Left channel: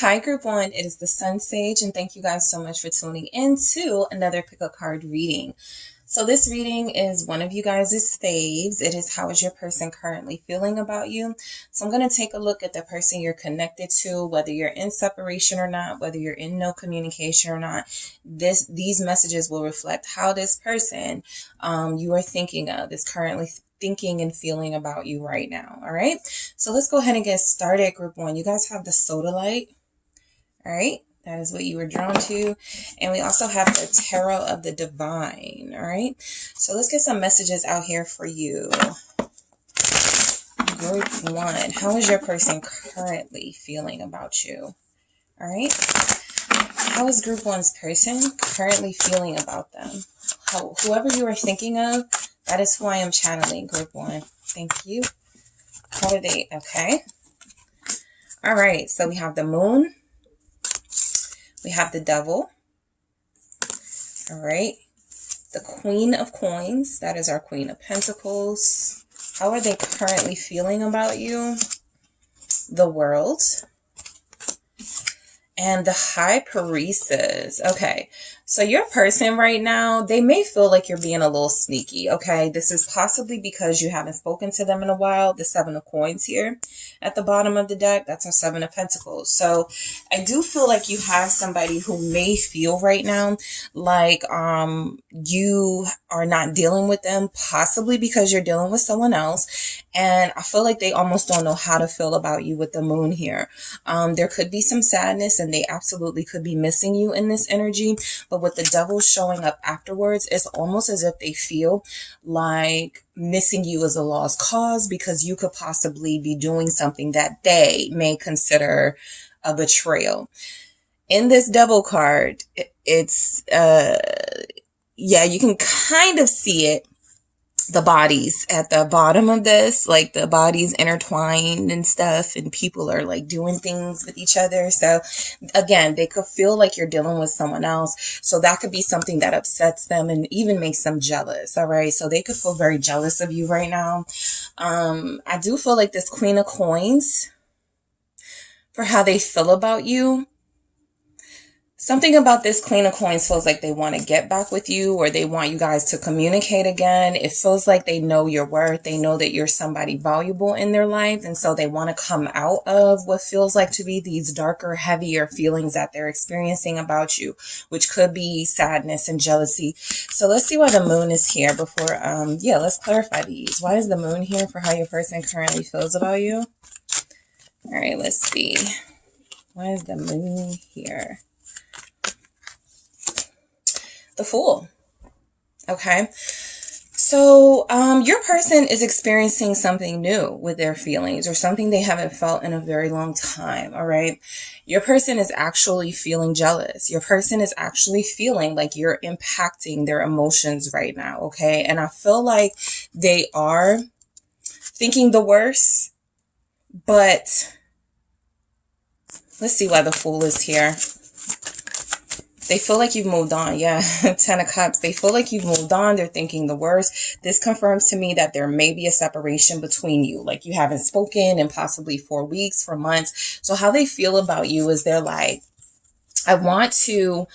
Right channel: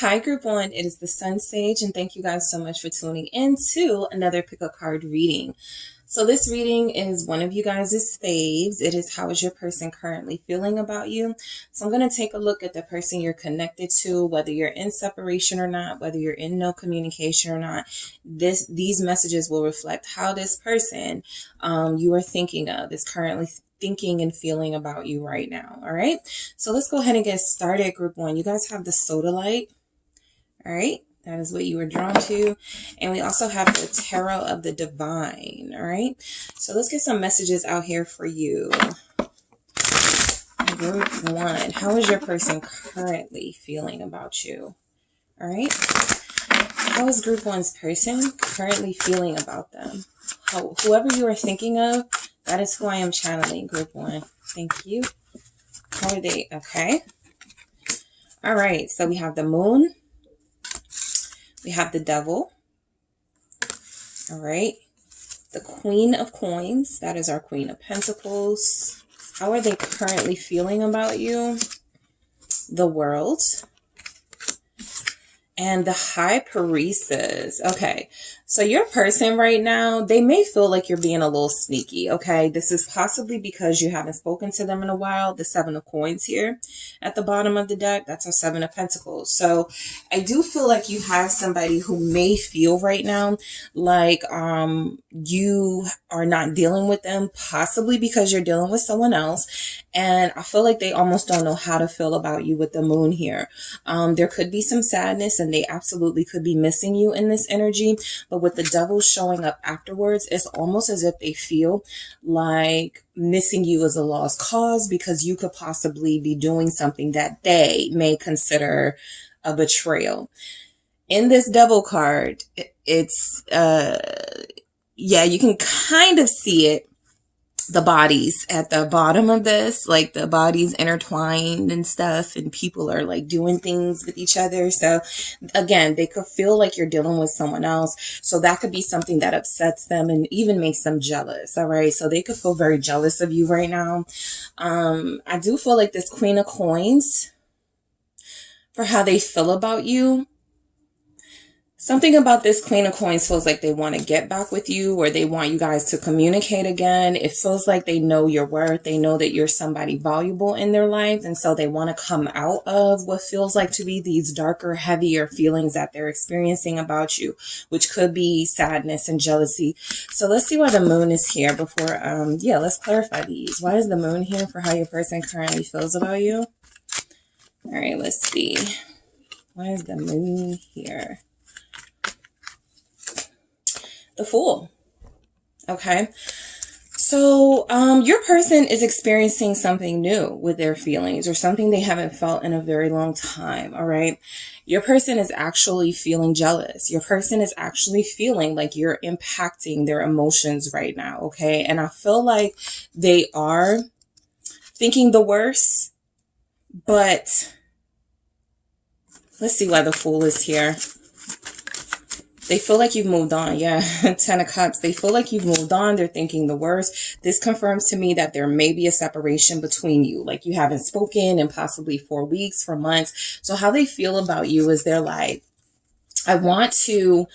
Hi, Group 1. It is the SunSage, and thank you guys so much for tuning in to another pick a card reading. So this reading is one of you guys' faves. It is, how is your person currently feeling about you? So I'm going to take a look at the person you're connected to, whether you're in separation or not, whether you're in no communication or not. These messages will reflect how this person you are thinking of is currently thinking and feeling about you right now. All right. So let's go ahead and get started, Group 1. You guys have the soda light. All right. That is what you were drawn to. And we also have the Tarot of the Divine. All right. So let's get some messages out here for you. Group 1. How is your person currently feeling about you? All right. How is Group 1's person currently feeling about them? Whoever you are thinking of, that is who I am channeling, Group 1. Thank you. How are they? Okay. All right. So we have the Moon. We have the Devil. All right. The Queen of Coins. That is our Queen of Pentacles. How are they currently feeling about you? The World. And the High Priestess. Okay. So your person right now, they may feel like you're being a little sneaky. Okay. This is possibly because you haven't spoken to them in a while. The Seven of Coins here at the bottom of the deck. That's our Seven of Pentacles. So I do feel like you have somebody who may feel right now like you are not dealing with them, possibly because you're dealing with someone else. And I feel like they almost don't know how to feel about you with the Moon here. There could be some sadness, and they absolutely could be missing you in this energy. But with the Devil showing up afterwards, it's almost as if they feel like missing you is a lost cause, because you could possibly be doing something that they may consider a betrayal. In this Devil card, it's, yeah, you can kind of see it. The bodies at the bottom of this, like the bodies intertwined and stuff, and people are like doing things with each other. So again, they could feel like you're dealing with someone else. So that could be something that upsets them and even makes them jealous. All right. So they could feel very jealous of you right now. I do feel like this Queen of Coins, for how they feel about you. Something about this Queen of Coins feels like they want to get back with you, or they want you guys to communicate again. It feels like they know your worth. They know that you're somebody valuable in their life. And so they want to come out of what feels like to be these darker, heavier feelings that they're experiencing about you, which could be sadness and jealousy. So let's see why the Moon is here before, yeah, let's clarify these. Why is the Moon here for how your person currently feels about you? All right, let's see. Why is the Moon here? The Fool. Okay. So your person is experiencing something new with their feelings, or something they haven't felt in a very long time. All right. Your person is actually feeling jealous. Your person is actually feeling like you're impacting their emotions right now. Okay. And I feel like they are thinking the worst, but let's see why the Fool is here. They feel like you've moved on. Yeah, 10 of Cups. They feel like you've moved on. They're thinking the worst. This confirms to me that there may be a separation between you. Like you haven't spoken in possibly 4 weeks, for months. So how they feel about you is they're like, I want to...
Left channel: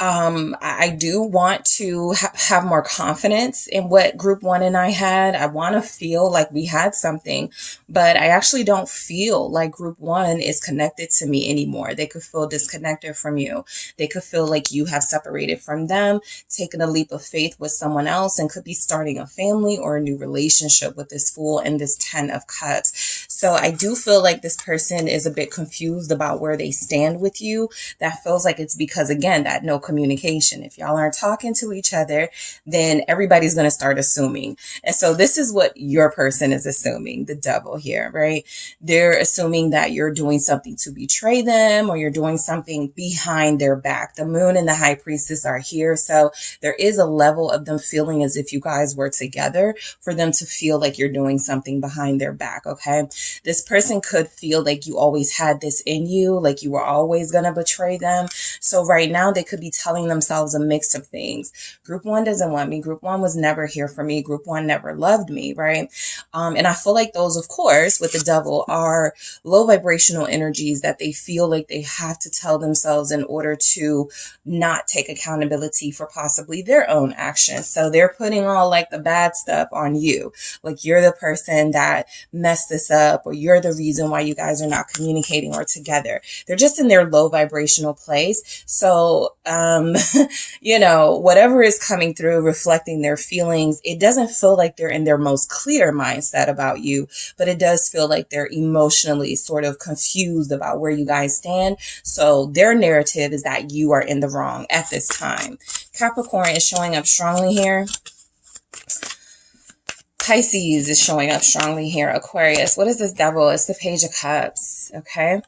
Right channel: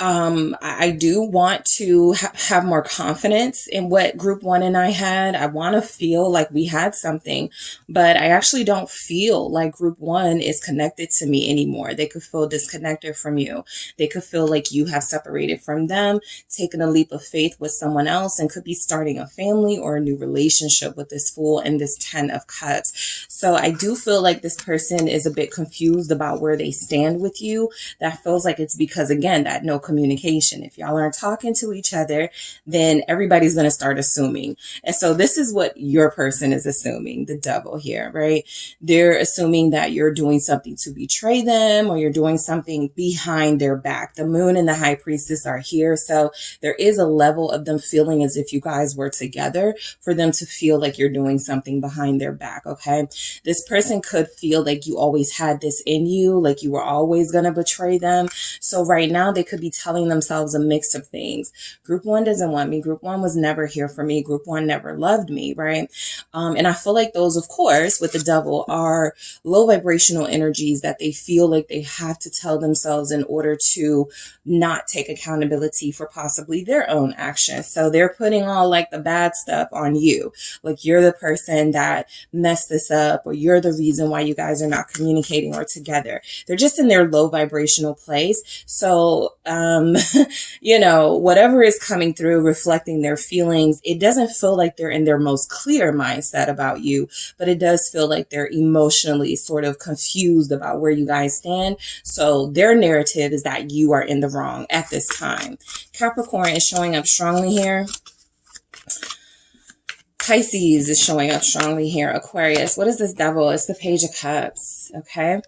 I do want to have more confidence in what Group 1 and I had. I want to feel like we had something, but I actually don't feel like Group 1 is connected to me anymore. They could feel disconnected from you. They could feel like you have separated from them, taken a leap of faith with someone else, and could be starting a family or a new relationship with this Fool and this 10 of Cups. So I do feel like this person is a bit confused about where they stand with you. That feels like it's because, again, that no communication. If y'all aren't talking to each other, then everybody's going to start assuming. And so this is what your person is assuming, the Devil here, right? They're assuming that you're doing something to betray them, or you're doing something behind their back. The Moon and the High Priestess are here. So there is a level of them feeling as if you guys were together, for them to feel like you're doing something behind their back. Okay. This person could feel like you always had this in you, like you were always going to betray them. So right now they could be telling themselves a mix of things. Group 1 doesn't want me. Group 1 was never here for me. Group 1 never loved me, right? And I feel like those, of course, with the devil are low vibrational energies that they feel like they have to tell themselves in order to not take accountability for possibly their own actions. So they're putting all like the bad stuff on you. Like you're the person that messed this up, or you're the reason why you guys are not communicating or together. They're just in their low vibrational place. So, you know, whatever is coming through, reflecting their feelings, it doesn't feel like they're in their most clear mindset about you, but it does feel like they're emotionally sort of confused about where you guys stand. So their narrative is that you are in the wrong at this time. Capricorn is showing up strongly here. Pisces is showing up strongly here. Aquarius, what is this devil? It's the Page of Cups, okay?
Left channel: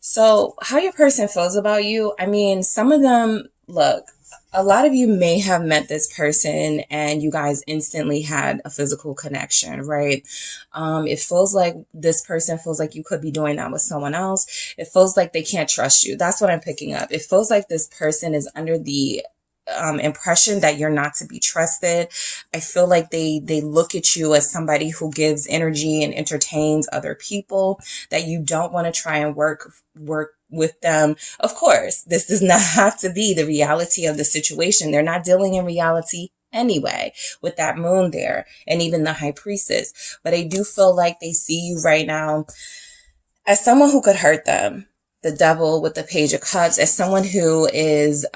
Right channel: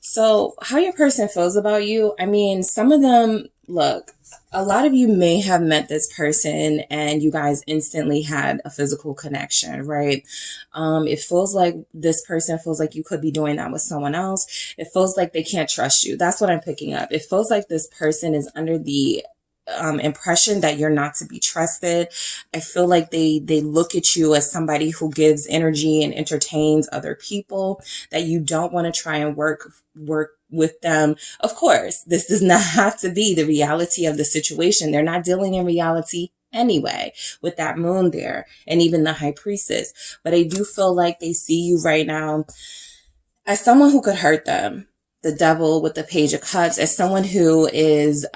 So how your person feels about you, I mean, some of them, look, a lot of you may have met this person and you guys instantly had a physical connection, right? It feels like this person feels like you could be doing that with someone else. It feels like they can't trust you. That's what I'm picking up. It feels like this person is under the impression that you're not to be trusted. I feel like they look at you as somebody who gives energy and entertains other people, that you don't want to try and work with them. Of course, this does not have to be the reality of the situation. They're not dealing in reality anyway with that moon there and even the high priestess. But I do feel like they see you right now as someone who could hurt them. The devil with the Page of Cups, as someone who is,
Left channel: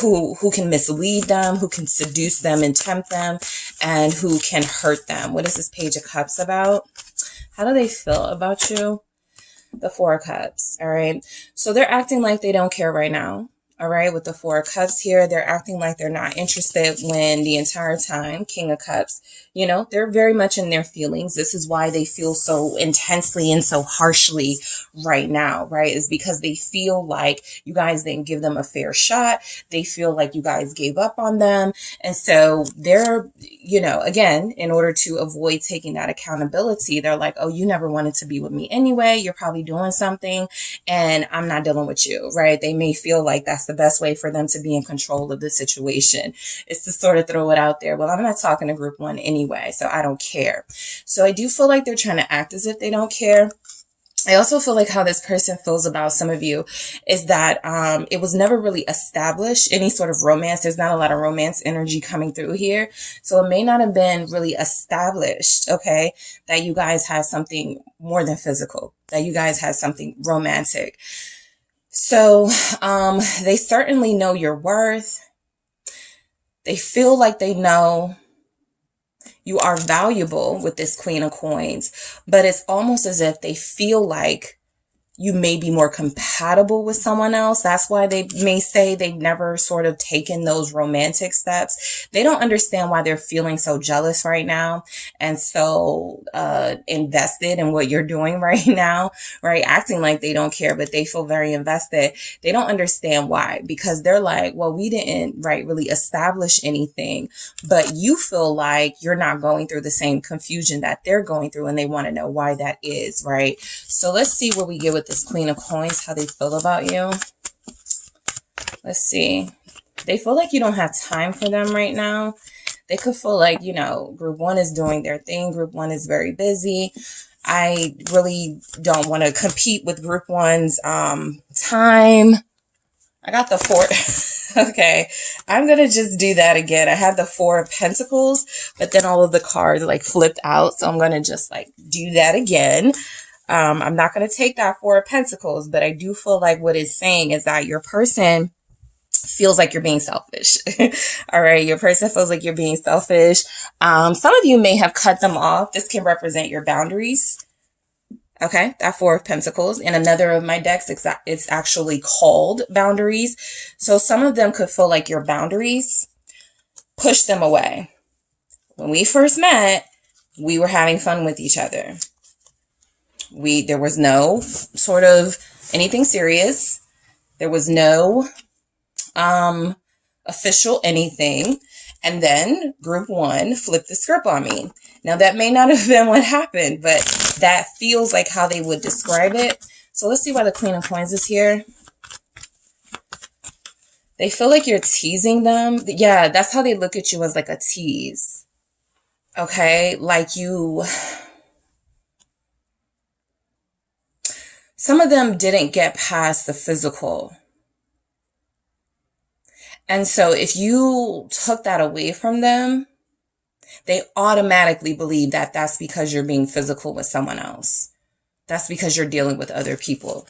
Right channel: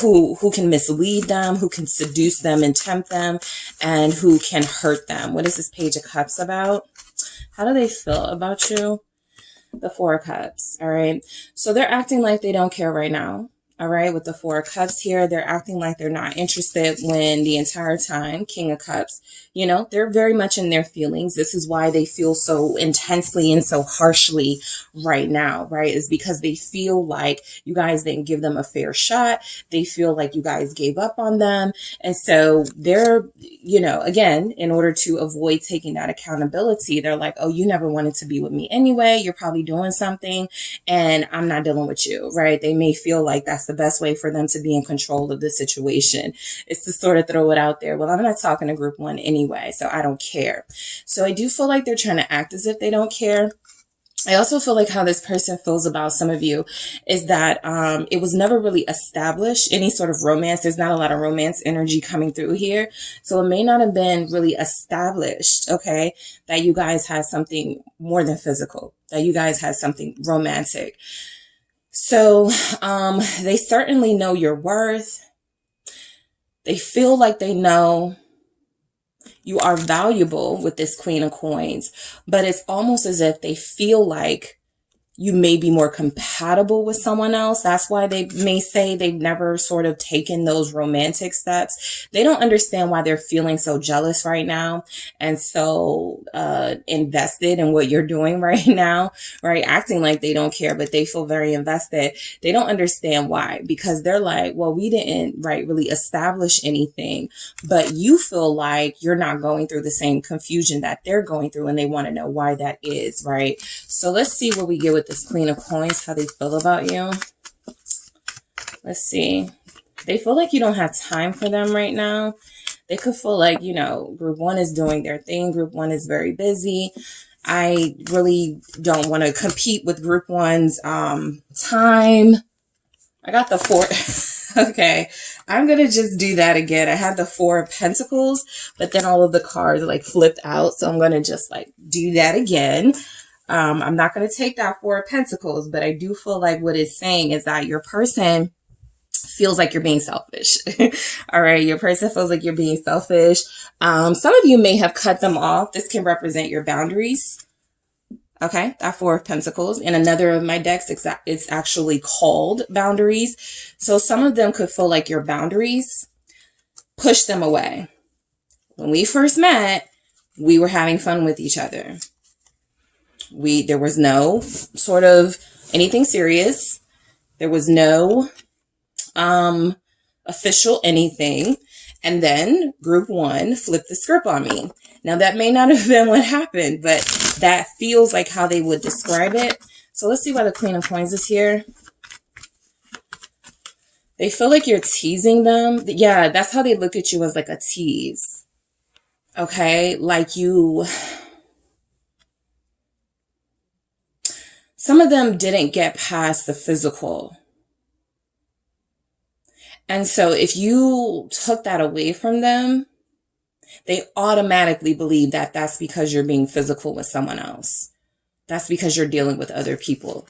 who can mislead them, who can seduce them and tempt them, and who can hurt them. What is this Page of Cups about? How do they feel about you? The Four of Cups, all right? So they're acting like they don't care right now, all right? With the Four of Cups here, they're acting like they're not interested when the entire time, King of Cups, you know, they're very much in their feelings. This is why they feel so intensely and so harshly right now, right? Is because they feel like you guys didn't give them a fair shot. They feel like you guys gave up on them. And so they're, you know, again, in order to avoid taking that accountability, they're like, oh, you never wanted to be with me anyway. You're probably doing something and I'm not dealing with you, right? They may feel like that's the best way for them to be in control of the situation. It's to sort of throw it out there. Well, I'm not talking to Group 1 anyway, so I don't care. So I do feel like they're trying to act as if they don't care. I also feel like how this person feels about some of you is that it was never really established, any sort of romance. There's not a lot of romance energy coming through here. So it may not have been really established, okay, that you guys had something more than physical, that you guys had something romantic. So they certainly know your worth. They feel like they know you are valuable with this Queen of Coins, but it's almost as if they feel like you may be more compatible with someone else. That's why they may say they've never sort of taken those romantic steps. They don't understand why they're feeling so jealous right now and so invested in what you're doing right now, right? Acting like they don't care, but they feel very invested. They don't understand why, because they're like, well, we didn't, right, really establish anything, but you feel like you're not going through the same confusion that they're going through, and they want to know why that is, right? So let's see what we get with this Queen of Coins, how they feel about you. Let's see. They feel like you don't have time for them right now. They could feel like, you know, Group 1 is doing their thing. Group 1 is very busy. I really don't want to compete with Group 1's time. I got the 4. Okay, I'm going to just do that again. I had the 4 of Pentacles, but then all of the cards like flipped out. So I'm going to just like do that again. I'm not going to take that 4 of Pentacles, but I do feel like what it's saying is that your person feels like you're being selfish. All right. Your person feels like you're being selfish. Some of you may have cut them off. This can represent your boundaries. Okay. That 4 of Pentacles. In another of my decks, it's actually called boundaries. So some of them could feel like your boundaries push them away. When we first met, we were having fun with each other. There was no sort of anything serious. There was no official anything. And then group 1 flipped the script on me. Now, that may not have been what happened, but that feels like how they would describe it. So let's see why the Queen of Coins is here. They feel like you're teasing them. Yeah, that's how they look at you, as like a tease. Okay, like you... Some of them didn't get past the physical. And so if you took that away from them, they automatically believe that that's because you're being physical with someone else. That's because you're dealing with other people.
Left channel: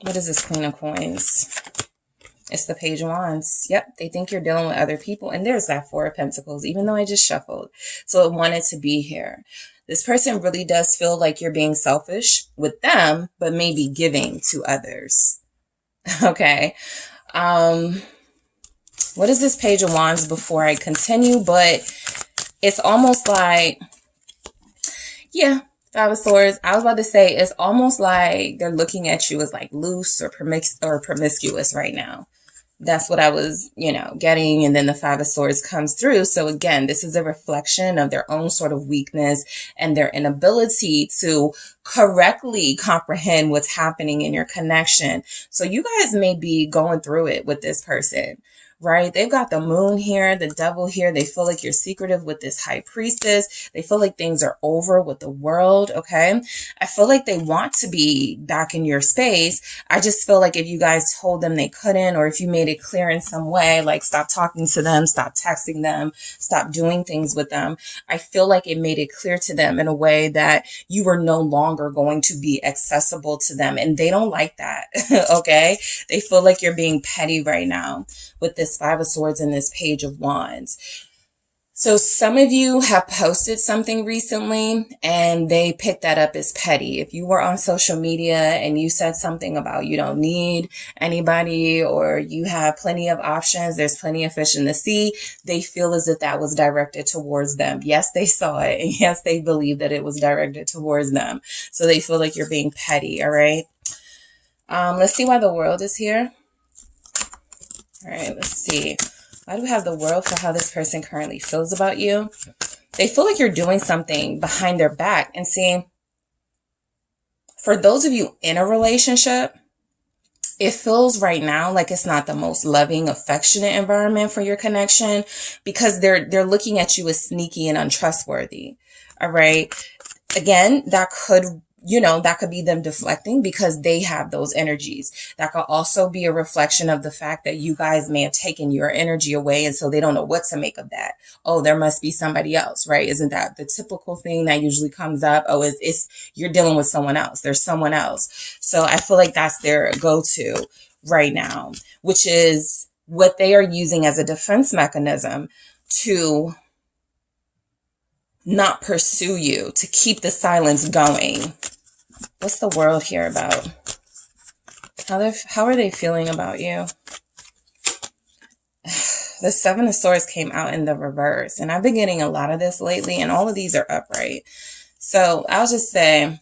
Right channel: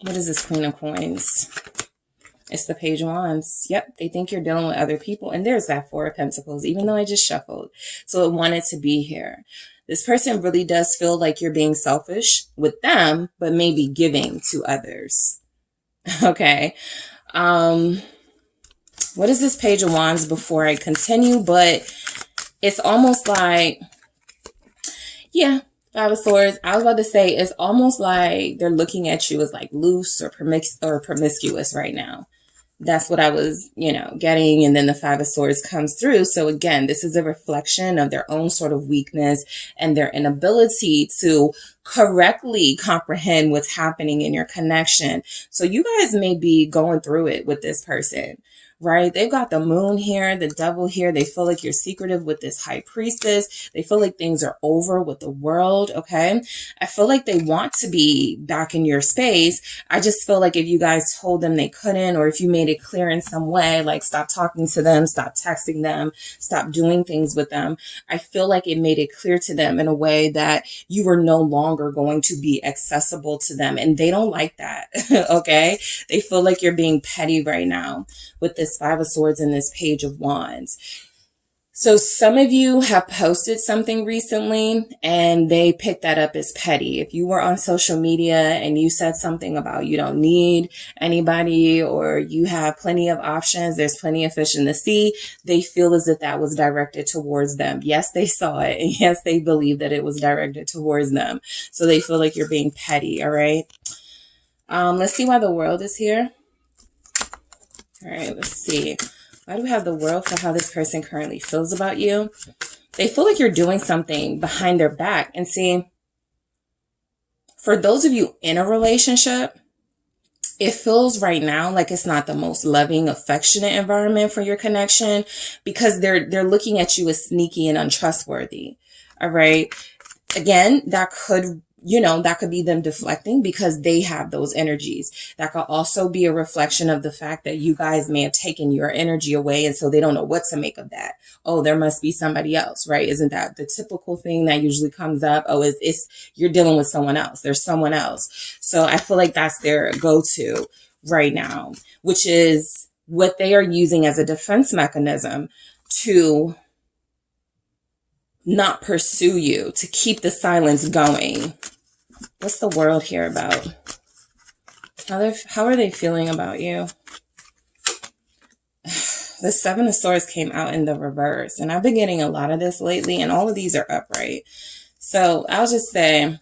What is this Queen of Coins? It's the Page of Wands. Yep, they think you're dealing with other people. And there's that Four of Pentacles, even though I just shuffled. So it wanted to be here. This person really does feel like you're being selfish with them, but maybe giving to others. Okay. What is this Page of Wands before I continue? But it's almost like, yeah, Five of Swords. I was about to say, it's almost like they're looking at you as like loose or promiscuous right now. That's what I was, getting. And then the Five of Swords comes through. So again, this is a reflection of their own sort of weakness and their inability to correctly comprehend what's happening in your connection. So you guys may be going through it with this person, right? They've got the Moon here, the Devil here. They feel like you're secretive with this High Priestess. They feel like things are over with the world, okay? I feel like they want to be back in your space. I just feel like if you guys told them they couldn't, or if you made it clear in some way, like stop talking to them, stop texting them, stop doing things with them, I feel like it made it clear to them in a way that you were no longer going to be accessible to them. And they don't like that, okay? They feel like you're being petty right now with this Five of Swords and this Page of Wands. So some of you have posted something recently and they picked that up as petty. If you were on social media and you said something about you don't need anybody, or you have plenty of options, there's plenty of fish in the sea, they feel as if that was directed towards them. Yes, they saw it. And yes, they believe that it was directed towards them. So they feel like you're being petty. All right. Let's see why the World is here. All right, let's see. Why do we have the World for how this person currently feels about you? They feel like you're doing something behind their back. And see, for those of you in a relationship, it feels right now like it's not the most loving, affectionate environment for your connection, because they're looking at you as sneaky and untrustworthy. All right. Again, that could be them deflecting because they have those energies. That could also be a reflection of the fact that you guys may have taken your energy away, and so they don't know what to make of that. Oh, there must be somebody else, right? Isn't that the typical thing that usually comes up? Oh, it's you're dealing with someone else. There's someone else. So I feel like that's their go-to right now, which is what they are using as a defense mechanism to not pursue you, to keep the silence going. What's the World here about? How are they feeling about you? The Seven of Swords came out in the reverse, and I've been getting a lot of this lately, and all of these are upright. So I'll just say,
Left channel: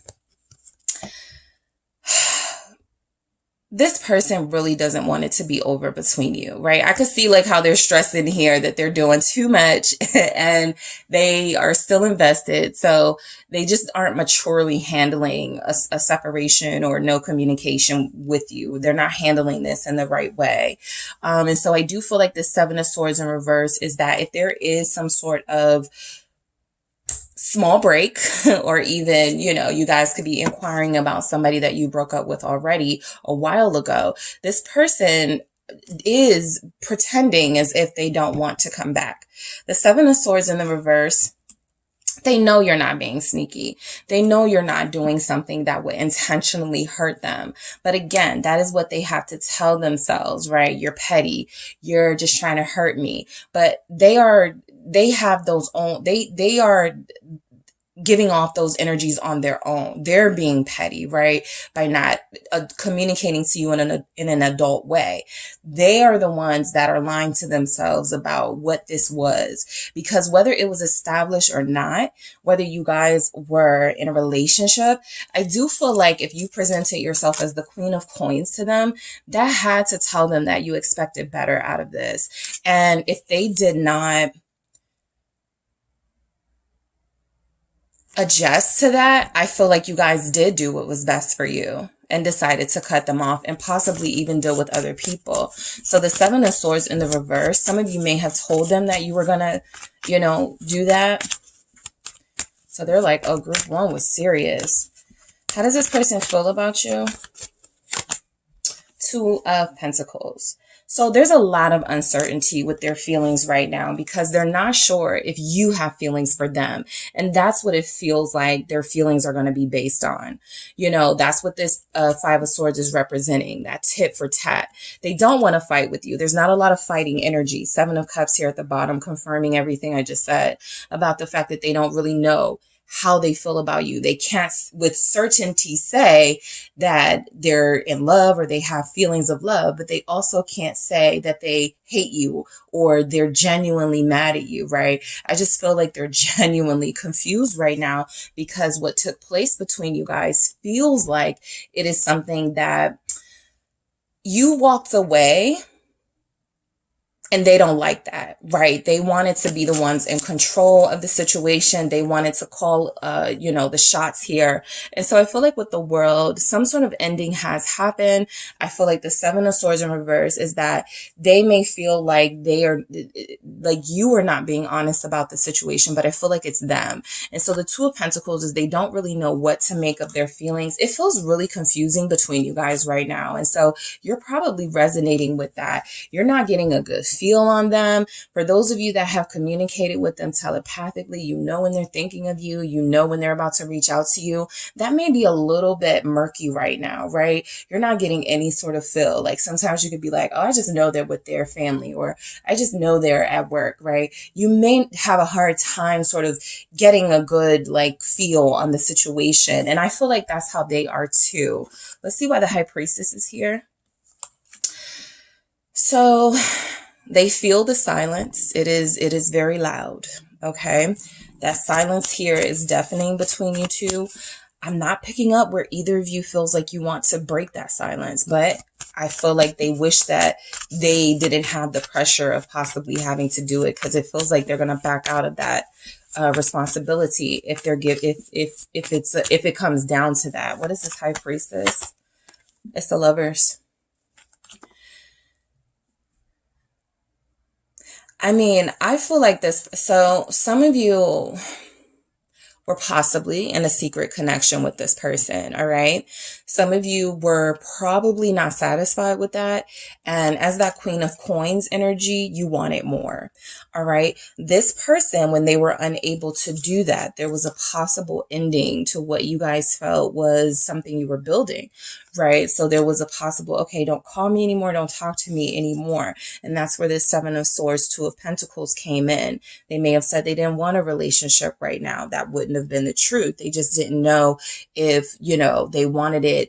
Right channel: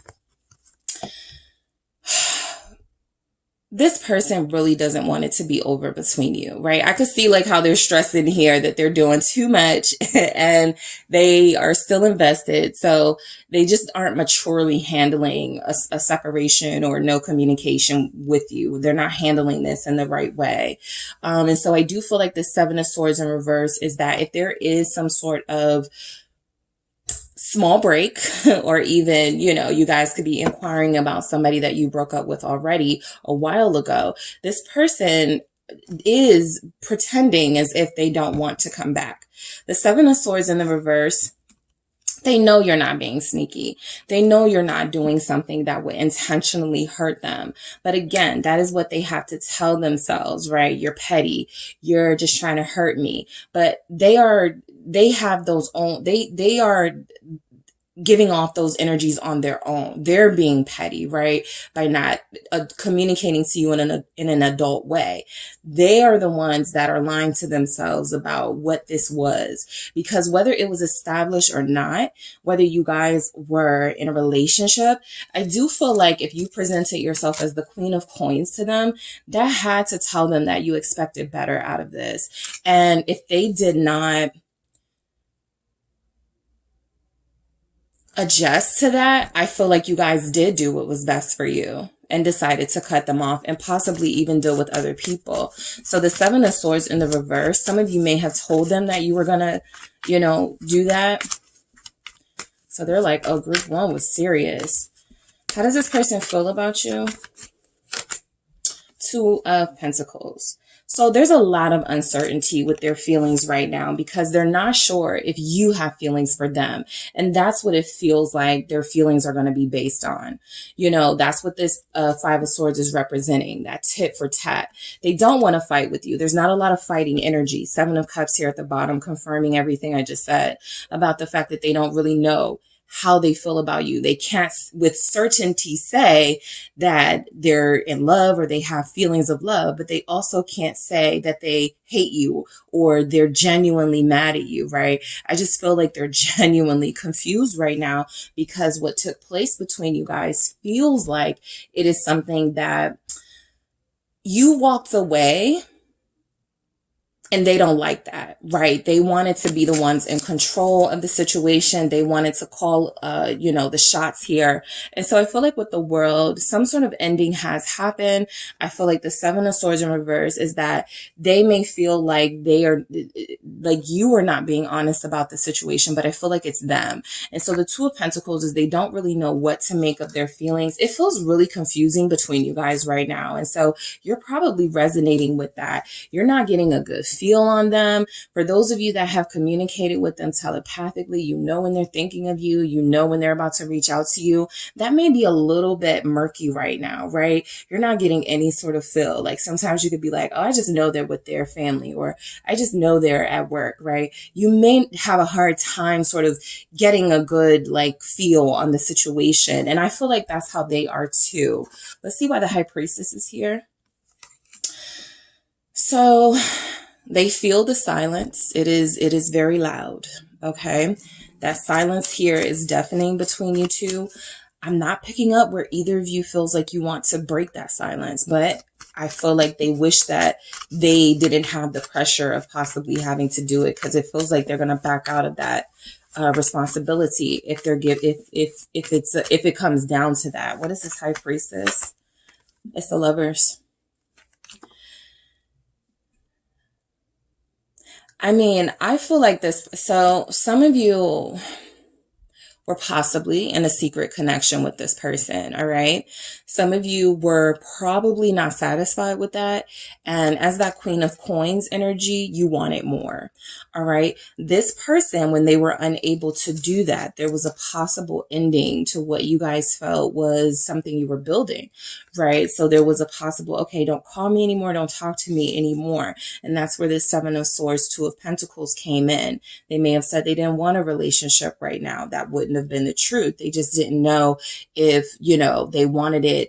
this person really doesn't want it to be over between you, right? I could see like how they're stressing here that they're doing too much and they are still invested. So they just aren't maturely handling a separation or no communication with you. They're not handling this in the right way. And so I do feel like the Seven of Swords in reverse is that if there is some sort of small break, or even, you guys could be inquiring about somebody that you broke up with already a while ago. This person is pretending as if they don't want to come back. The Seven of Swords in the reverse, they know you're not being sneaky. They know you're not doing something that would intentionally hurt them. But again, that is what they have to tell themselves, right? You're petty. You're just trying to hurt me. But they have those own, they are giving off those energies on their own. They're being petty, right? By not communicating to you in an adult way. They are the ones that are lying to themselves about what this was. Because whether it was established or not, whether you guys were in a relationship, I do feel like if you presented yourself as the Queen of Coins to them, that had to tell them that you expected better out of this. And if they did not adjust to that, I feel like you guys did do what was best for you and decided to cut them off and possibly even deal with other people. So the Seven of Swords in the reverse, some of you may have told them that you were going to, do that. So they're like, oh, group one was serious. How does this person feel about you? Two of Pentacles. So there's a lot of uncertainty with their feelings right now because they're not sure if you have feelings for them. And that's what it feels like their feelings are going to be based on. That's what this Five of Swords is representing, that tit for tat. They don't want to fight with you. There's not a lot of fighting energy. Seven of Cups here at the bottom, confirming everything I just said about the fact that they don't really know how they feel about you. They can't with certainty say that they're in love or they have feelings of love, but they also can't say that they hate you or they're genuinely mad at you, right? I just feel like they're genuinely confused right now because what took place between you guys feels like it is something that you walked away. And they don't like that, right? They wanted to be the ones in control of the situation. They wanted to call, the shots here. And so I feel like with the World, some sort of ending has happened. I feel like the Seven of Swords in reverse is that they may feel like they are, like you are not being honest about the situation, but I feel like it's them. And so the Two of Pentacles is they don't really know what to make of their feelings. It feels really confusing between you guys right now. And so you're probably resonating with that. You're not getting a good feel on them. For those of you that have communicated with them telepathically, when they're thinking of you, when they're about to reach out to you, that may be a little bit murky right now, right? You're not getting any sort of feel. Like sometimes you could be like, oh, I just know they're with their family, or I just know they're at work, right? You may have a hard time sort of getting a good feel on the situation. And I feel like that's how they are too. Let's see why the High Priestess is here. So they feel the silence. It is very loud. Okay. That silence here is deafening between you two. I'm not picking up where either of you feels like you want to break that silence, but I feel like they wish that they didn't have the pressure of possibly having to do it, because it feels like they're going to back out of that responsibility if it comes down to that. What is this High Priestess? It's the Lovers. I mean, I feel like this. So some of you were possibly in a secret connection with this person. All right. Some of you were probably not satisfied with that. And as that Queen of Coins energy, you wanted more. All right. This person, when they were unable to do that, there was a possible ending to what you guys felt was something you were building. Right. So there was a possible, okay, don't call me anymore. Don't talk to me anymore. And that's where this Seven of Swords, Two of Pentacles came in. They may have said they didn't want a relationship right now. That wouldn't have been the truth. They just didn't know if, they wanted it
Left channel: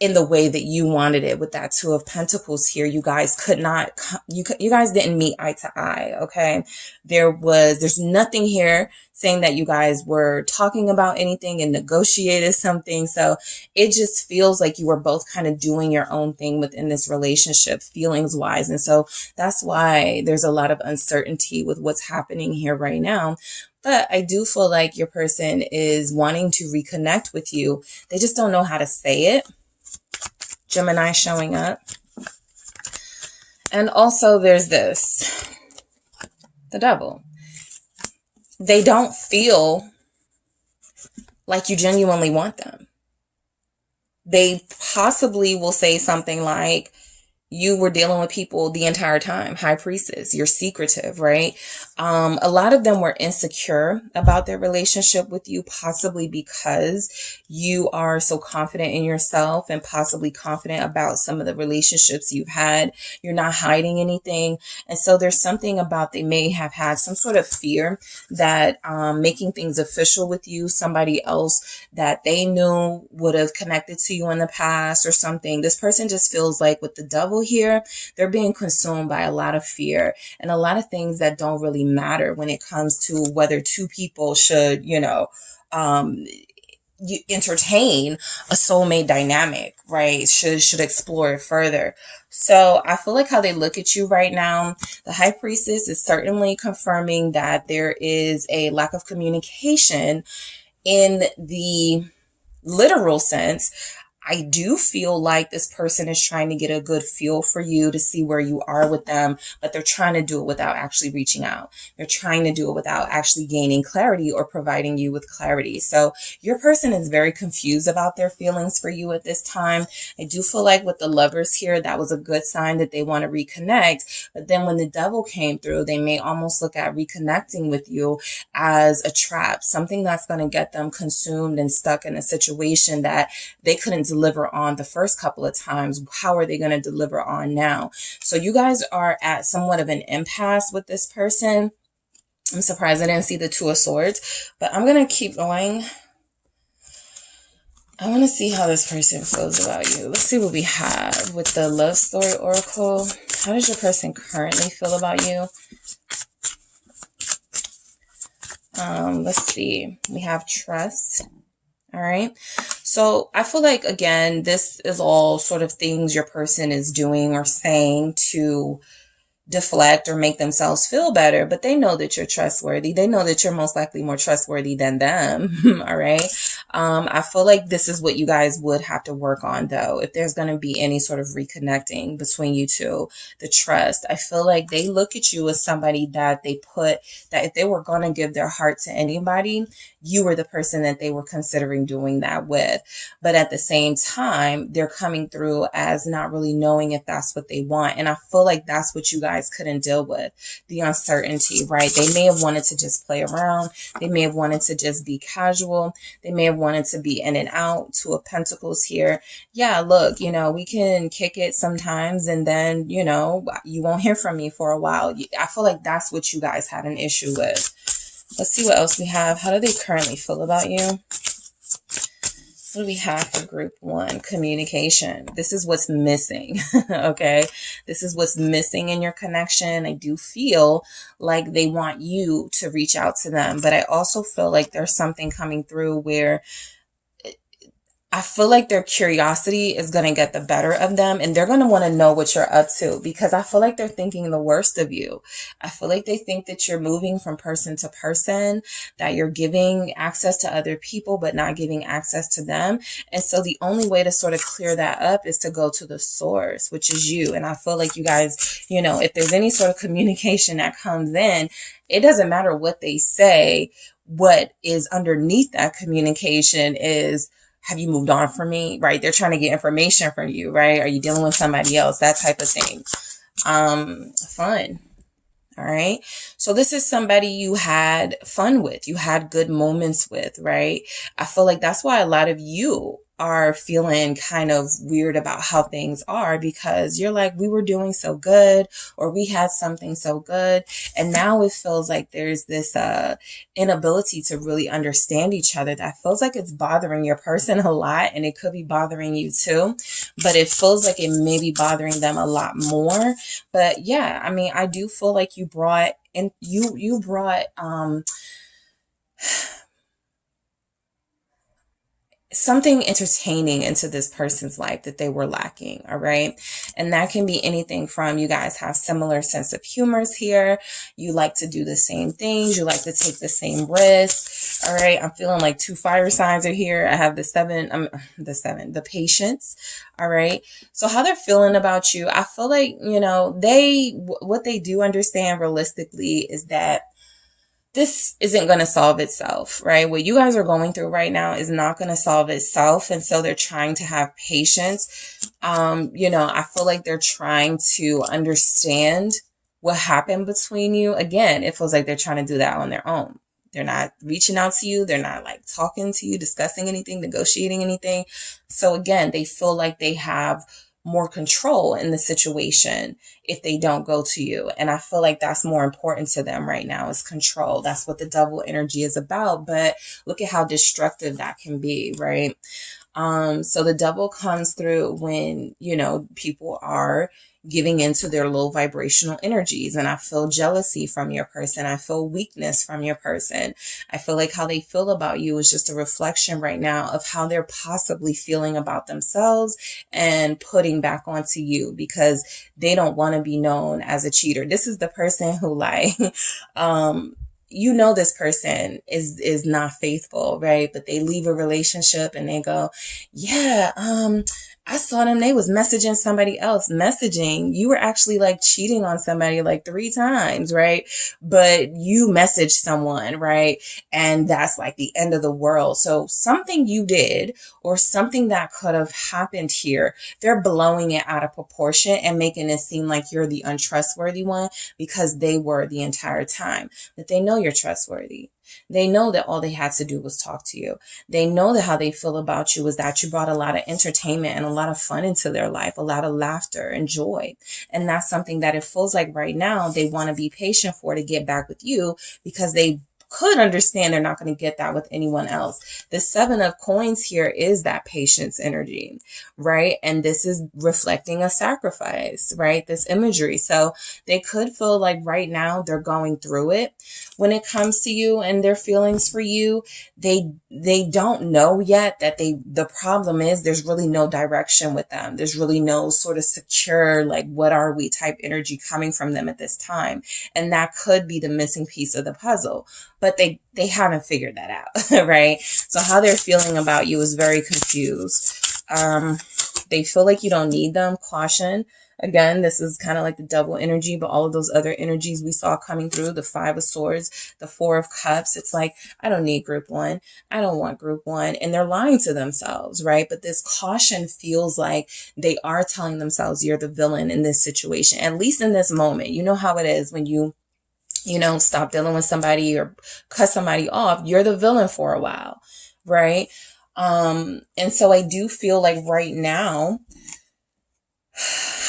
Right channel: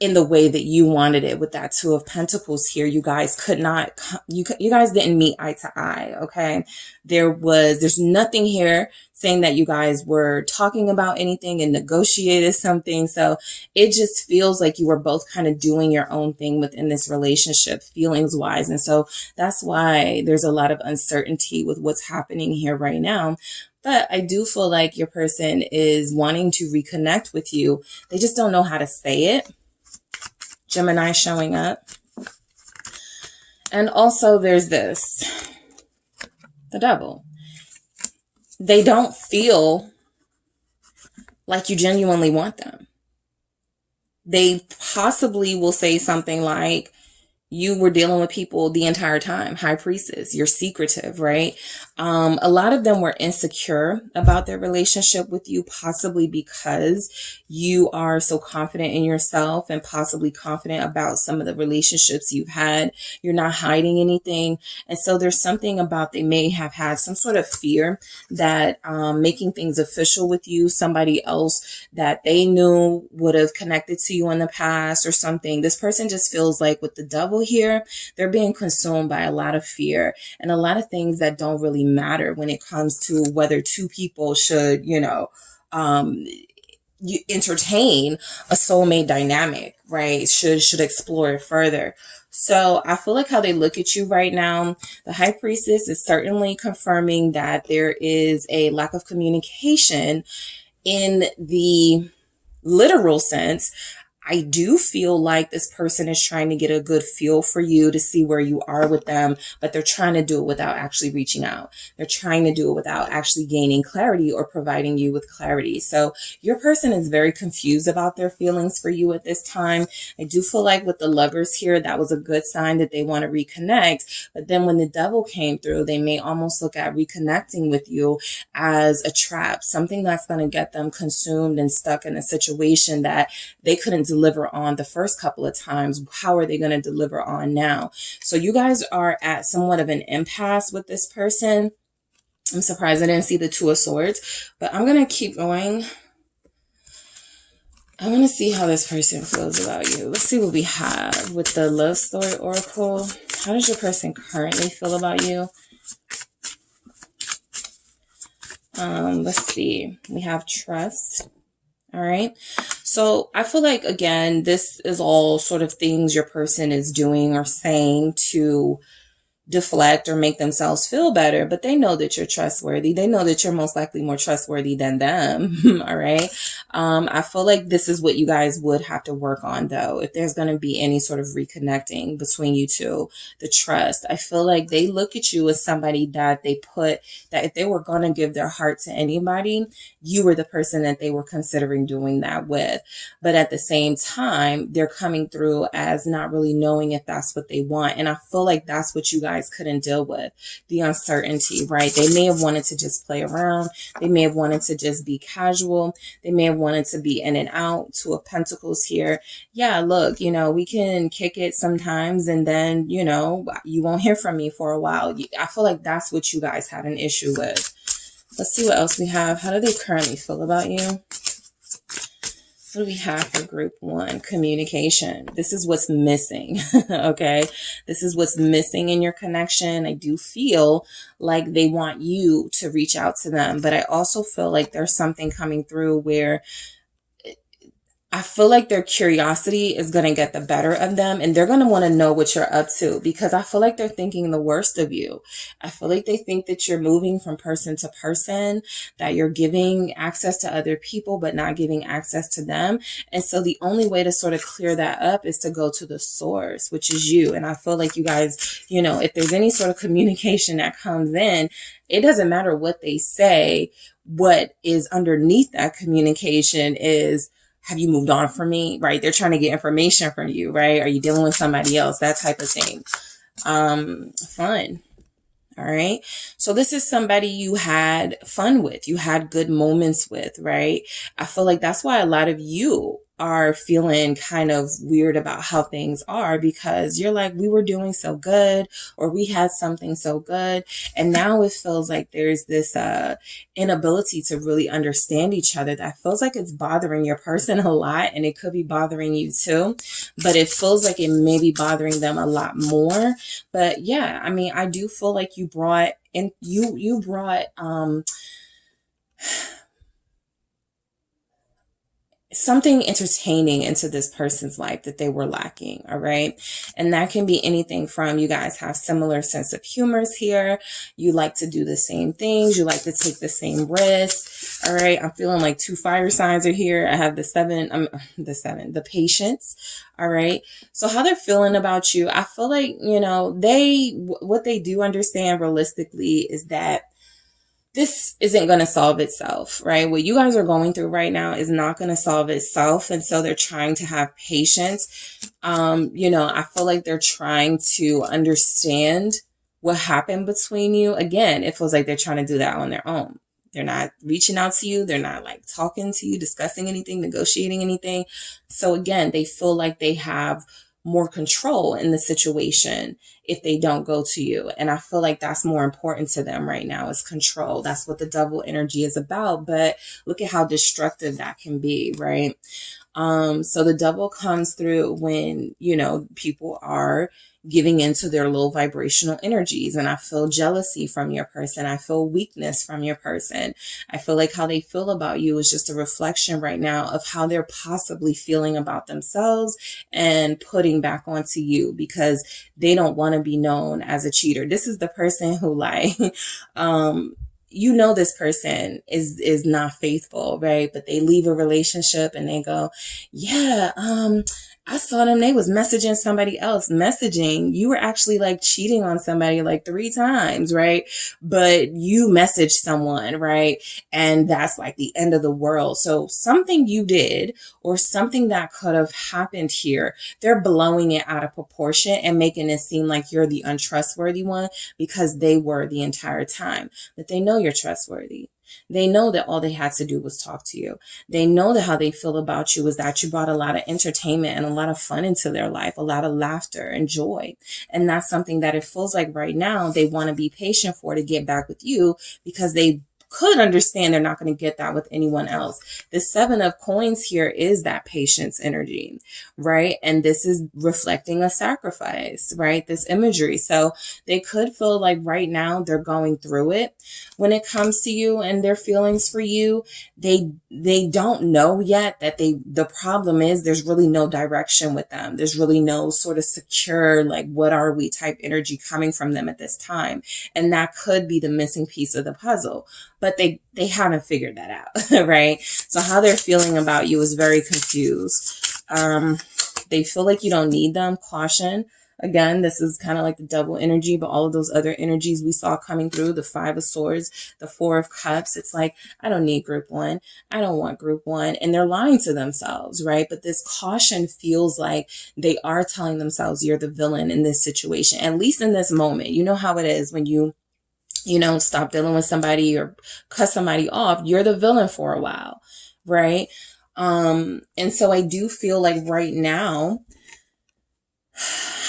in the way that you wanted it. With that Two of Pentacles here, you guys could not, you guys didn't meet eye to eye. Okay. There's nothing here saying that you guys were talking about anything and negotiated something. So it just feels like you were both kind of doing your own thing within this relationship, feelings wise. And so that's why there's a lot of uncertainty with what's happening here right now. But I do feel like your person is wanting to reconnect with you. They just don't know how to say it. Gemini showing up. And also there's this, the Devil. They don't feel like you genuinely want them. They possibly will say something like, you were dealing with people the entire time. High priestess, you're secretive, right? A lot of them were insecure about their relationship with you, possibly because you are so confident in yourself and possibly confident about some of the relationships you've had. You're not hiding anything. And so there's something about, they may have had some sort of fear that making things official with you, somebody else that they knew would have connected to you in the past or something. This person just feels like with the devil here, they're being consumed by a lot of fear and a lot of things that don't really matter when it comes to whether two people should, you entertain a soulmate dynamic, right? Should explore it further. So I feel like how they look at you right now, the High Priestess is certainly confirming that there is a lack of communication in the literal sense. I do feel like this person is trying to get a good feel for you to see where you are with them, but they're trying to do it without actually reaching out. They're trying to do it without actually gaining clarity or providing you with clarity. So your person is very confused about their feelings for you at this time. I do feel like with the Lovers here, that was a good sign that they want to reconnect. But then when the Devil came through, they may almost look at reconnecting with you as a trap, something that's going to get them consumed and stuck in a situation that they couldn't deliver on the first couple of times. How are they going to deliver on now? So you guys are at somewhat of an impasse with this person. I'm surprised I didn't see the Two of Swords, but I'm going to keep going. I want to see how this person feels about you. Let's see what we have with the Love Story Oracle. How does your person currently feel about you? Let's see. We have trust. All right. So I feel like, again, this is all sort of things your person is doing or saying to deflect or make themselves feel better, but they know that you're trustworthy. They know that you're most likely more trustworthy than them. All right. I feel like this is what you guys would have to work on, though, if there's going to be any sort of reconnecting between you two. The trust. I feel like they look at you as somebody that they put, that if they were going to give their heart to anybody, you were the person that they were considering doing that with. But at the same time, they're coming through as not really knowing if that's what they want. And I feel like that's what you guys couldn't deal with, the uncertainty, right? They may have wanted to just play around. They may have wanted to just be casual. They may have wanted to be in and out. Two of Pentacles here. Yeah, look, we can kick it sometimes and then, you won't hear from me for a while. I feel like that's what you guys had an issue with. Let's see what else we have. How do they currently feel about you? What do we have for group one? Communication. This is what's missing. Okay. This is what's missing in your connection. I do feel like they want you to reach out to them, but I also feel like there's something coming through where I feel like their curiosity is going to get the better of them, and they're going to want to know what you're up to, because I feel like they're thinking the worst of you. I feel like they think that you're moving from person to person, that you're giving access to other people, but not giving access to them. And so the only way to sort of clear that up is to go to the source, which is you. And I feel like you guys, if there's any sort of communication that comes in, it doesn't matter what they say. What is underneath that communication is, have you moved on from me? Right? They're trying to get information from you, right? Are you dealing with somebody else? That type of thing. Fun. All right. So this is somebody you had fun with, you had good moments with, right? I feel like that's why a lot of you are feeling kind of weird about how things are, because you're like, we were doing so good, or we had something so good. And now it feels like there's this inability to really understand each other that feels like it's bothering your person a lot, and it could be bothering you too, but it feels like it may be bothering them a lot more. But yeah, I mean, I do feel like you brought something entertaining into this person's life that they were lacking. All right. And that can be anything from, you guys have similar sense of humors here. You like to do the same things. You like to take the same risks. All right. I'm feeling like two fire signs are here. I have the Patience. All right. So how they're feeling about you, I feel like, what they do understand realistically is that this isn't going to solve itself, right? What you guys are going through right now is not going to solve itself. And so they're trying to have patience. I feel like they're trying to understand what happened between you. Again, it feels like they're trying to do that on their own. They're not reaching out to you. They're not like talking to you, discussing anything, negotiating anything. So again, they feel like they have more control in the situation if they don't go to you. And I feel like that's more important to them right now, is control. That's what the devil energy is about. But look at how destructive that can be, right? So the devil comes through when, people are giving into their low vibrational energies. And I feel jealousy from your person. I feel weakness from your person. I feel like how they feel about you is just a reflection right now of how they're possibly feeling about themselves and putting back onto you, because they don't want to be known as a cheater. This is the person who this person is not faithful, right? But they leave a relationship and they go, yeah, I saw them, they was messaging somebody else. Messaging, you were actually like cheating on somebody like 3 times, right? But you messaged someone, right? And that's like the end of the world. So something you did or something that could have happened here, they're blowing it out of proportion and making it seem like you're the untrustworthy one, because they were the entire time. But they know you're trustworthy. They know that all they had to do was talk to you. They know that how they feel about you is that you brought a lot of entertainment and a lot of fun into their life, a lot of laughter and joy. And that's something that it feels like right now they want to be patient for, to get back with you, because they could understand they're not going to get that with anyone else. The 7 of coins here is that patience energy, right? And this is reflecting a sacrifice, right? This imagery. So they could feel like right now they're going through it. When it comes to you and their feelings for you, they don't know yet that the problem is there's really no direction with them. There's really no sort of secure, like, what are we type energy coming from them at this time. And that could be the missing piece of the puzzle. But they haven't figured that out, right? So how they're feeling about you is very confused. They feel like you don't need them. Caution. Again, this is kind of like the double energy, but all of those other energies we saw coming through, the 5 of Swords, the 4 of Cups, it's like, I don't need group 1. I don't want group 1. And they're lying to themselves, right? But this caution feels like they are telling themselves you're the villain in this situation, at least in this moment. You know how it is when you stop dealing with somebody or cut somebody off, you're the villain for a while, right? And so I do feel like right now,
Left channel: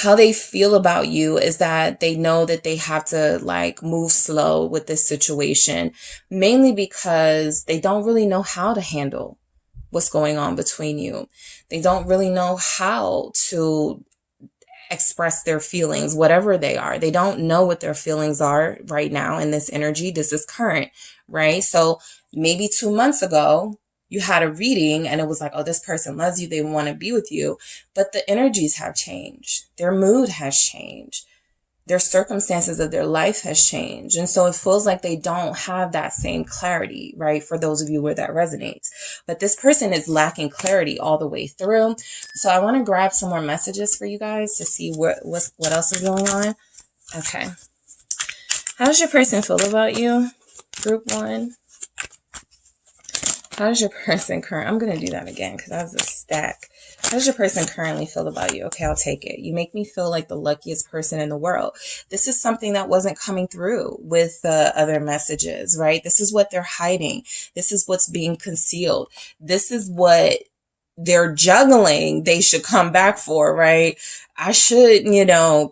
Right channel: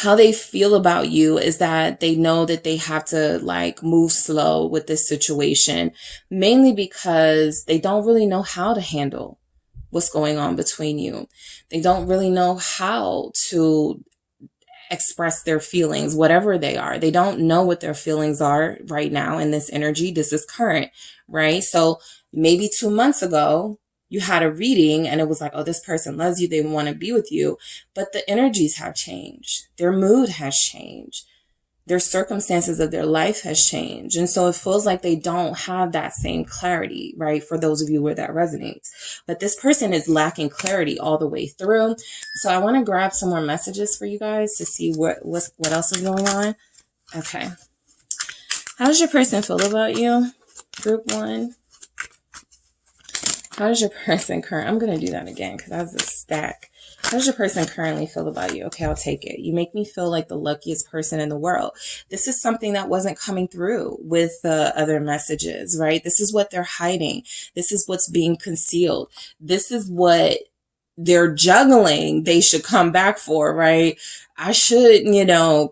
how they feel about you is that they know that they have to like move slow with this situation, mainly because they don't really know how to handle what's going on between you. They don't really know how to express their feelings, whatever they are. They don't know what their feelings are right now in this energy. This is current, right? So maybe 2 months ago, you had a reading and it was like, oh, this person loves you. They want to be with you. But the energies have changed. Their mood has changed. Their circumstances of their life has changed. And so it feels like they don't have that same clarity, right? For those of you where that resonates. But this person is lacking clarity all the way through. So I want to grab some more messages for you guys to see what else is going on. Okay. How does your person feel about you? Group 1. How does your person I'm going to do that again because that was a stack. How does your person currently feel about you? Okay, I'll take it. You make me feel like the luckiest person in the world. This is something that wasn't coming through with the other messages, right? This is what they're hiding. This is what's being concealed. This is what they're juggling. They should come back for, right? I should,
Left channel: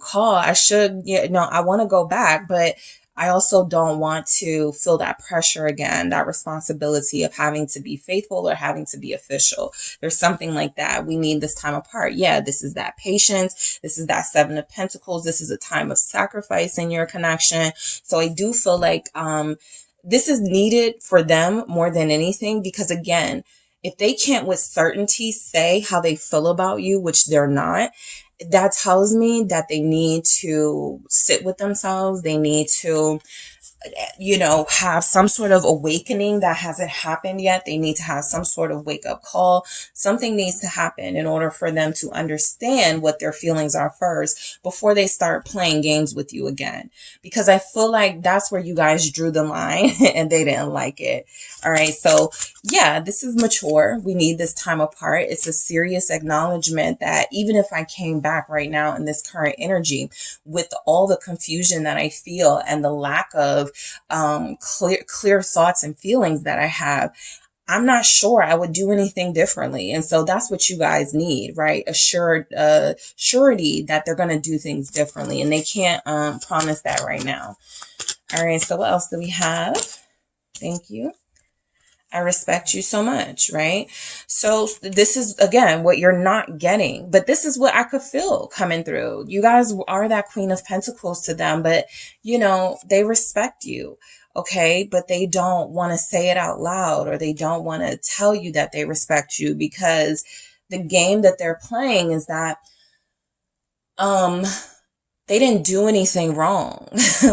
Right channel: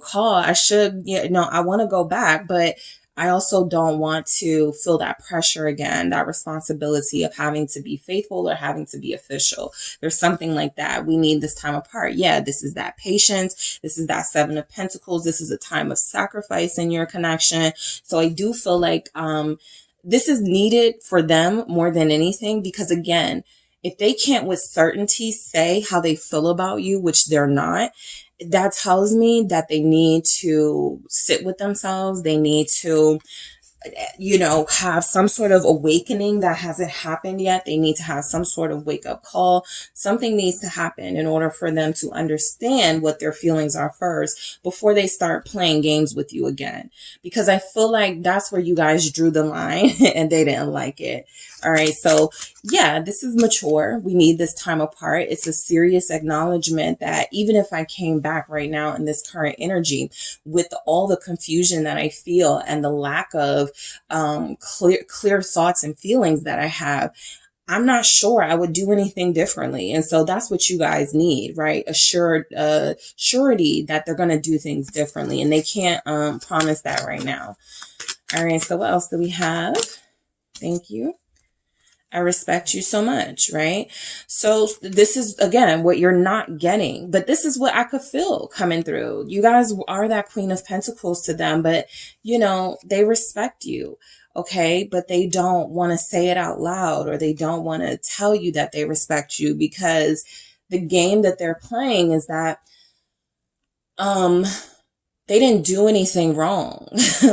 call. I should, I want to go back, but I also don't want to feel that pressure again, that responsibility of having to be faithful or having to be official. There's something like that. We need this time apart. Yeah, this is that patience. This is that 7 of Pentacles. This is a time of sacrifice in your connection. So I do feel like this is needed for them more than anything, because again, if they can't with certainty say how they feel about you, which they're not, that tells me that they need to sit with themselves. They need to you know, have some sort of awakening that hasn't happened yet. They need to have some sort of wake up call. Something needs to happen in order for them to understand what their feelings are first before they start playing games with you again. Because I feel like that's where you guys drew the line and they didn't like it. All right. So yeah, this is mature. We need this time apart. It's a serious acknowledgement that even if I came back right now in this current energy with all the confusion that I feel and the lack of clear thoughts and feelings that I have, I'm not sure I would do anything differently. And so that's what you guys need, right? Surety that they're going to do things differently, and they can't promise that right now. All right. So what else do we have? Thank you. I respect you so much, right? So this is, again, what you're not getting, but this is what I could feel coming through. You guys are that Queen of Pentacles to them, but you know, they respect you. Okay. But they don't want to say it out loud, or they don't want to tell you that they respect you, because the game that they're playing is that, they didn't do anything wrong.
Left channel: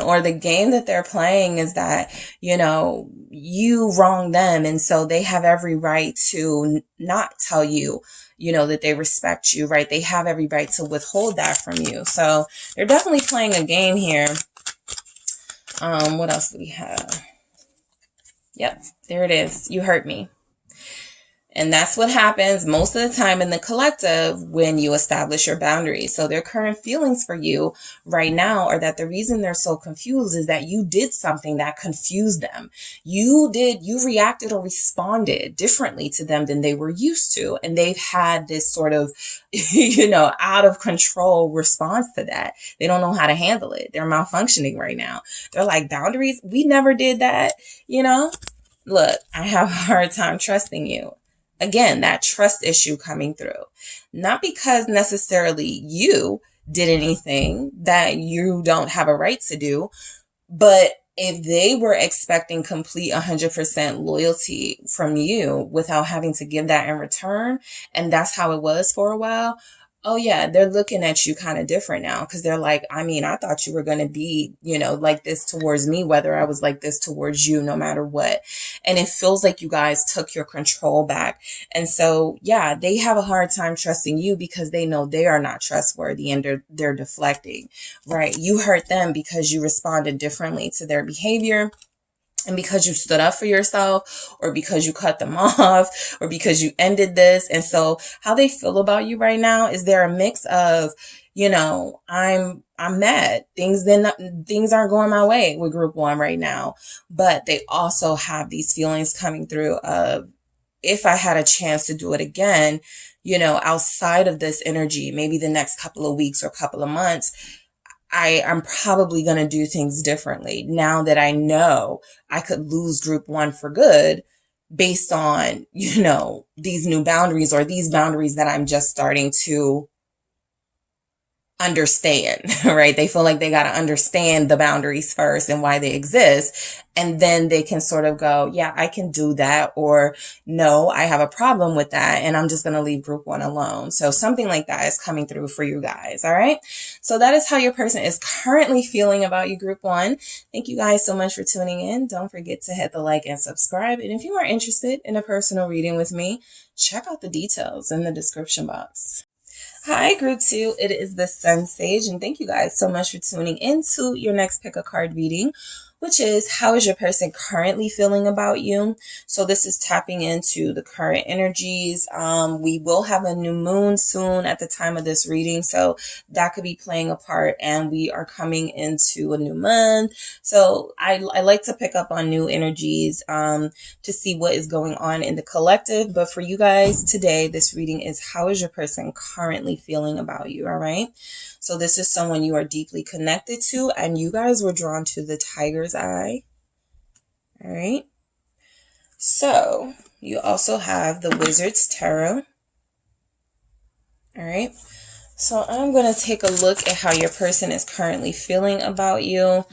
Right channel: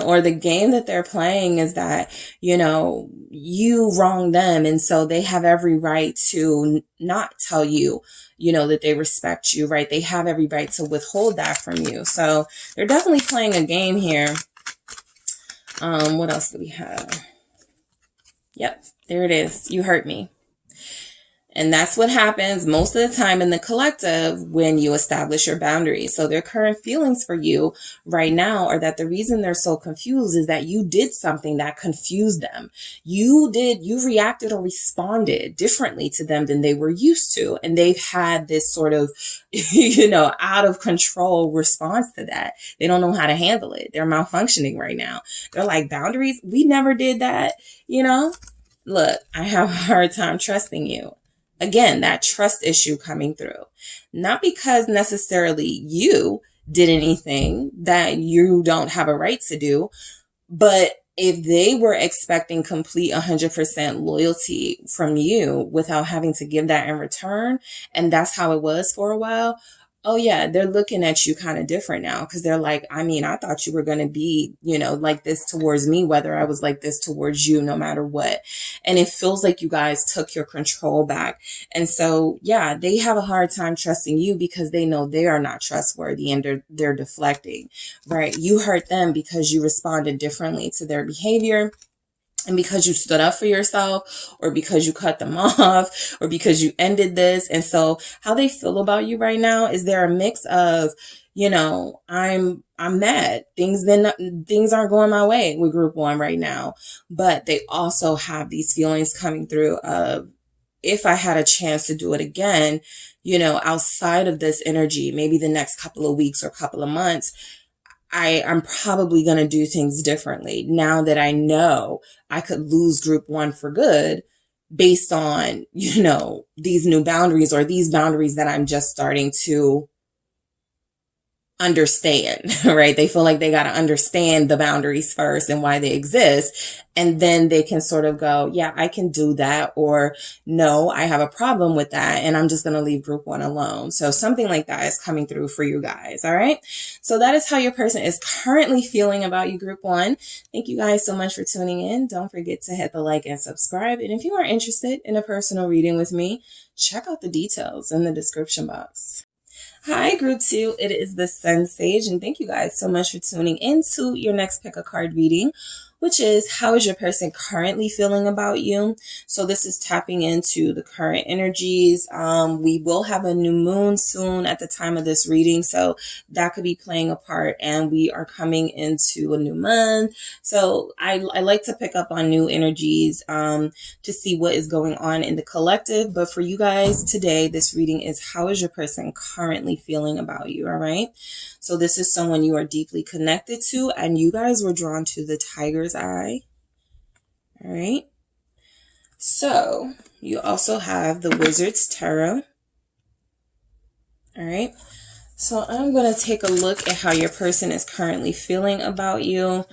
Or the game that they're playing is that, you know, you wronged them. And so they have every right to not tell you, you know, that they respect you, right? They have every right to withhold that from you. So they're definitely playing a game here. What else do we have? Yep, there it is. You hurt me. And that's what happens most of the time in the collective when you establish your boundaries. So their current feelings for you right now are that the reason they're so confused is that you did something that confused them. You reacted or responded differently to them than they were used to. And they've had this sort of, you know, out of control response to that. They don't know how to handle it. They're malfunctioning right now. They're like, boundaries? We never did that. You know, look, I have a hard time trusting you. Again, that trust issue coming through. Not because necessarily you did anything that you don't have a right to do, but if they were expecting complete 100% loyalty from you without having to give that in return, and that's how it was for a while, oh yeah, they're looking at you kind of different now, because they're like, I mean, I thought you were going to be, you know, like this towards me, whether I was like this towards you, no matter what. And it feels like you guys took your control back. And so, yeah, they have a hard time trusting you because they know they are not trustworthy, and they're deflecting, right? You hurt them because you responded differently to their behavior. And because you stood up for yourself, or because you cut them off, or because you ended this. And so how they feel about you right now is they're a mix of, you know, I'm mad. Things aren't going my way with group one right now. But they also have these feelings coming through of, if I had a chance to do it again, you know, outside of this energy, maybe the next couple of weeks or couple of months, I'm probably going to do things differently now that I know I could lose group one for good based on, you know, these new boundaries, or these boundaries that I'm just starting to understand, right? They feel like they got to understand the boundaries first and why they exist. And then they can sort of go, yeah, I can do that. Or no, I have a problem with that, and I'm just going to leave group one alone. So something like that is coming through for you guys. All right. So that is how your person is currently feeling about you, group one. Thank you guys so much for tuning in. Don't forget to hit the like and subscribe. And if you are interested in a personal reading with me, check out the details in the description box. Hi, group two. It is the SunSage, and thank you guys so much for tuning into your next pick a card reading, which is, how is your person currently feeling about you? So this is tapping into the current energies. We will have a new moon soon at the time of this reading, so that could be playing a part, and we are coming into a new month. So I like to pick up on new energies to see what is going on in the collective. But for you guys today, this reading is, how is your person currently feeling about you? All right. So this is someone you are deeply connected to, and you guys were drawn to the tiger's eye. All right. So you also have the Wizard's Tarot. All right. So I'm going to take a look at how your person is currently feeling about you.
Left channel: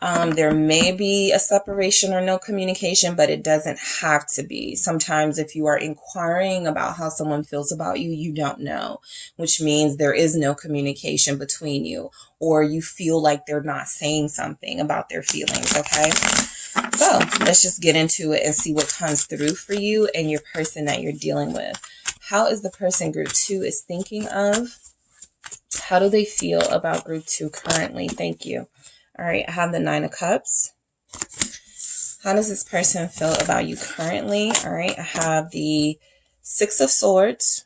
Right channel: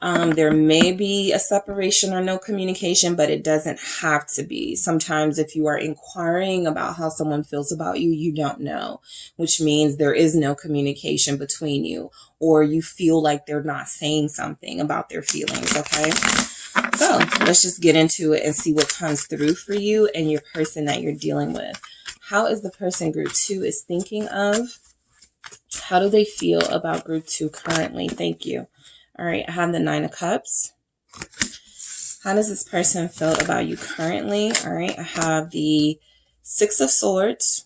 There may be a separation or no communication, but it doesn't have to be. Sometimes if you are inquiring about how someone feels about you, you don't know, which means there is no communication between you, or you feel like they're not saying something about their feelings, okay? So let's just get into it and see what comes through for you and your person that you're dealing with. How is the person group 2 is thinking of? How do they feel about group 2 currently? Thank you. All right, I have the 9 of Cups. How does this person feel about you currently? All right, I have the 6 of Swords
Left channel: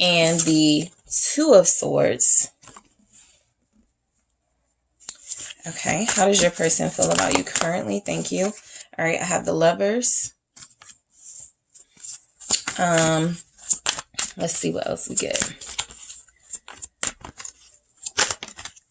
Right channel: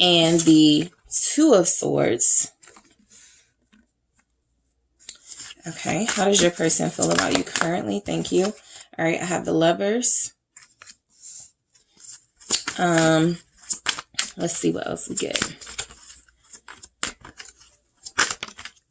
and the 2 of Swords. Okay, how does your person feel about you currently? Thank you. All right, I have the Lovers. Let's see what else we get.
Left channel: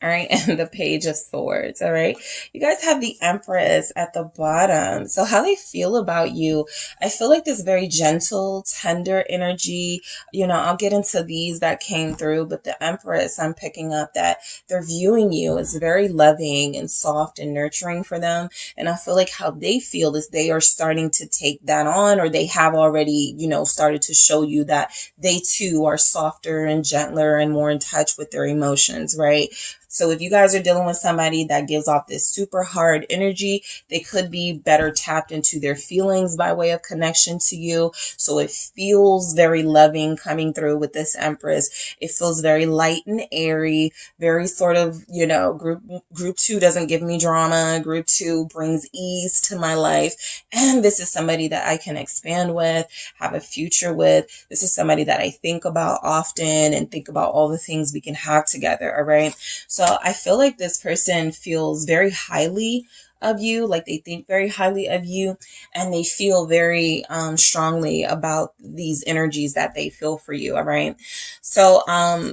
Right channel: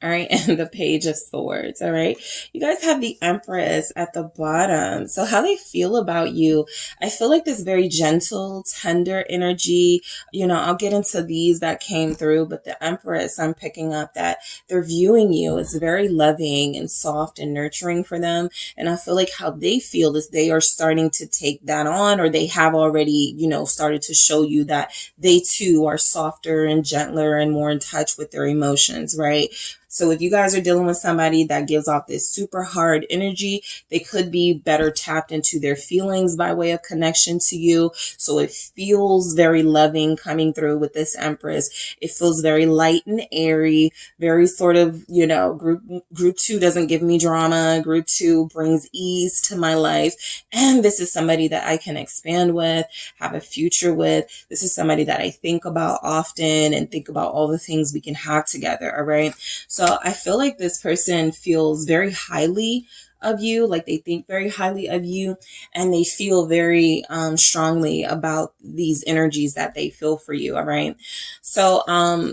All right, and the Page of Swords. All right, you guys have the Empress at the bottom. So how they feel about you, I feel like this very gentle, tender energy. You know, I'll get into these that came through, but the Empress, I'm picking up that they're viewing you as very loving and soft and nurturing for them. And I feel like how they feel is they are starting to take that on, or they have already, you know, started to show you that they too are softer and gentler and more in touch with their emotions, right? So if you guys are dealing with somebody that gives off this super hard energy, they could be better tapped into their feelings by way of connection to you. So it feels very loving coming through with this Empress. It feels very light and airy, very sort of, you know, group 2 doesn't give me drama. Group 2 brings ease to my life. And this is somebody that I can expand with, have a future with. This is somebody that I think about often and think about all the things we can have together. All right. So I feel like this person feels very highly of you, like they think very highly of you, and they feel very strongly about these energies that they feel for you. All right. So,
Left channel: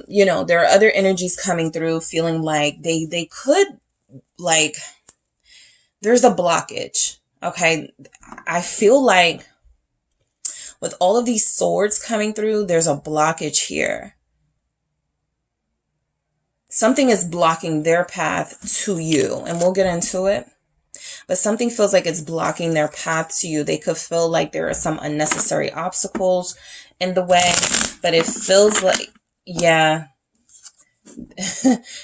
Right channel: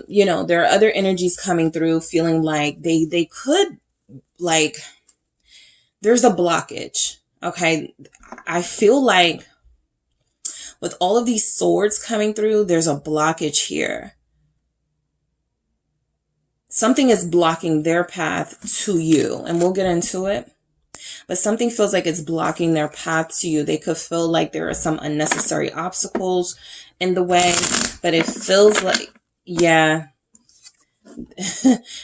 you know, there are other energies coming through feeling like they could, like, there's a blockage. Okay. I feel like with all of these swords coming through, there's a blockage here. Something is blocking their path to you, and we'll get into it. But something feels like it's blocking their path to you. They could feel like there are some unnecessary obstacles in the way, but it feels like, yeah,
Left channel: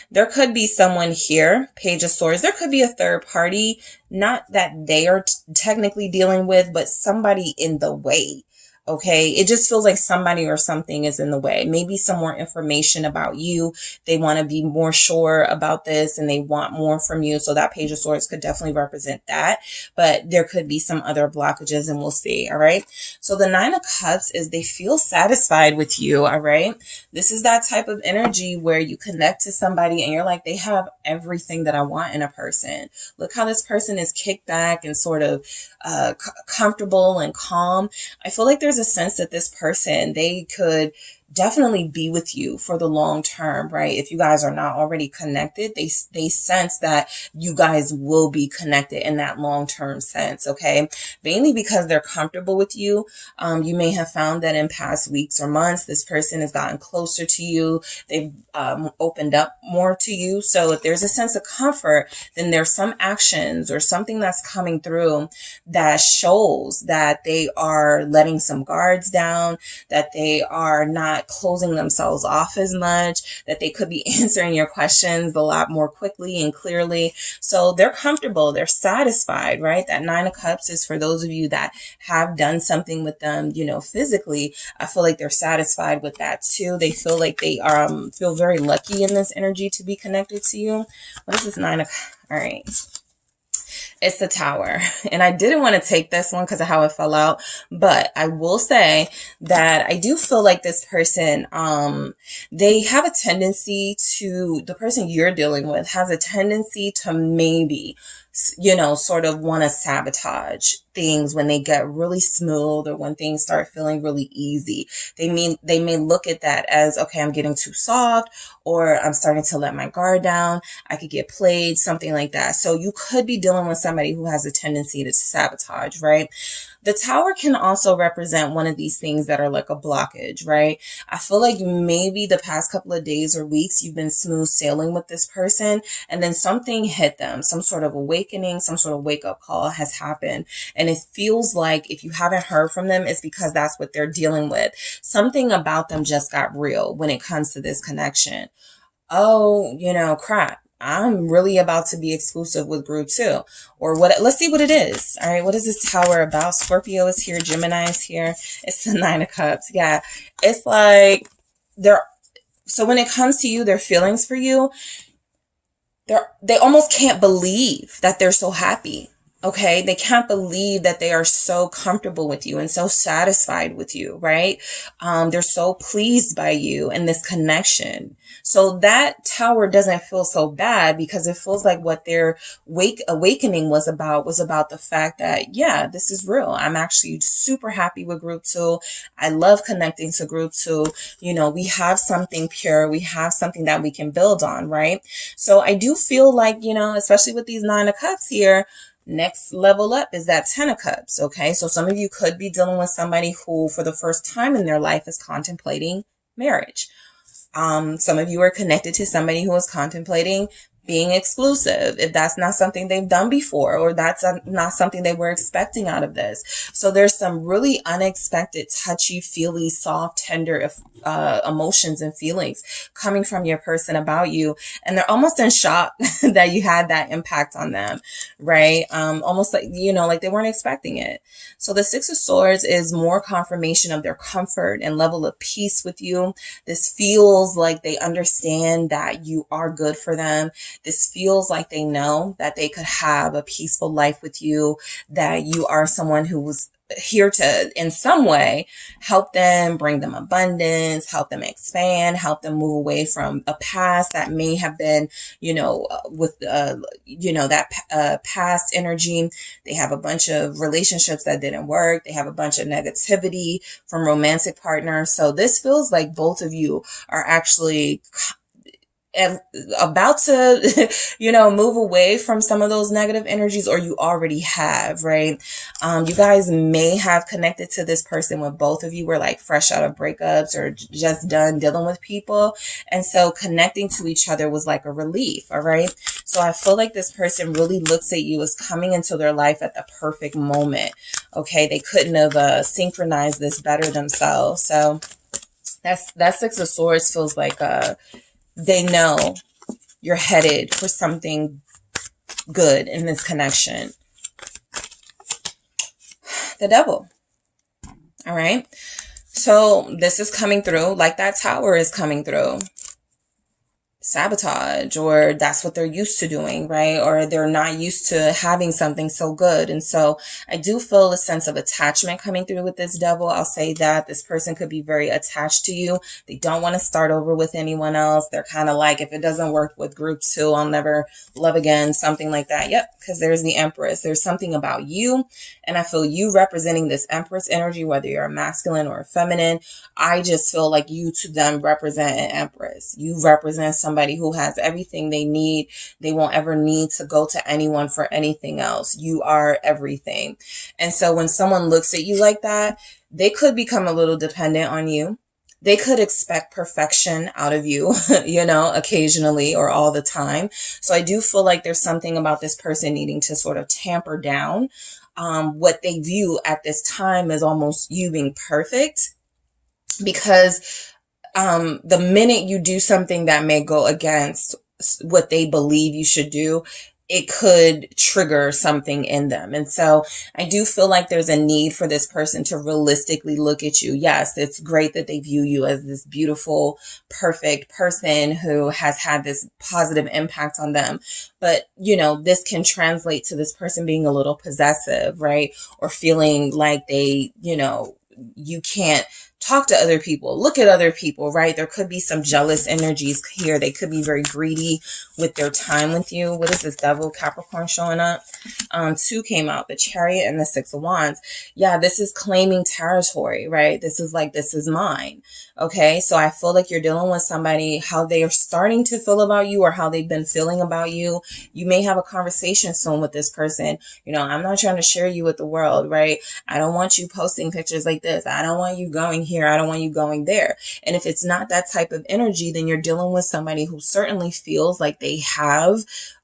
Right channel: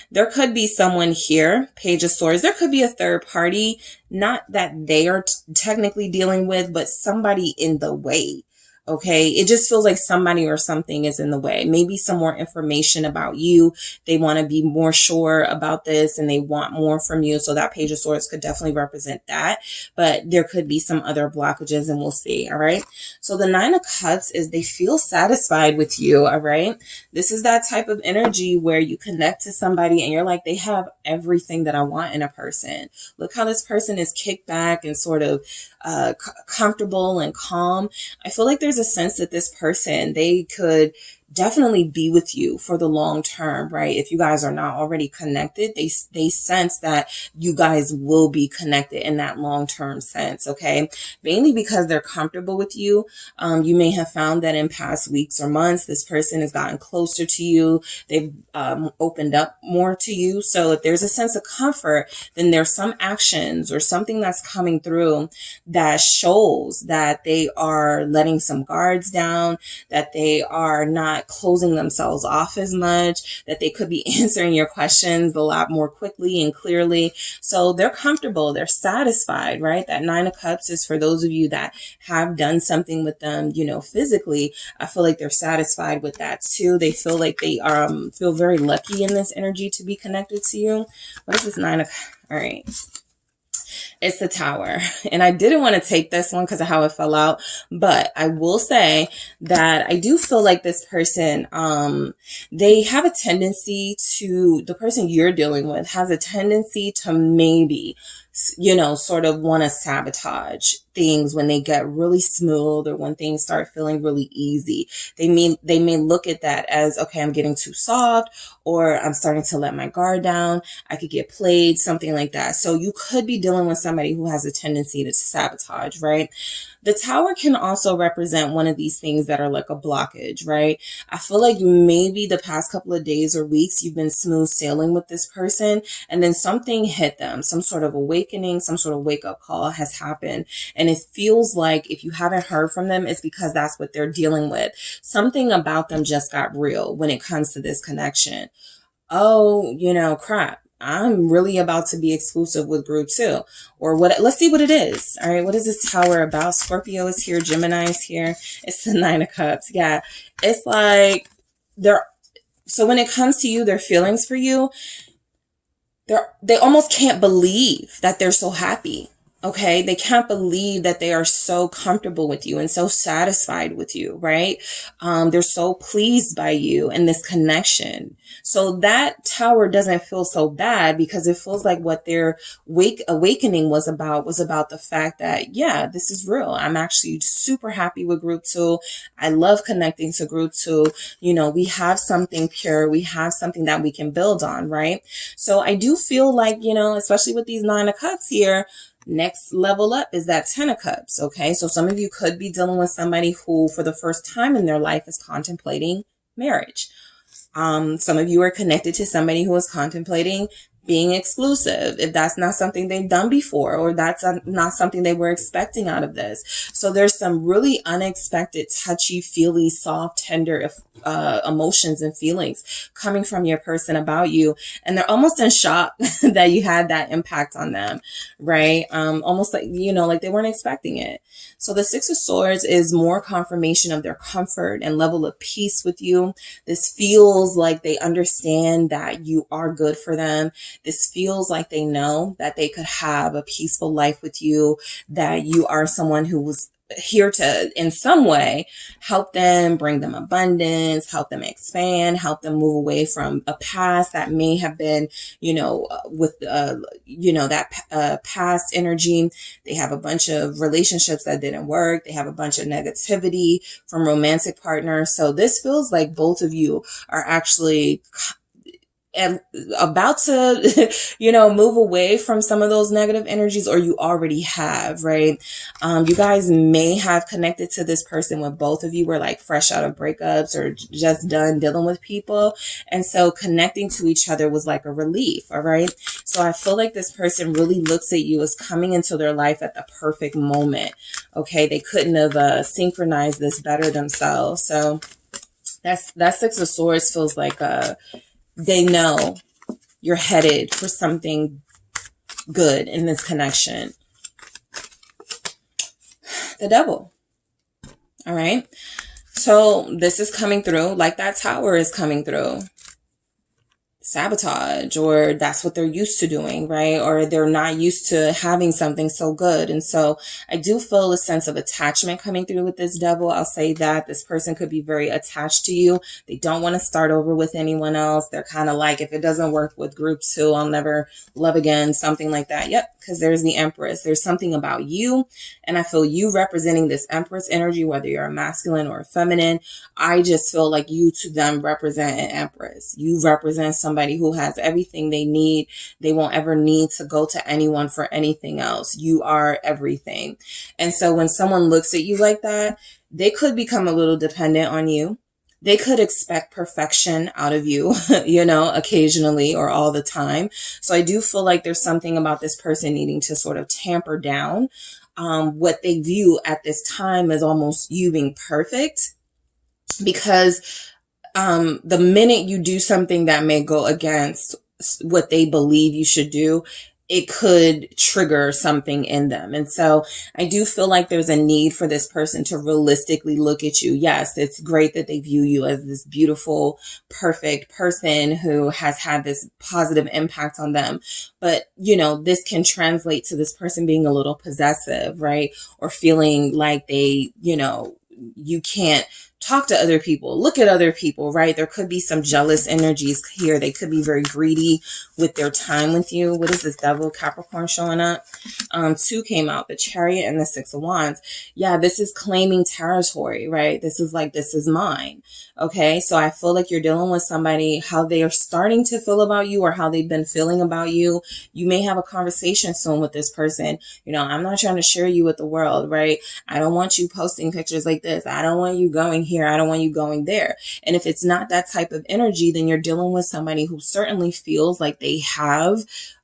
there could be someone here, Page of Swords. There could be a third party, not that they are technically dealing with, but somebody in the way. Okay, it just feels like somebody or something is in the way. Maybe some more information about you. They want to be more sure about this and they want more from you. So that Page of Swords could definitely represent that. But there could be some other blockages and we'll see. All right. So the 9 of Cups is they feel satisfied with you. All right. This is that type of energy where you connect to somebody and you're like, they have everything that I want in a person. Look how this person is kicked back and sort of comfortable and calm. I feel like there's a sense that this person, they could definitely be with you for the long term, right? If you guys are not already connected, they sense that you guys will be connected in that long-term sense, okay? Mainly because they're comfortable with you. You may have found that in past weeks or months, this person has gotten closer to you. They've opened up more to you. So if there's a sense of comfort, then there's some actions or something that's coming through that shows that they are letting some guards down, that they are not closing themselves off as much, that they could be answering your questions a lot more quickly and clearly. So they're comfortable, they're satisfied, right? That 9 of Cups is for those of you that have done something with them, you know, physically. I feel like they're satisfied with that too. They feel like they feel very lucky in this energy to be connected to you. What is this 9 of? All right. It's the Tower. And I didn't want to take this one because of how it fell out. But I will say that I do feel like this person, they have a tendency to, the person you're dealing with has a tendency to maybe you know, sort of want to sabotage things when they get really smooth or when things start feeling really easy. They may look at that as, okay, I'm getting too soft, or I'm starting to let my guard down. I could get played, something like that. So you could be dealing with somebody who has a tendency to sabotage, right? The Tower can also represent one of these things that are like a blockage, right? I feel like maybe the past couple of days or weeks, you've been smooth sailing with this person, and then something hit them, some sort of awakening, some sort of wake up call has happened. And it feels like if you haven't heard from them, it's because that's what they're dealing with. Something about them just got real when it comes to this connection. Oh, you know, crap. I'm really about to be exclusive with group 2, or what? Let's see what it is. All right. What is this Tower about? Scorpio is here. Gemini is here. It's the 9 of Cups. Yeah. It's like so when it comes to you, their feelings for you, they almost can't believe that they're so happy. Okay. They can't believe that they are so comfortable with you and so satisfied with you, right? They're so pleased by you and this connection. So that Tower doesn't feel so bad, because it feels like what their awakening was about the fact that, yeah, this is real. I'm actually super happy with group 2. I love connecting to group 2. You know, we have something pure. We have something that we can build on, right? So I do feel like, you know, especially with these 9 of Cups here, next level up is that 10 of Cups. Okay. So some of you could be dealing with somebody who for the first time in their life is contemplating marriage. Some of you are connected to somebody who is contemplating being exclusive, if that's not something they've done before, or that's not something they were expecting out of this. So there's some really unexpected, touchy, feely, soft, tender emotions and feelings coming from your person about you. And they're almost in shock that you had that impact on them, right? Almost like, you know, like they weren't expecting it. So the 6 of Swords is more confirmation of their comfort and level of peace with you. This feels like they understand that you are good for them. This feels like they know that they could have a peaceful life with you, that you are someone who was here to, in some way, help them, bring them abundance, help them expand, help them move away from a past that may have been, you know, with, you know, that past energy. They have a bunch of relationships that didn't work. They have a bunch of negativity from romantic partners. So this feels like both of you are actually and about to, you know, move away from some of those negative energies, or you already have, right? You guys may have connected to this person when both of you were like fresh out of breakups or just done dealing with people. And so connecting to each other was like a relief. All right. So I feel like this person really looks at you as coming into their life at the perfect moment. Okay. They couldn't have synchronized this better themselves. So that 6 of Swords feels like, they know you're headed for something good in this connection. The Devil. All right. So this is coming through like that Tower is coming through. Sabotage, or that's what they're used to doing, right? Or they're not used to having something so good. And so I do feel a sense of attachment coming through with this Devil. I'll say that this person could be very attached to you. They don't want to start over with anyone else. They're kind of like, if it doesn't work with group 2, I'll never love again, something like that. Yep. Because there's the Empress. There's something about you. And I feel you representing this Empress energy, whether you're a masculine or a feminine. I just feel like you to them represent an Empress. You represent somebody who has everything they need. They won't ever need to go to anyone for anything else. You are everything. And so when someone looks at you like that, they could become a little dependent on you. They could expect perfection out of you, you know, occasionally or all the time. So I do feel like there's something about this person needing to sort of tamper down what they view at this time as almost you being perfect, because the minute you do something that may go against what they believe you should do, it could trigger something in them. And so I do feel like there's a need for this person to realistically look at you. Yes, it's great that they view you as this beautiful, perfect person who has had this positive impact on them. But, you know, this can translate to this person being a little possessive, right? Or feeling like they, you know, you can't talk to other people, look at other people, right? There could be some jealous energies here. They could be very greedy with their time with you. What is this Devil Capricorn showing up? Two came out, the Chariot and the Six of Wands. Yeah, this is claiming territory, right? This is like, this is mine. Okay, so I feel like you're dealing with somebody, how they are starting to feel about you or how they've been feeling about you. You may have a conversation soon with this person. You know, I'm not trying to share you with the world, right? I don't want you posting pictures like this. I don't want you going here. I don't want you going there. And if it's not that type of energy, then you're dealing with somebody who certainly feels like they have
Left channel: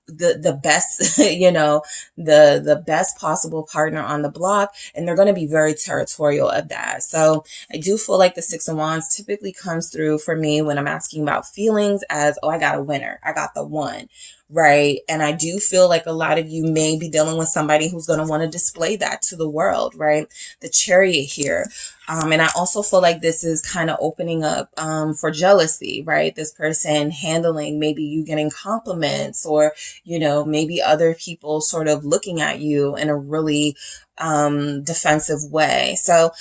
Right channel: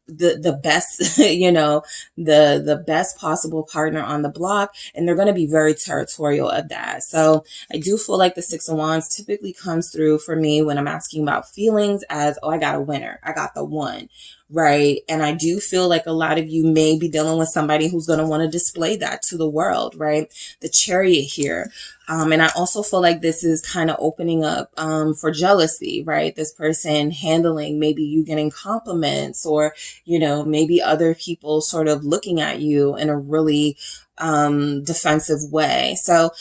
the best, you know, the best possible partner on the block, and they're going to be very territorial of that. So I do feel like the Six of Wands typically comes through for me when I'm asking about feelings as, oh, I got a winner. I got the one. Right. And I do feel like a lot of you may be dealing with somebody who's going to want to display that to the world, right? The Chariot here. And I also feel like this is kind of opening up for jealousy, right? This person handling maybe you getting compliments or, you know, maybe other people sort of looking at you in a really defensive way. So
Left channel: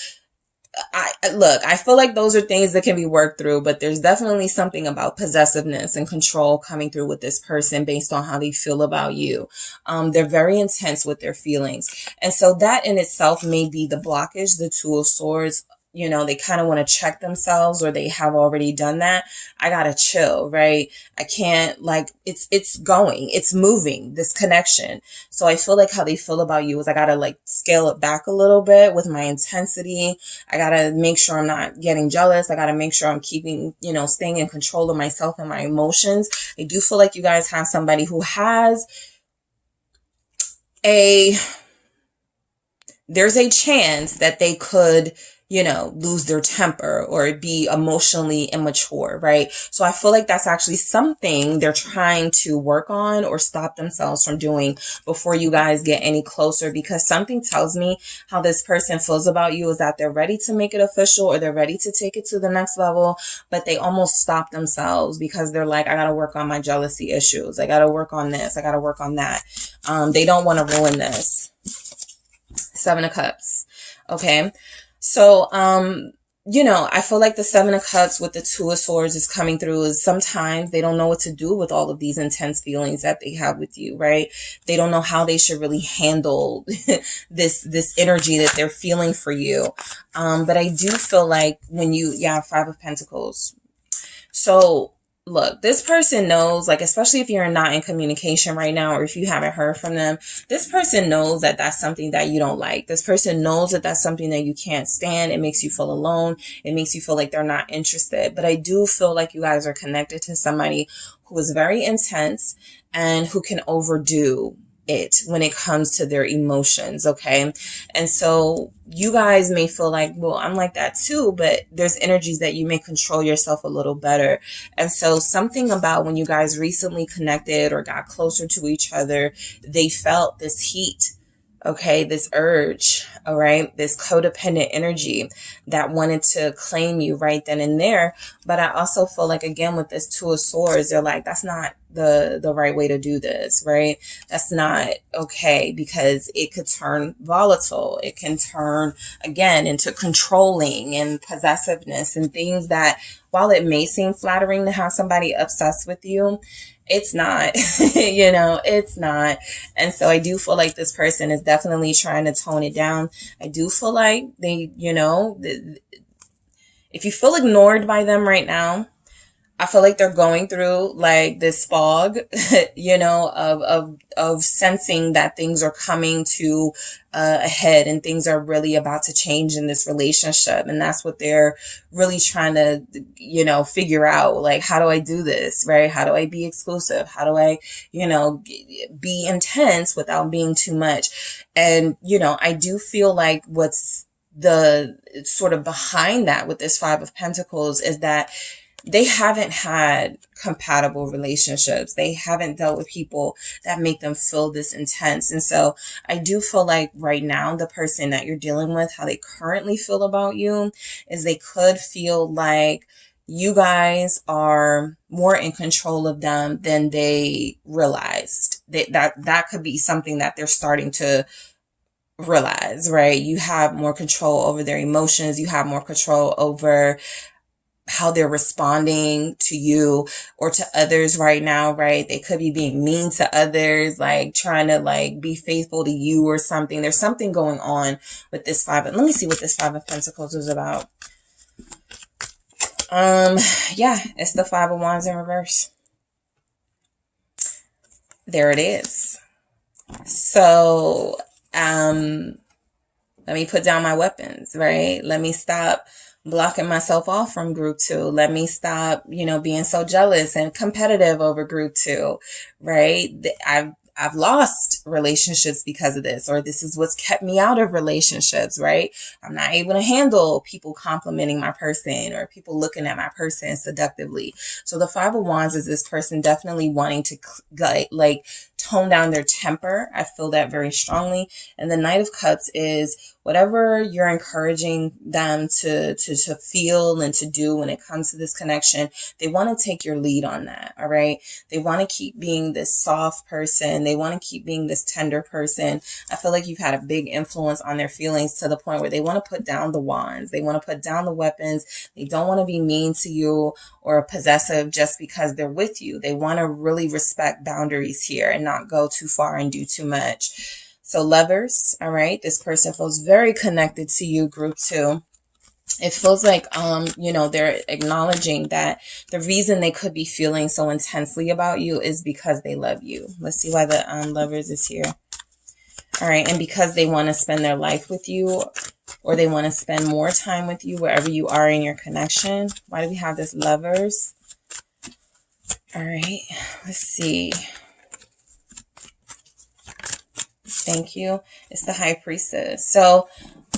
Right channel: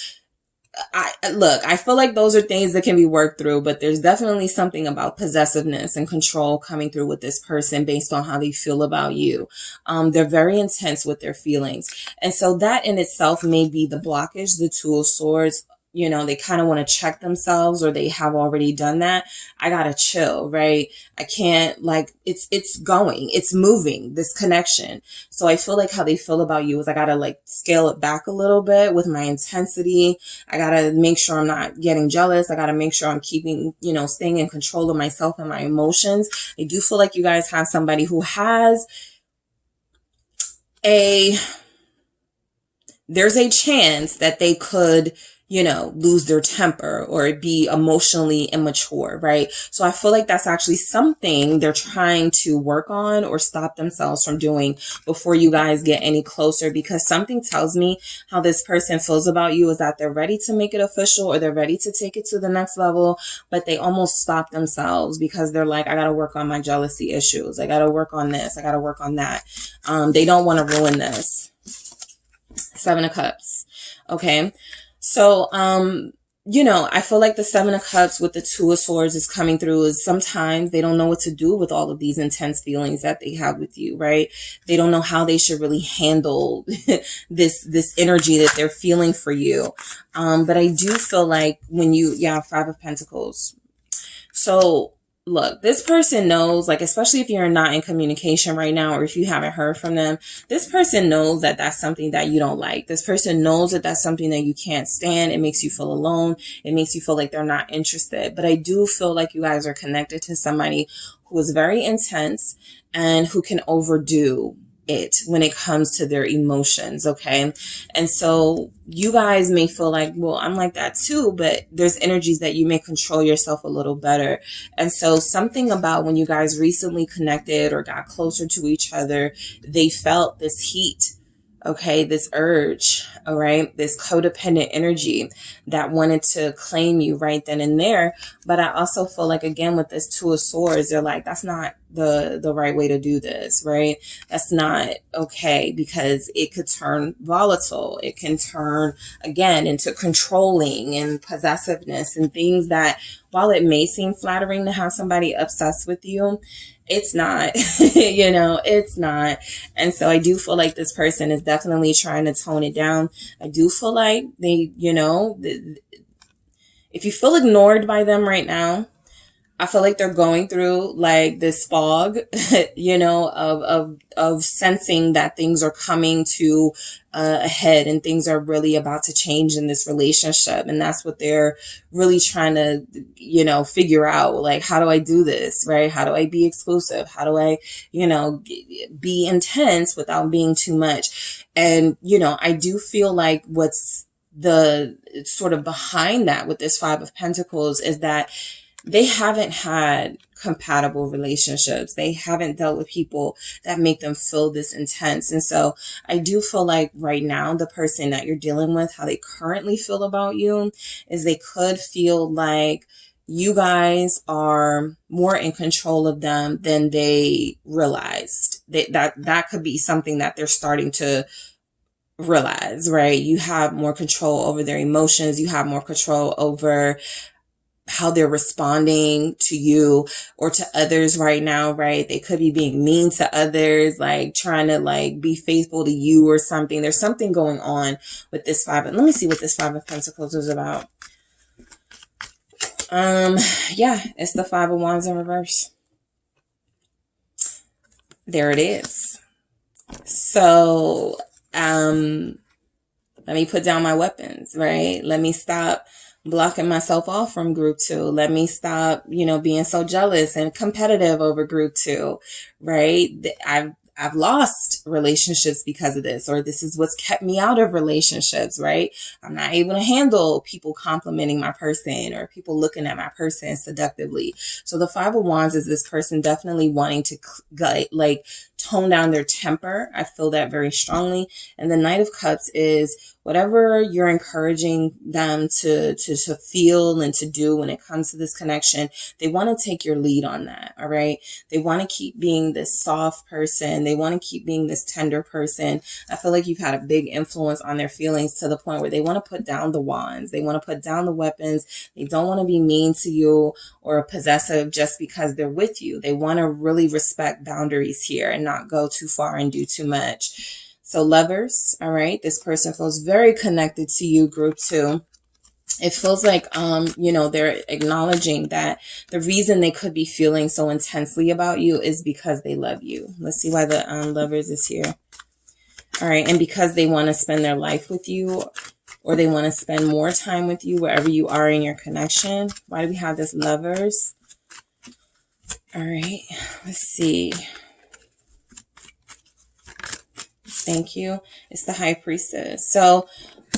I feel like those are things that can be worked through, but there's definitely something about possessiveness and control coming through with this person based on how they feel about you. They're very intense with their feelings. And so that in itself may be the blockage, the Two of Swords. You know, they kind of want to check themselves or they have already done that. I gotta chill, right? I can't, like, it's going, it's moving, this connection. So I feel like how they feel about you is I gotta like scale it back a little bit with my intensity. I gotta make sure I'm not getting jealous. I gotta make sure I'm keeping, you know, staying in control of myself and my emotions. I do feel like you guys have somebody who has there's a chance that they could, you know, lose their temper or be emotionally immature, right? So I feel like that's actually something they're trying to work on or stop themselves from doing before you guys get any closer, because something tells me how this person feels about you is that they're ready to make it official or they're ready to take it to the next level, but they almost stop themselves because they're like, I got to work on my jealousy issues. I got to work on this. I got to work on that. They don't want to ruin this. Seven of Cups. Okay. So, you know, I feel like the Seven of Cups with the Two of Swords is coming through is sometimes they don't know what to do with all of these intense feelings that they have with you, right? They don't know how they should really handle this energy that they're feeling for you. But I do feel like when you, Five of Pentacles. So look, this person knows, like, especially if you're not in communication right now, or if you haven't heard from them, this person knows that that's something that you don't like. This person knows that that's something that you can't stand. It makes you feel alone. It makes you feel like they're not interested. But I do feel like you guys are connected to somebody who is very intense and who can overdo it when it comes to their emotions. Okay. And so you guys may feel like, well, I'm like that too, but there's energies that you may control yourself a little better. And so something about when you guys recently connected or got closer to each other, they felt this heat. Okay, this urge, all right, this codependent energy that wanted to claim you right then and there. But I also feel like, again, with this Two of Swords, they're like, that's not the right way to do this, right? That's not okay, because it could turn volatile. It can turn, again, into controlling and possessiveness and things that, while it may seem flattering to have somebody obsessed with you, it's not, you know, it's not. And so I do feel like this person is definitely trying to tone it down. I do feel like they, you know, if you feel ignored by them right now, I feel like they're going through like this fog, you know, of sensing that things are coming to a head and things are really about to change in this relationship. And that's what they're really trying to, you know, figure out. Like, how do I do this, right? How do I be exclusive? How do I, you know, be intense without being too much? And, you know, I do feel like what's the sort of behind that with this Five of Pentacles is that they haven't had compatible relationships. They haven't dealt with people that make them feel this intense. And so I do feel like right now, the person that you're dealing with, how they currently feel about you is they could feel like you guys are more in control of them than they realized. That could be something that they're starting to realize, right? You have more control over their emotions. You have more control over how they're responding to you or to others right now, right? They could be being mean to others, like trying to like be faithful to you or something. There's something going on with this five. Let me see what this Five of Pentacles is about. Yeah, it's the Five of Wands in reverse. There it is. So, let me put down my weapons, right? Let me stop blocking myself off from group 2. Let me stop, being so jealous and competitive over group 2, right? I've lost relationships because of this, or this is what's kept me out of relationships, right? I'm not able to handle people complimenting my person or people looking at my person seductively. So the Five of Wands is this person definitely wanting to like tone down their temper. I feel that very strongly. And the Knight of Cups is whatever you're encouraging them to feel and to do when it comes to this connection, they want to take your lead on that. All right. They want to keep being this soft person. They want to keep being this tender person. I feel like you've had a big influence on their feelings to the point where they want to put down the wands. They want to put down the weapons. They don't want to be mean to you or possessive just because they're with you. They want to really respect boundaries here and not go too far and do too much. So Lovers, all right, this person feels very connected to you, group 2. It feels like, they're acknowledging that the reason they could be feeling so intensely about you is because they love you. Let's see why the Lovers is here. All right, and because they want to spend their life with you, or they want to spend more time with you wherever you are in your connection. Why do we have this Lovers? All right, let's see. Thank you. It's the High Priestess. So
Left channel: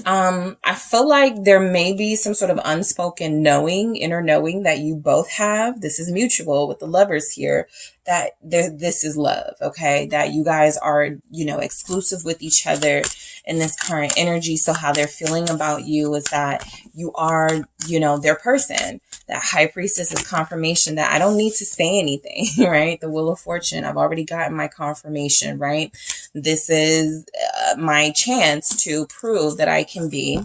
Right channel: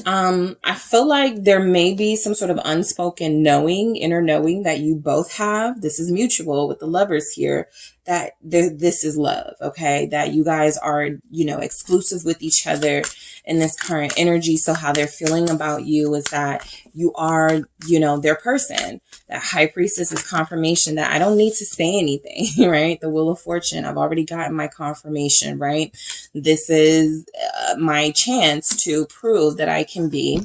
I feel like there may be some sort of unspoken knowing, inner knowing that you both have. This is mutual with the Lovers here, that this is love, okay? That you guys are, exclusive with each other in this current energy. So how they're feeling about you is that you are, their person. That High Priestess is confirmation that I don't need to say anything, right? The Wheel of Fortune, I've already gotten my confirmation, right? This is my chance to prove that I can be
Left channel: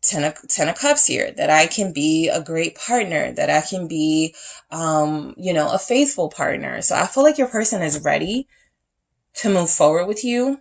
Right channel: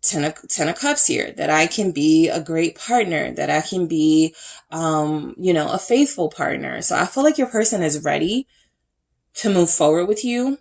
Ten of Cups here, that I can be a great partner, that I can be, a faithful partner. So I feel like your person is ready to move forward with you.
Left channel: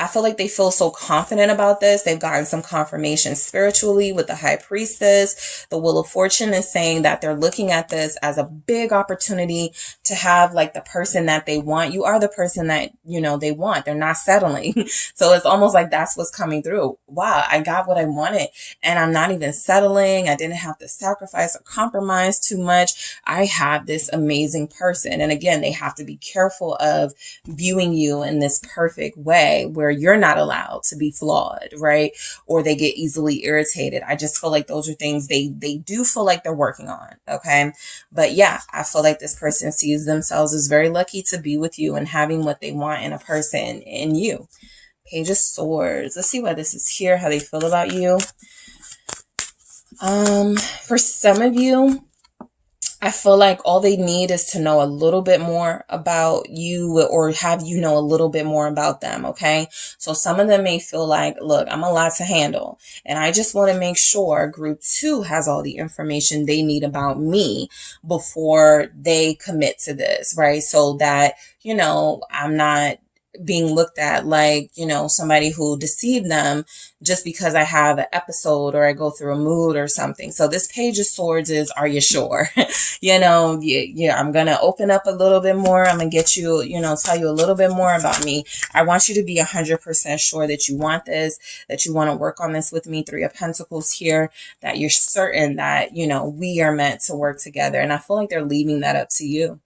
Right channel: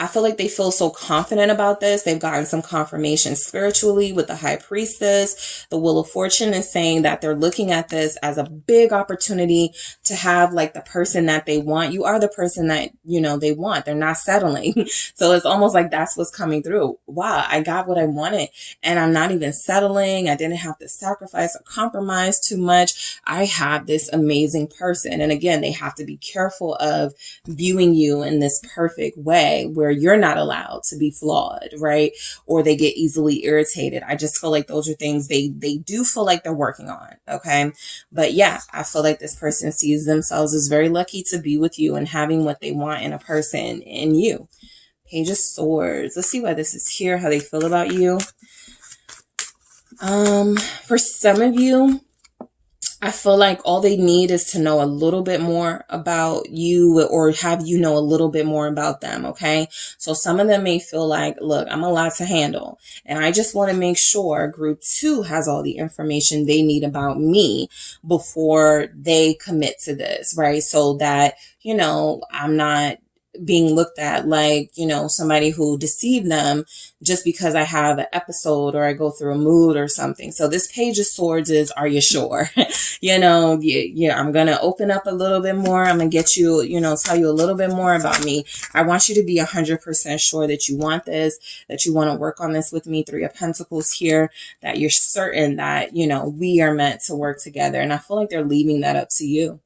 I feel like they feel so confident about this. They've gotten some confirmation spiritually with the High Priestess. The Wheel of Fortune is saying that they're looking at this as a big opportunity to have like the person that they want. You are the person that, they want. They're not settling. So it's almost like that's what's coming through. Wow, I got what I wanted and I'm not even settling. I didn't have to sacrifice or compromise too much. I have this amazing person. And again, they have to be careful of viewing you in this perfect way where you're not allowed to be flawed, right? Or they get easily irritated. I just feel like those are things they do feel like they're working on, okay? But yeah, I feel like this person sees themselves as very lucky to be with you and having what they want in a person in you. Page of Swords. Let's see why this is here, how they feel about you. For some of you, I feel like all they need is to know a little bit more about you or have you know a little bit more about them, okay? So some of them may feel like, look, I'm a lot to handle. And I just want to make sure group 2 has all the information they need about me before they commit to this, right? So that, I'm not being looked at like, somebody who deceived them just because I have an episode or I go through a mood or something. So this Page of Swords is, are you sure? Yeah, I'm going to open up a little bit more. I'm going to get you, tell you a little bit more about me. I want you to be 100% sure that you want this, that you want to work on this with me. 3 of Pentacles here, that you're certain that, we are meant to work together. And I feel like they're leaving that up to you.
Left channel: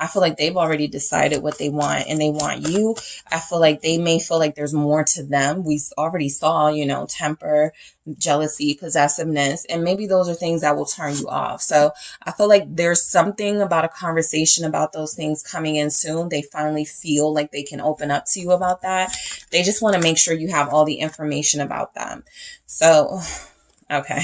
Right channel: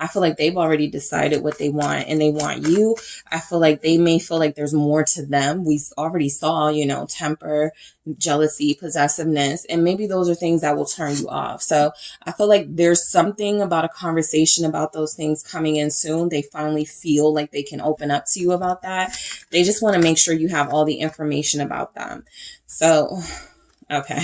I feel like they've already decided what they want and they want you. I feel like they may feel like there's more to them. We already saw, temper, jealousy, possessiveness, and maybe those are things that will turn you off. So I feel like there's something about a conversation about those things coming in soon. They finally feel like they can open up to you about that. They just want to make sure you have all the information about them. So, okay.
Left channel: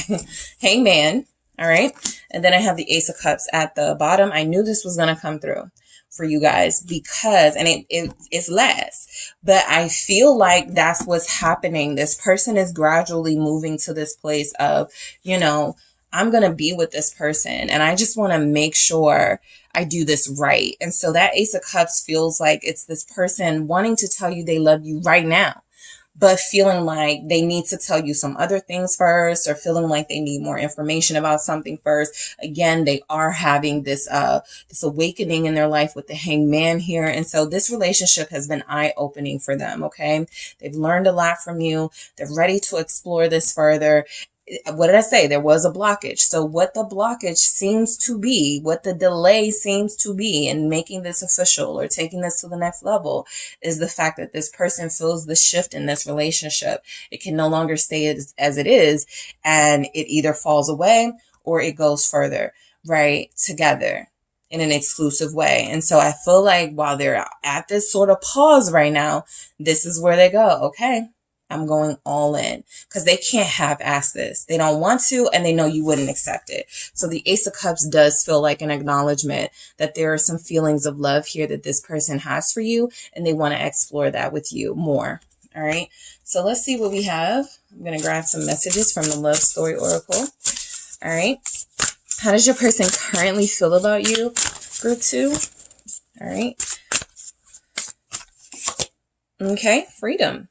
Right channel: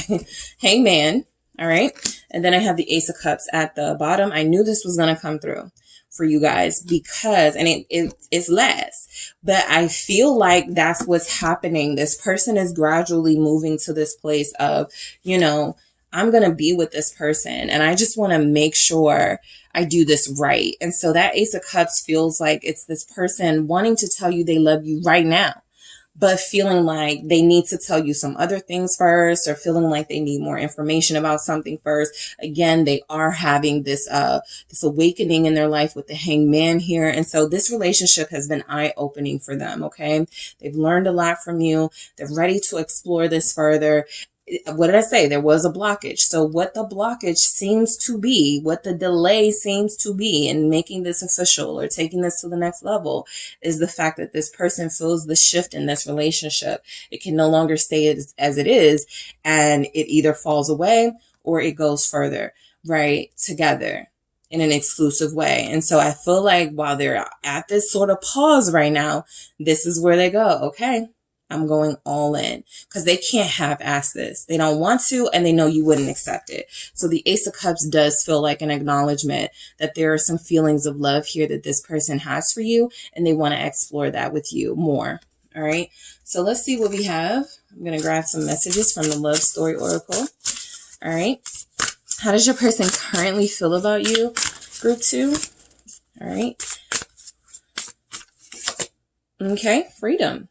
Hangman. All right. And then I have the Ace of Cups at the bottom. I knew this was going to come through. for you guys, because, and it's less, but I feel like that's what's happening. This person is gradually moving to this place of, you know, I'm going to be with this person and I just want to make sure I do this right. And so that Ace of Cups feels like it's this person wanting to tell you they love you right now, but feeling like they need to tell you some other things first, or feeling like they need more information about something first. Again, they are having this awakening in their life with the Hangman here. And so this relationship has been eye-opening for them, okay? They've learned a lot from you. They're ready to explore this further. What did I say? There was a blockage. So what the blockage seems to be, what the delay seems to be in making this official or taking this to the next level, is the fact that this person feels the shift in this relationship. It can no longer stay as it is, and it either falls away or it goes further, right, together in an exclusive way. And so I feel like while they're at this sort of pause right now, this is where they go, okay, I'm going all in, because they can't half-ass this. They don't want to, and they know you wouldn't accept it. So the Ace of Cups does feel like an acknowledgement that there are some feelings of love here that this person has for you, and they want to explore that with you more. All right. So let's see what we have. I'm going to grab some messages from the Love Story Oracle. All right. How does your person currently feel about you, Group 2? All right. Okay. Freedom.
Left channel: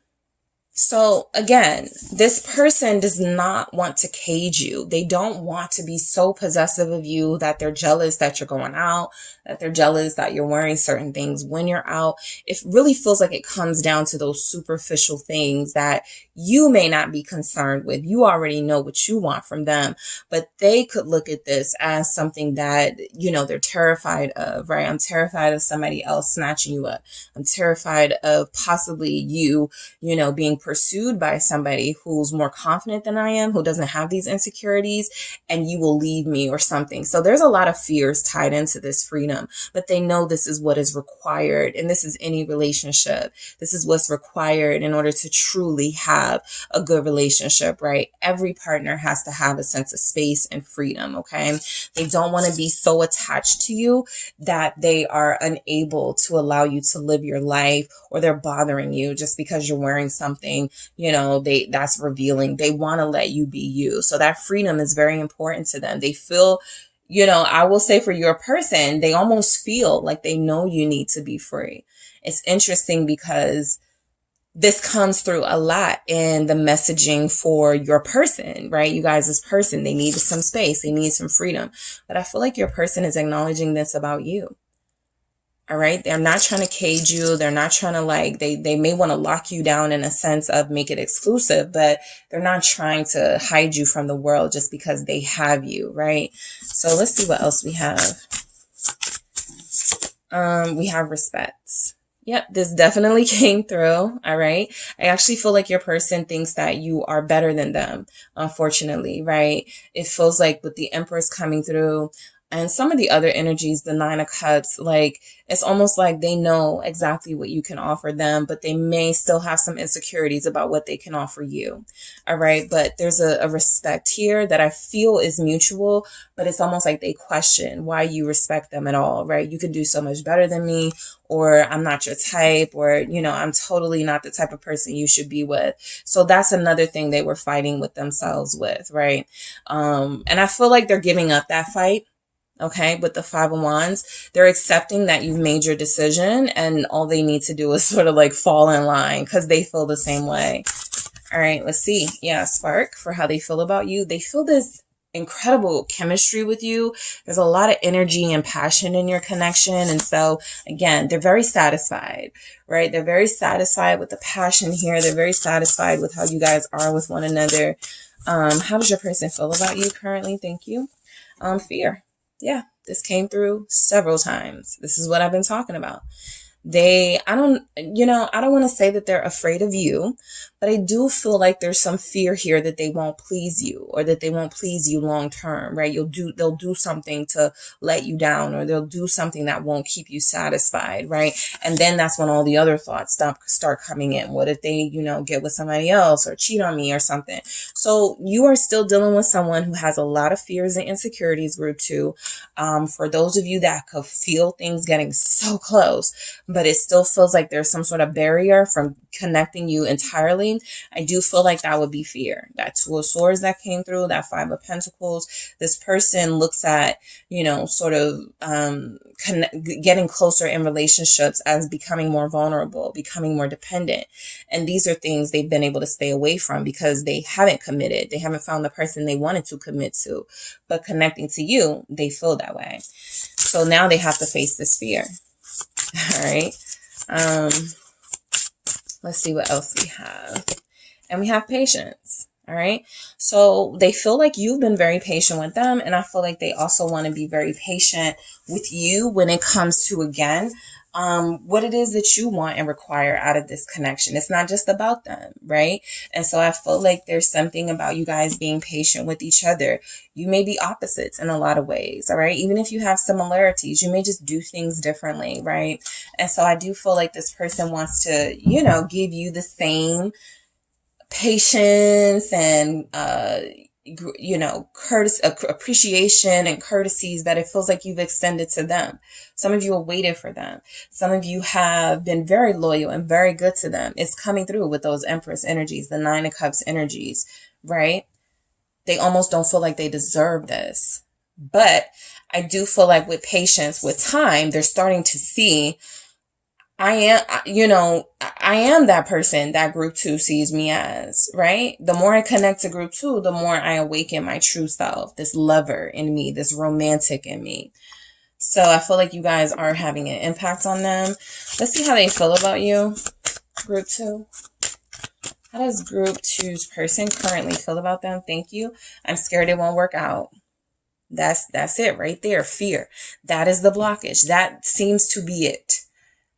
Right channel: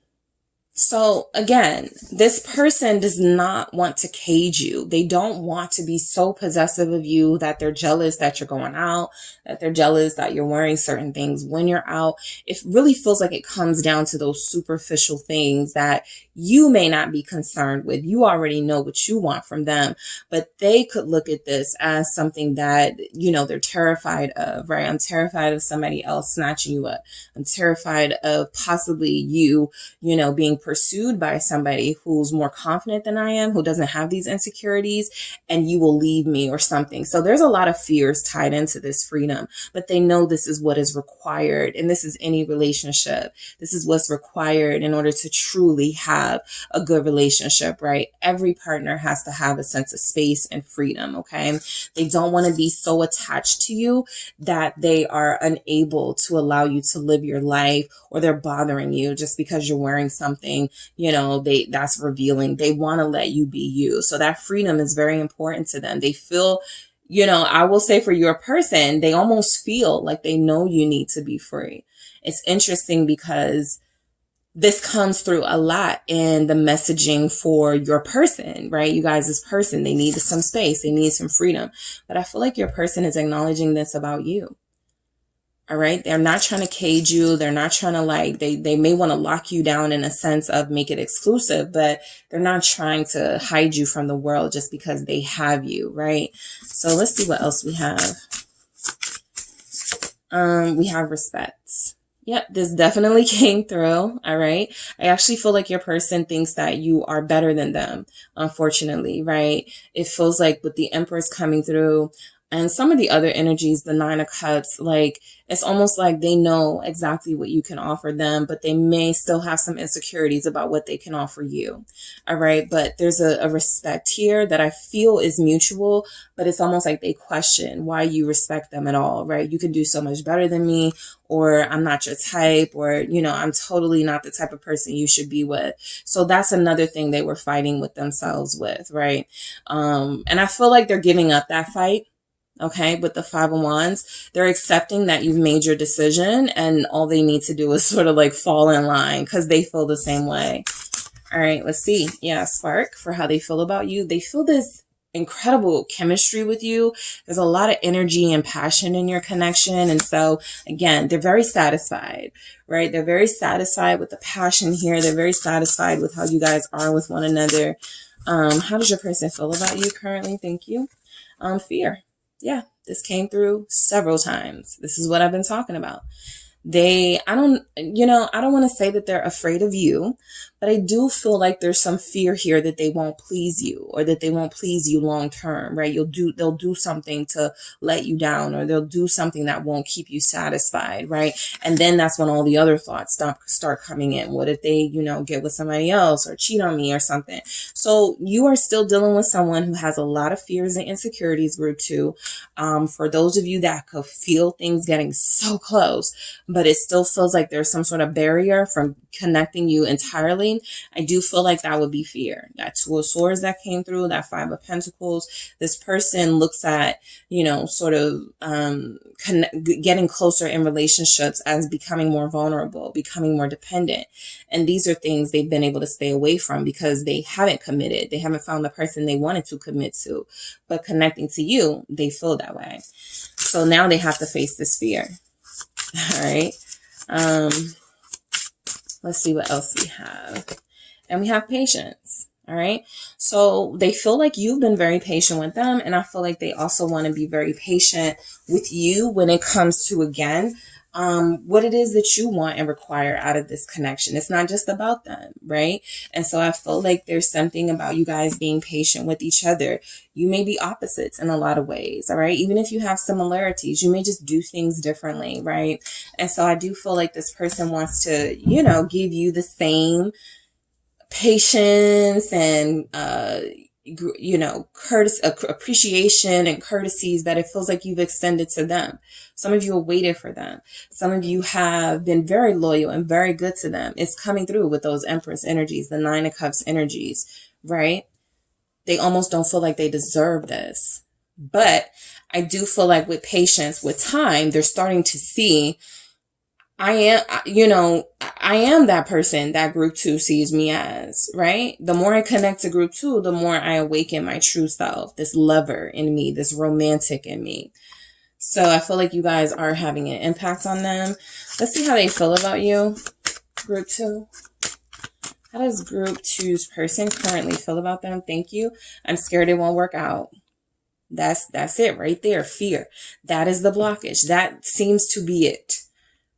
So again, this person does not want to cage you. They don't want to be so possessive of you that they're jealous that you're going out, that they're jealous that you're wearing certain things when you're out. It really feels like it comes down to those superficial things that you may not be concerned with. You already know what you want from them, but they could look at this as something that, you know, they're terrified of, right? I'm terrified of somebody else snatching you up. I'm terrified of possibly you know, being pursued by somebody who's more confident than I am, who doesn't have these insecurities, and you will leave me or something. So there's a lot of fears tied into this freedom, but they know this is what is required. And this is any relationship. This is what's required in order to truly have a good relationship, right? Every partner has to have a sense of space and freedom, okay? They don't want to be so attached to you that they are unable to allow you to live your life, or they're bothering you just because you're wearing something, you know, that's revealing. They want to let you be you. So that freedom is very important to them. They feel, you know, I will say for your person, they almost feel like they know you need to be free. It's interesting because this comes through a lot in the messaging for your person, right? You guys, this person, they need some space. They need some freedom. But I feel like your person is acknowledging this about you. All right. They're not trying to cage you. They're not trying to they may want to lock you down in a sense of make it exclusive, but they're not trying to hide you from the world just because they have you. Right. So let's see what else we have. We have respect. Yep, this definitely came through. All right. I actually feel like your person thinks that you are better than them, unfortunately, right? It feels like with the Empress coming through and some of the other energies, the Nine of Cups, like it's almost like they know exactly what you can offer them, but they may still have some insecurities about what they can offer you. All right. But there's a respect here that I feel is mutual, but it's almost like they question why you respect them at all, right? You can do so much better than me, or I'm not your type, or, you know, I'm totally not the type of person you should be with. So that's another thing they were fighting with themselves with, right? And I feel like they're giving up that fight. Okay, with the Five of Wands, they're accepting that you've made your decision and all they need to do is sort of like fall in line because they feel the same way. All right, let's see. Yeah, Spark, for how they feel about you. They feel this incredible chemistry with you. There's a lot of energy and passion in your connection. And so again, they're very satisfied, right? They're very satisfied with the passion here. They're very satisfied with how you guys are with one another. How does your person feel about you currently? Thank you. Fear. Yeah, this came through several times. This is what I've been talking about. I don't want to say that they're afraid of you, But I do feel like there's some fear here that they won't please you, or that they won't please you long term, right? They'll do something to let you down, or they'll do something that won't keep you satisfied, right? And then that's when all the other thoughts start coming in. What if they, get with somebody else or cheat on me or something? So you are still dealing with someone who has a lot of fears and insecurities, group 2. For those of you that could feel things getting so close, but it still feels like there's some sort of barrier from connecting you entirely, I do feel like that would be fear. That 2 of Swords that came through, that 5 of Pentacles, this person looks at, sort of getting closer in relationships as becoming more vulnerable, becoming more dependent. And these are things they've been able to stay away from because they haven't committed. They haven't found the person they wanted to commit to. But connecting to you, they feel that way. So now they have to face this fear. All right. Let's see what else we have. And we have patience. All right. So they feel like you've been very patient with them. And I feel like they also want to be very patient with you when it comes to, again, what it is that you want and require out of this connection. It's not just about them, right? And so I feel like there's something about you guys being patient with each other. You may be opposites in a lot of ways, all right? Even if you have similarities, you may just do things differently, right? And so I do feel like this person wants to, give you the same patience and, appreciation and courtesies that it feels like you've extended to them. Some of you have waited for them. Some of you have been very loyal and very good to them. It's coming through with those Empress energies, the 9 of Cups energies, right? They almost don't feel like they deserve this. But I do feel like with patience, with time, they're starting to see I am that person that group 2 sees me as, right? The more I connect to group 2, the more I awaken my true self, this lover in me, this romantic in me. So I feel like you guys are having an impact on them. Let's see how they feel about you, group 2. How does group 2's person currently feel about them? Thank you. I'm scared it won't work out. That's it right there. Fear. That is the blockage. That seems to be it.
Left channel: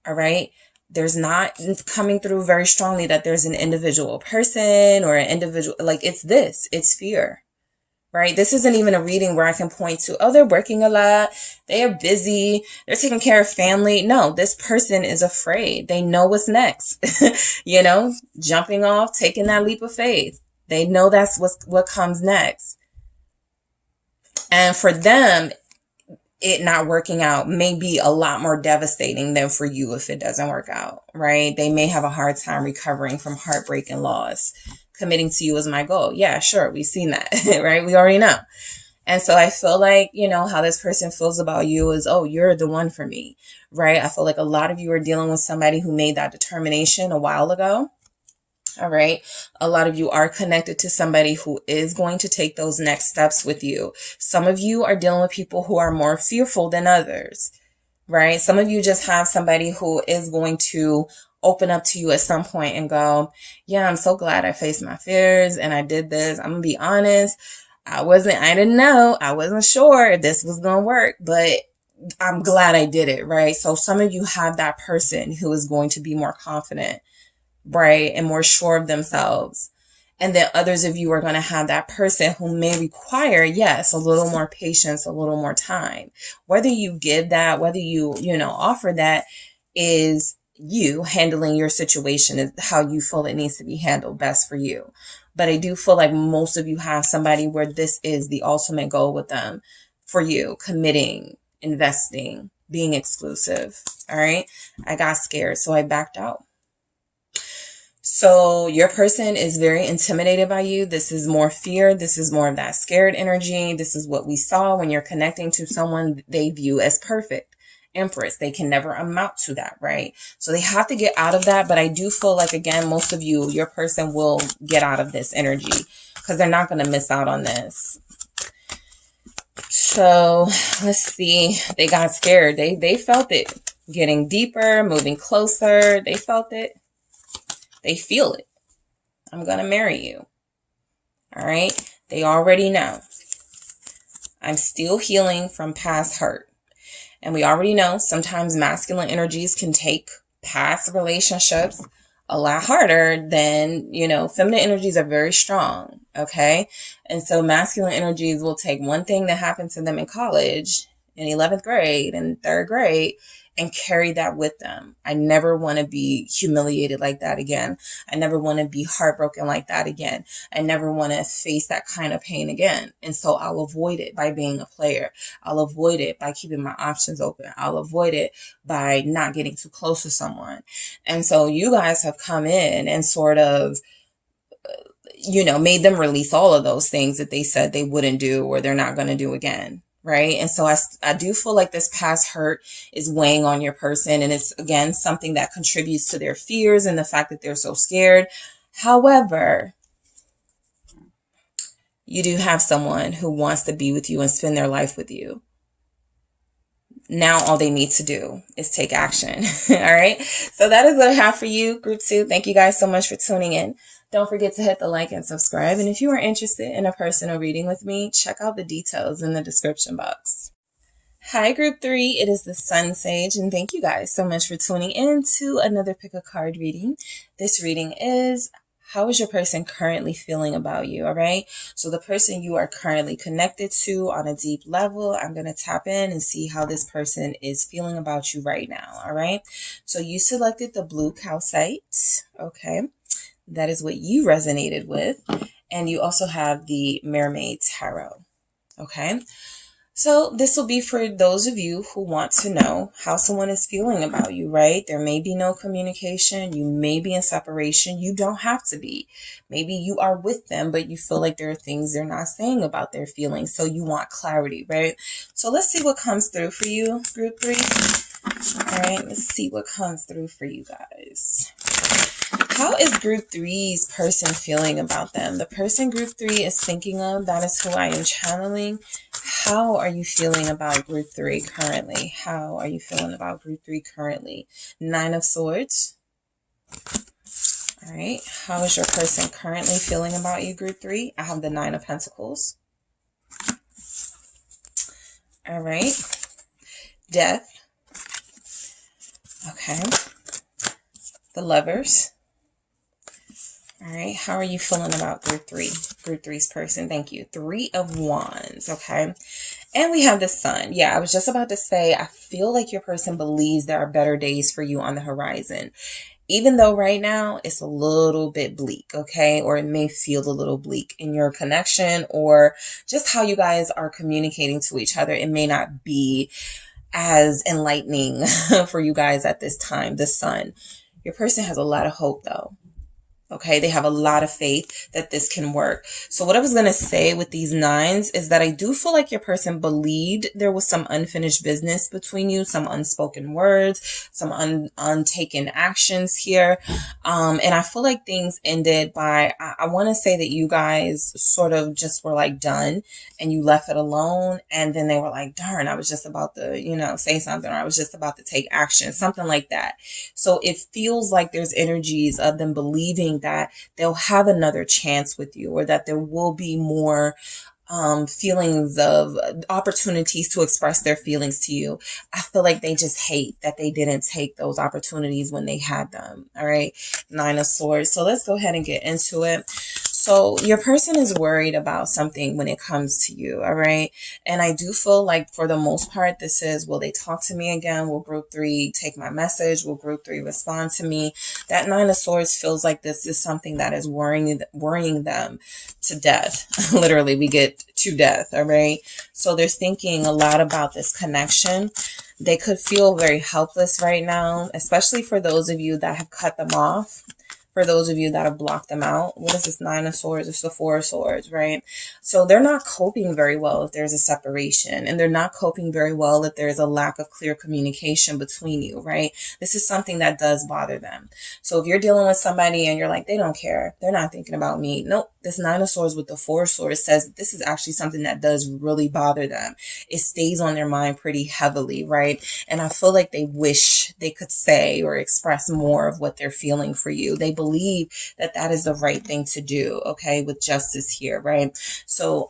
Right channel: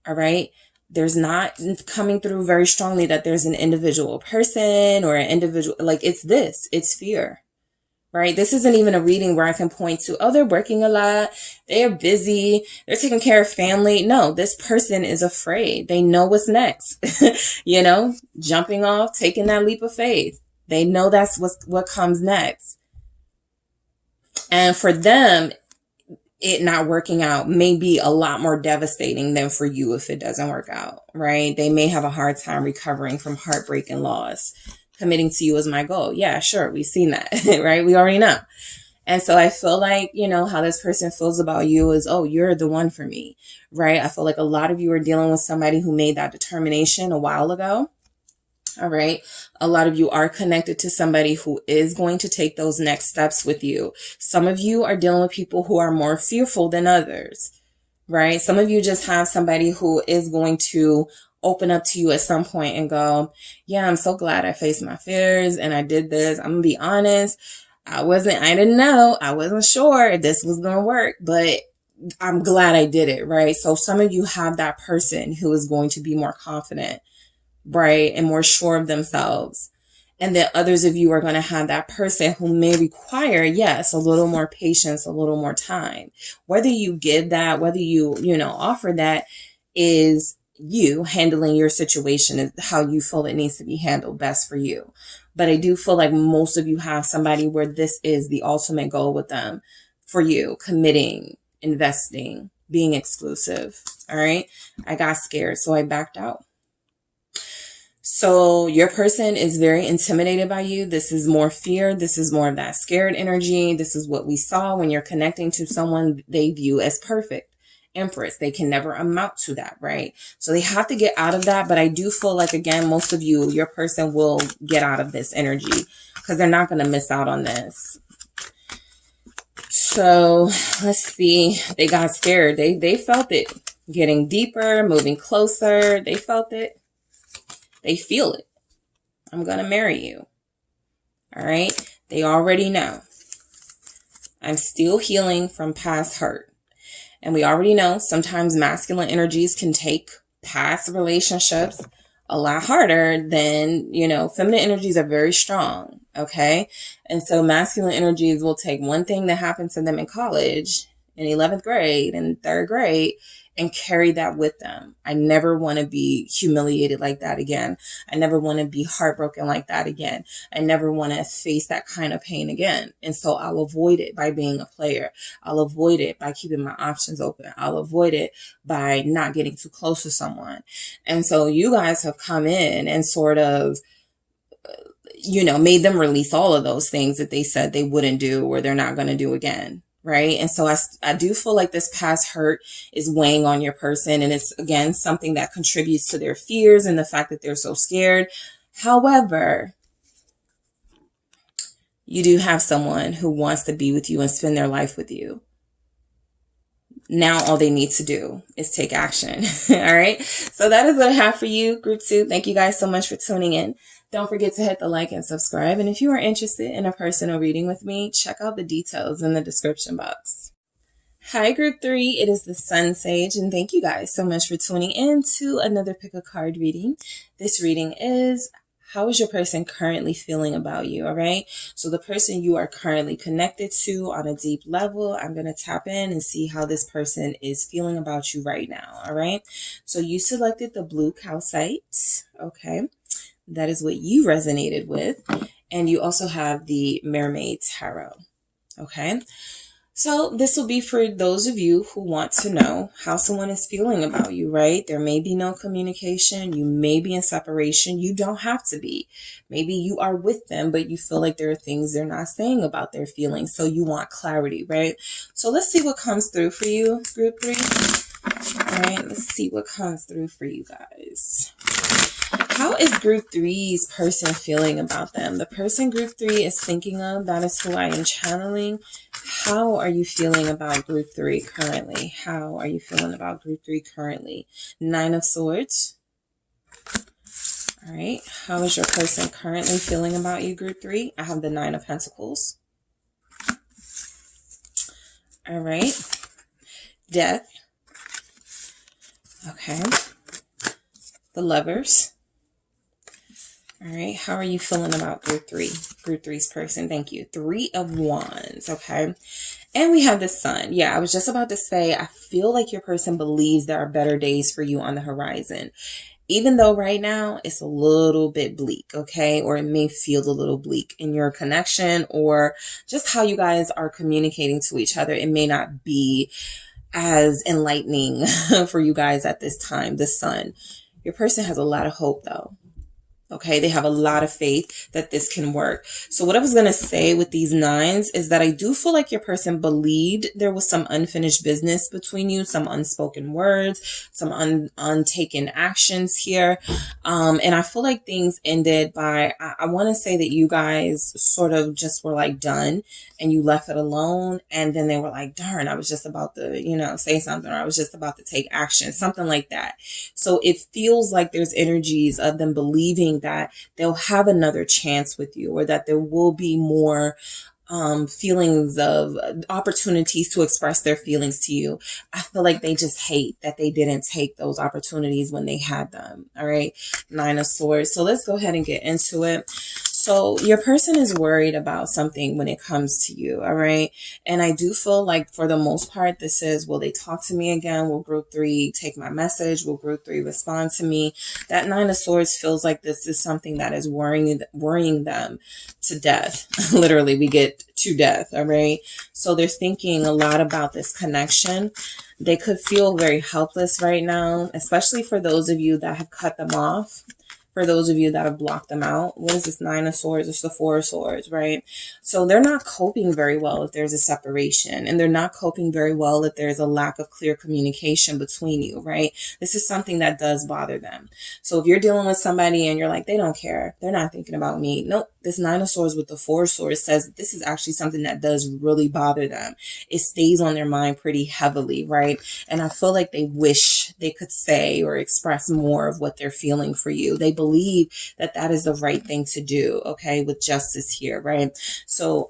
All right. There's not coming through very strongly that there's an individual person or an individual, like it's fear, right? This isn't even a reading where I can point to, oh, they're working a lot. They are busy. They're taking care of family. No, this person is afraid. They know what's next, jumping off, taking that leap of faith. They know that's what comes next. And for them, it not working out may be a lot more devastating than for you if it doesn't work out, right? They may have a hard time recovering from heartbreak and loss. Committing to you is my goal. Yeah, sure. We've seen that, right? We already know. And so I feel like, how this person feels about you is, oh, you're the one for me, right? I feel like a lot of you are dealing with somebody who made that determination a while ago. All right. A lot of you are connected to somebody who is going to take those next steps with you. Some of you are dealing with people who are more fearful than others, right? Some of you just have somebody who is going to open up to you at some point and go, yeah, I'm so glad I faced my fears and I did this. I'm gonna be honest. I didn't know. I wasn't sure if this was going to work, but I'm glad I did it, right? So some of you have that person who is going to be more confident, right? And more sure of themselves. And then others of you are going to have that person who may require, yes, a little more patience, a little more time. Whether you give that, whether you, offer that is you handling your situation is how you feel it needs to be handled best for you. But I do feel like most of you have somebody where this is the ultimate goal with them for you, committing, investing, being exclusive. All right. I got scared, so I backed out. So your person is very intimidated by you. This is more fear. This is more of that scared energy. This is what we saw when you're connecting to someone they view as perfect. Empress, they can never amount to that, right? So they have to get out of that. But I do feel like, again, most of you, your person will get out of this energy because they're not going to miss out on this. So let's see. They got scared. They felt it getting deeper, moving closer. They felt it. They feel it. I'm going to marry you. All right. They already know. I'm still healing from past hurt. And we already know sometimes masculine energies can take past relationships, a lot harder than, you know, feminine energies are very strong. Okay. And so masculine energies will take one thing that happened to them in college, in 11th grade and 3rd grade, and carry that with them. I never want to be humiliated like that again. I never want to be heartbroken like that again. I never want to face that kind of pain again. And so I'll avoid it by being a player. I'll avoid it by keeping my options open. I'll avoid it by not getting too close to someone. And so you guys have come in and sort of, you know, made them release all of those things that they said they wouldn't do or they're not going to do again. Right. And so I do feel like this past hurt is weighing on your person. And it's, again, something that contributes to their fears and the fact that they're so scared. However, you do have someone who wants to be with you and spend their life with you. Now, all they need to do is take action. All right. So that is what I have for you, Group 2. Thank you guys so much for tuning in. Don't forget to hit the like and subscribe. And if you are interested in a personal reading with me, check out the details in the description box. Hi, Group 3. It is the SunSage, and thank you guys so much for tuning in to another Pick a Card reading. This reading is, how is your person currently feeling about you? All right. So the person you are currently connected to on a deep level, I'm going to tap in and see how this person is feeling about you right now. All right. So you selected the blue calcite. Okay. That is what you resonated with. And you also have the Mermaid Tarot. Okay. So this will be for those of you who want to know how someone is feeling about you, right? There may be no communication. You may be in separation. You don't have to be. Maybe you are with them, but you feel like there are things they're not saying about their feelings. So you want clarity, right? So let's see what comes through for you, Group 3. All right, let's see what comes through for you guys. How is Group 3's person feeling about them? The person Group 3 is thinking of, that is who I am channeling. How are you feeling about Group 3 currently? How are you feeling about Group 3 currently? 9 of Swords. All right. How is your person currently feeling about you, Group 3? I have the 9 of Pentacles. All right. Death. Okay. The Lovers. All right. How are you feeling about Group 3? Group 3's person. Thank you. 3 of Wands. Okay. And we have the Sun. Yeah, I was just about to say, I feel like your person believes there are better days for you on the horizon. Even though right now it's a little bit bleak, okay? Or it may feel a little bleak in your connection or just how you guys are communicating to each other. It may not be as enlightening for you guys at this time, the Sun. Your person has a lot of hope though. Okay, they have a lot of faith that this can work. So what I was going to say with these 9s is that I do feel like your person believed there was some unfinished business between you, some unspoken words, some untaken actions here. And I feel like things ended by, I want to say that you guys sort of just were like done and you left it alone. And then they were like, darn, I was just about to, you know, say something, or I was just about to take action, something like that. So it feels like there's energies of them believing that they'll have another chance with you, or that there will be more feelings of opportunities to express their feelings to you. I feel like they just hate that they didn't take those opportunities when they had them. All right. 9 of Swords. So let's go ahead and get into it. So your person is worried about something when it comes to you. All right. And I do feel like for the most part, this is, will they talk to me again? Will Group 3 take my message? Will Group 3 respond to me? That 9 of Swords feels like this is something that is worrying them to death. Literally, we get to death. All right. So they're thinking a lot about this connection. They could feel very helpless right now, especially for those of you that have cut them off. For those of you that have blocked them out. What is this 9 of Swords? It's the 4 of Swords, right? So they're not coping very well if there's a separation, and they're not coping very well if there's a lack of clear communication between you, right? This is something that does bother them. So if you're dealing with somebody and you're like, they don't care, they're not thinking about me. Nope. This 9 of Swords with the 4 of Swords says this is actually something that does really bother them. It stays on their mind pretty heavily, right? And I feel like they wish they could say or express more of what they're feeling for you. They believe that that is the right thing to do, okay, with justice here, right? So,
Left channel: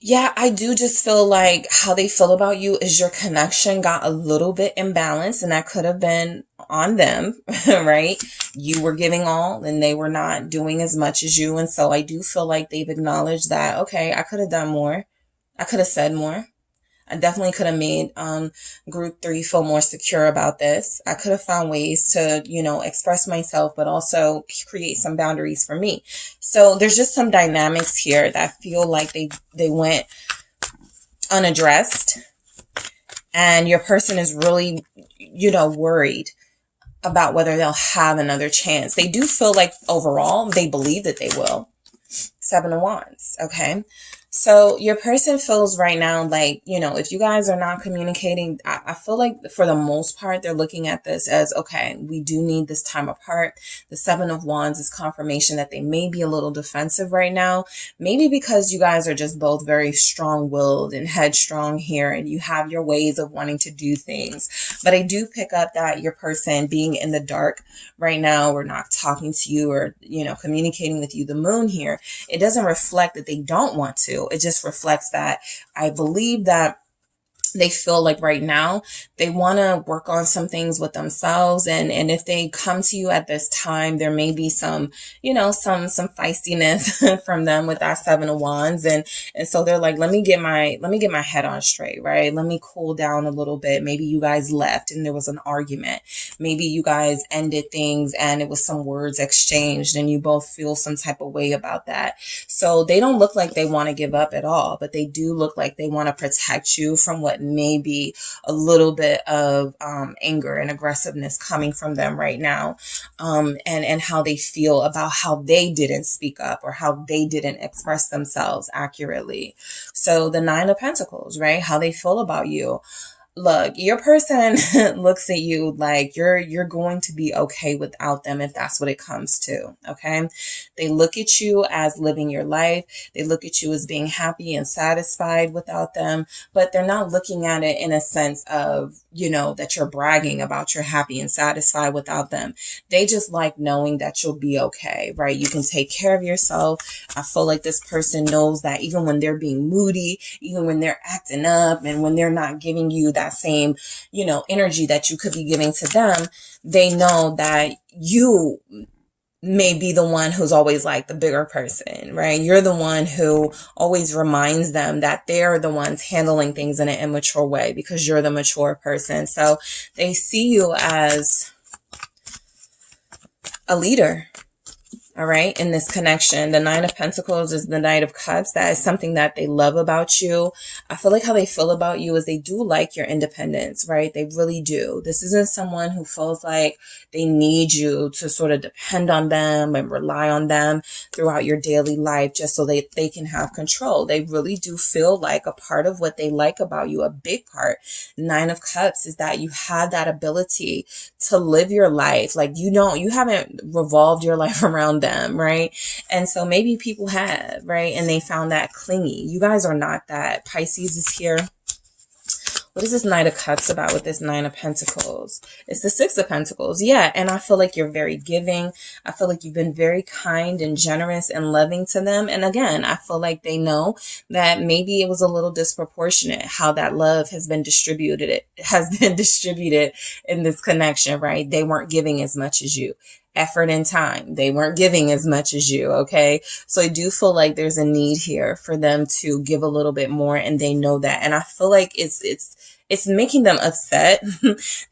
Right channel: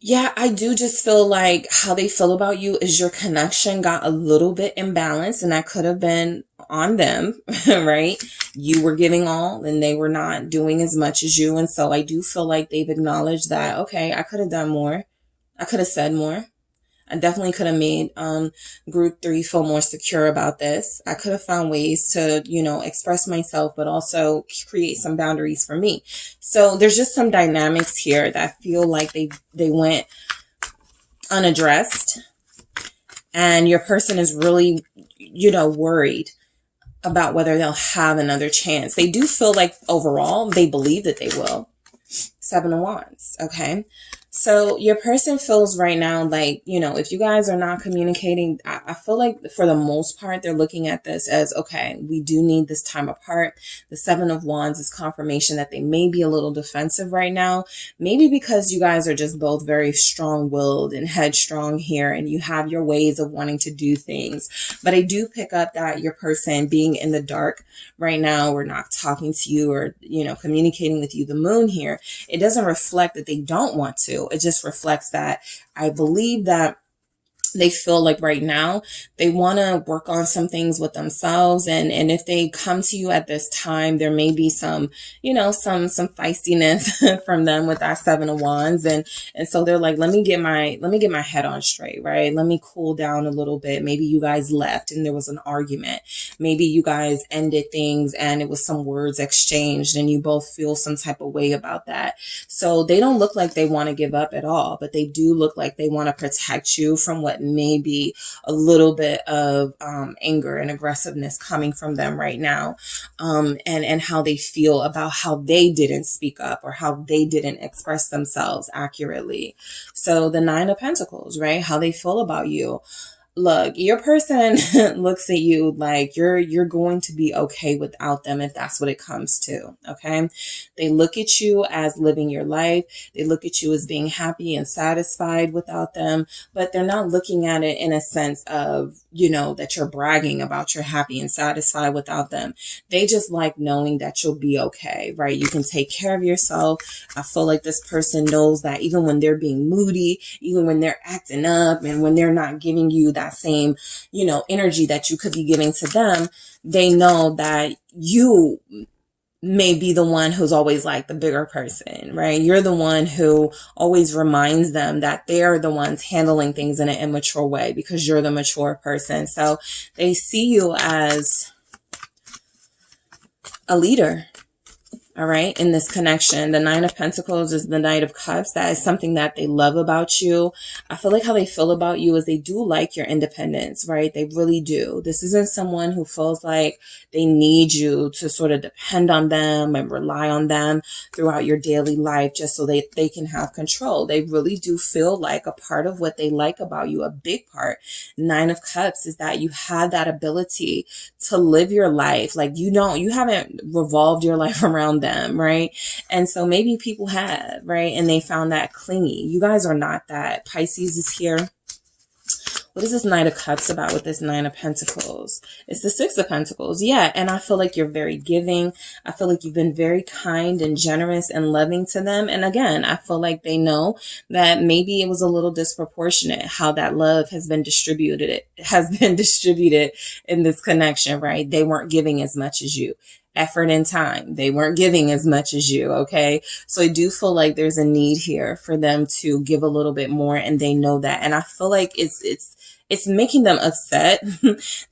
yeah, I do just feel like how they feel about you is your connection got a little bit imbalanced, and that could have been on them, right? You were giving all and they were not doing as much as you. And so I do feel like they've acknowledged that, okay, I could have done more. I could have said more. I definitely could have made group 3 feel more secure about this. I could have found ways to, you know, express myself, but also create some boundaries for me. So there's just some dynamics here that feel like they went unaddressed. And your person is really, you know, worried about whether they'll have another chance. They do feel like overall they believe that they will. 7 of Wands. Okay. So your person feels right now like, you know, if you guys are not communicating, I feel like for the most part, they're looking at this as, okay, we do need this time apart. The 7 of Wands is confirmation that they may be a little defensive right now. Maybe because you guys are just both very strong-willed and headstrong here and you have your ways of wanting to do things. But I do pick up that your person being in the dark right now or not talking to you or, you know, communicating with you, the moon here, it doesn't reflect that they don't want to. It just reflects that I believe that they feel like right now they want to work on some things with themselves. And if they come to you at this time, there may be some, you know, some feistiness from them with that 7 of Wands. And so they're like, let me get my head on straight, right? Let me cool down a little bit. Maybe you guys left and there was an argument. Maybe you guys ended things and it was some words exchanged and you both feel some type of way about that. So they don't look like they want to give up at all, but they do look like they want to protect you from what may be a little bit of anger and aggressiveness coming from them right now, and how they feel about how they didn't speak up or how they didn't express themselves accurately. So the 9 of Pentacles, right? How they feel about you. Look, your person looks at you like you're going to be okay without them if that's what it comes to, okay? They look at you as living your life. They look at you as being happy and satisfied without them, but they're not looking at it in a sense of, you know, that you're bragging about you're happy and satisfied without them. They just like knowing that you'll be okay, right? You can take care of yourself. I feel like this person knows that even when they're being moody, even when they're acting up and when they're not giving you that same, you know, energy that you could be giving to them, they know that you may be the one who's always like the bigger person, right? You're the one who always reminds them that they're the ones handling things in an immature way because you're the mature person. So they see you as a leader. All right. In this connection, the 9 of Pentacles is the Knight of Cups. That is something that they love about you. I feel like how they feel about you is they do like your independence, right? They really do. This isn't someone who feels like they need you to sort of depend on them and rely on them throughout your daily life just so they can have control. They really do feel like a part of what they like about you, a big part. 9 of Cups is that you have that ability to live your life. Like you haven't revolved your life around them, right? And so maybe people have, right? And they found that clingy. You guys are not that. Pisces is here. What is this Knight of Cups about with this 9 of Pentacles? It's the 6 of Pentacles. Yeah. And I feel like you're very giving. I feel like you've been very kind and generous and loving to them. And again, I feel like they know that maybe it was a little disproportionate how that love has been distributed. It has been distributed in this connection, right? They weren't giving as much as you. Effort and time. They weren't giving as much as you. Okay. So I do feel like there's a need here for them to give a little bit more. And they know that. And I feel like it's making them upset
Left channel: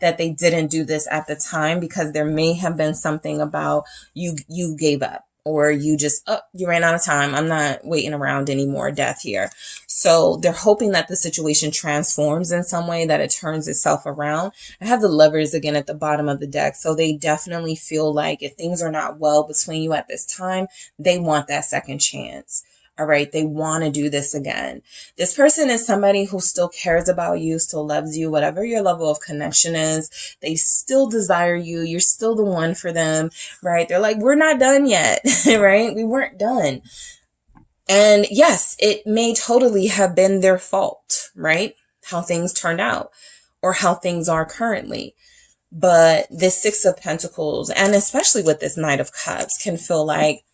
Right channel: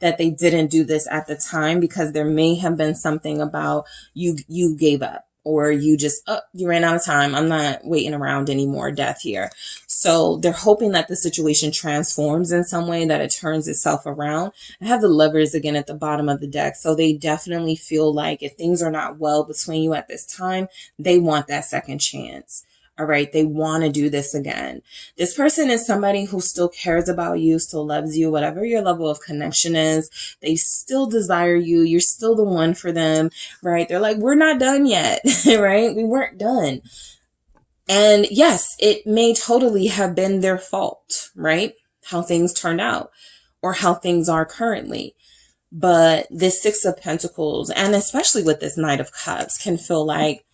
that they didn't do this at the time because there may have been something about you gave up or you just, you ran out of time. I'm not waiting around anymore. Death here. So they're hoping that the situation transforms in some way, that it turns itself around. I have the Lovers again at the bottom of the deck. So they definitely feel like if things are not well between you at this time, they want that second chance. All right. They want to do this again. This person is somebody who still cares about you, still loves you, whatever your level of connection is. They still desire you. You're still the one for them, right? They're like, we're not done yet, right? We weren't done. And yes, it may totally have been their fault, right? How things turned out or how things are currently. But this 6 of Pentacles, and especially with this Knight of Cups, can feel like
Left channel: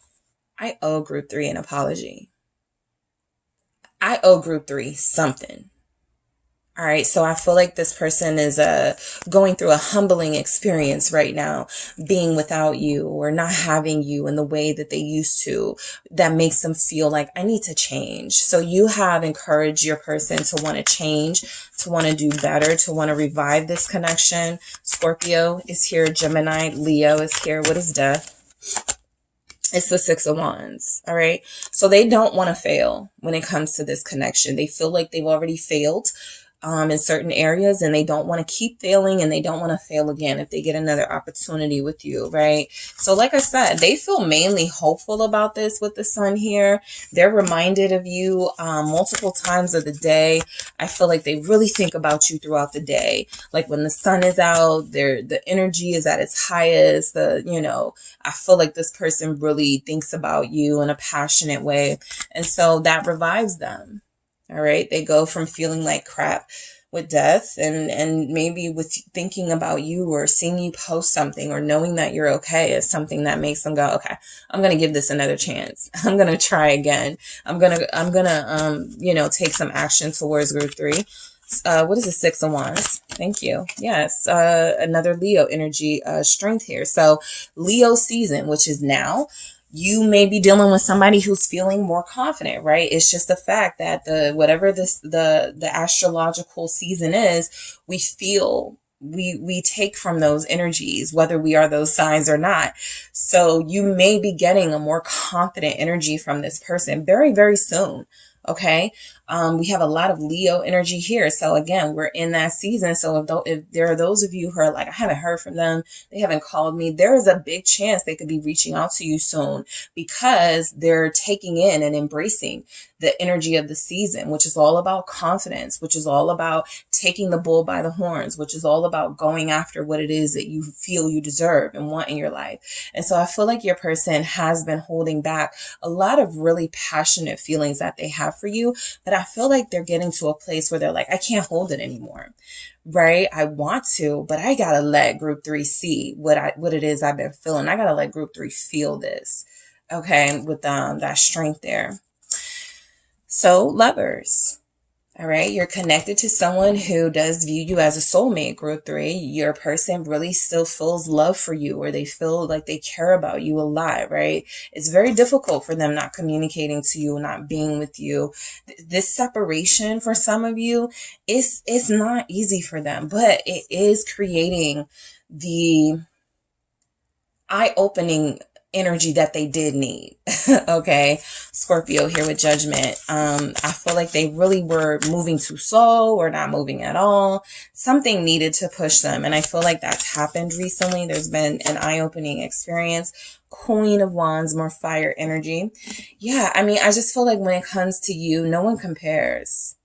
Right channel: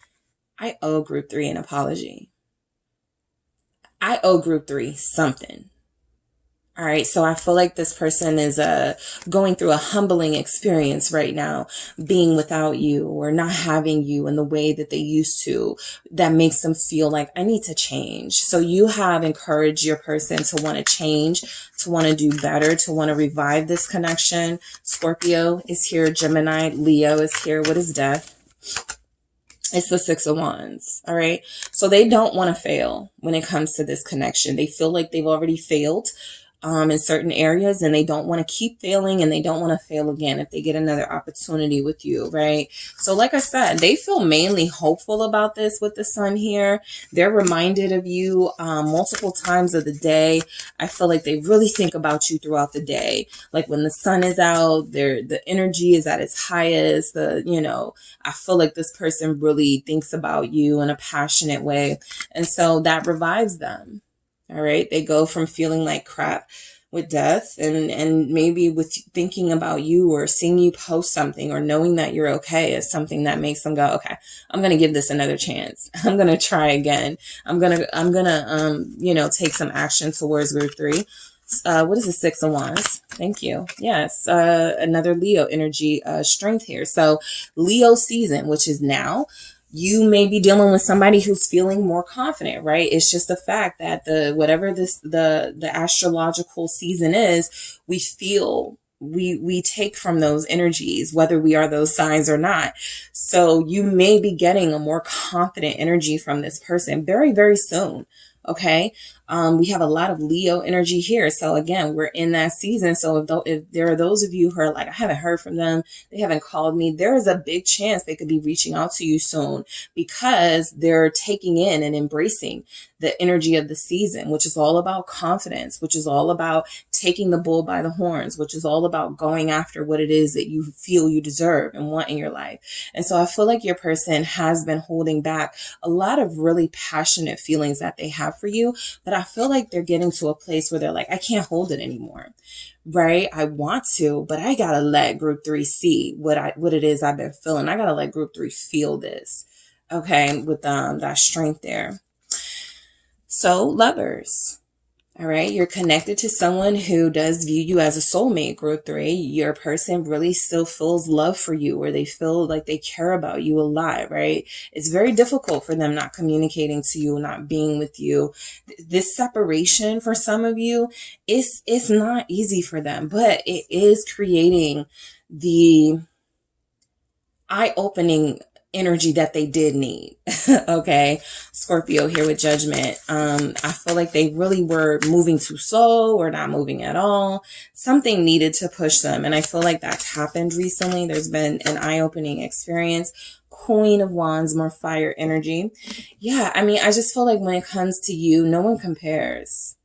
I owe group 3 an apology. I owe group 3 something. All right, so I feel like this person is going through a humbling experience right now, being without you or not having you in the way that they used to. That makes them feel like I need to change. So you have encouraged your person to want to change, to want to do better, to want to revive this connection. Scorpio is here, Gemini, Leo is here. What is death? It's the Six of Wands. All right, so they don't want to fail when it comes to this connection. They feel like they've already failed in certain areas, and they don't want to keep failing, and they don't want to fail again if they get another opportunity with you, right? So like I said, they feel mainly hopeful about this with the sun here. They're reminded of you multiple times of the day. I feel like they really think about you throughout the day. Like when the sun is out, the energy is at its highest. I feel like this person really thinks about you in a passionate way, and so that revives them. All right. They go from feeling like crap with death and maybe with thinking about you or seeing you post something or knowing that you're okay is something that makes them go, okay, I'm going to give this another chance. I'm going to try again. I'm going to take some action towards group 3. What is the Six of Wands? Thank you. Yes. Another Leo energy, strength here. So Leo season, which is now. You may be dealing with somebody who's feeling more confident, right? It's just the fact that the astrological season is, we feel we take from those energies, whether we are those signs or not. So you may be getting a more confident energy from this person very, very soon. Okay. We have a lot of Leo energy here. So again, we're in that season. So if there are those of you who are like, I haven't heard from them, they haven't called me, there is a big chance they could be reaching out to you soon, because they're taking in and embracing the energy of the season, which is all about confidence, which is all about taking the bull by the horns, which is all about going after what it is that you feel you deserve and want in your life. And so I feel like your person has been holding back a lot of really passionate feelings that they have for you, but I feel like they're getting to a place where they're like, I can't hold it anymore, right? I want to, but I gotta let group 3 see what it is I've been feeling. I gotta let group 3 feel this, okay, with that strength there. So lovers, all right, you're connected to someone who does view you as a soulmate, group 3. Your person really still feels love for you, or they feel like they care about you a lot, right? It's very difficult for them not communicating to you, not being with you. This separation for some of you is not easy for them, but it is creating the eye-opening energy that they did need. Okay, Scorpio here with Judgment. I feel like they really were moving too slow or not moving at all. Something needed to push them, and I feel like that's happened recently. There's been an eye-opening experience. Queen of Wands, more fire energy. Yeah, I mean, I just feel like when it comes to you, no one compares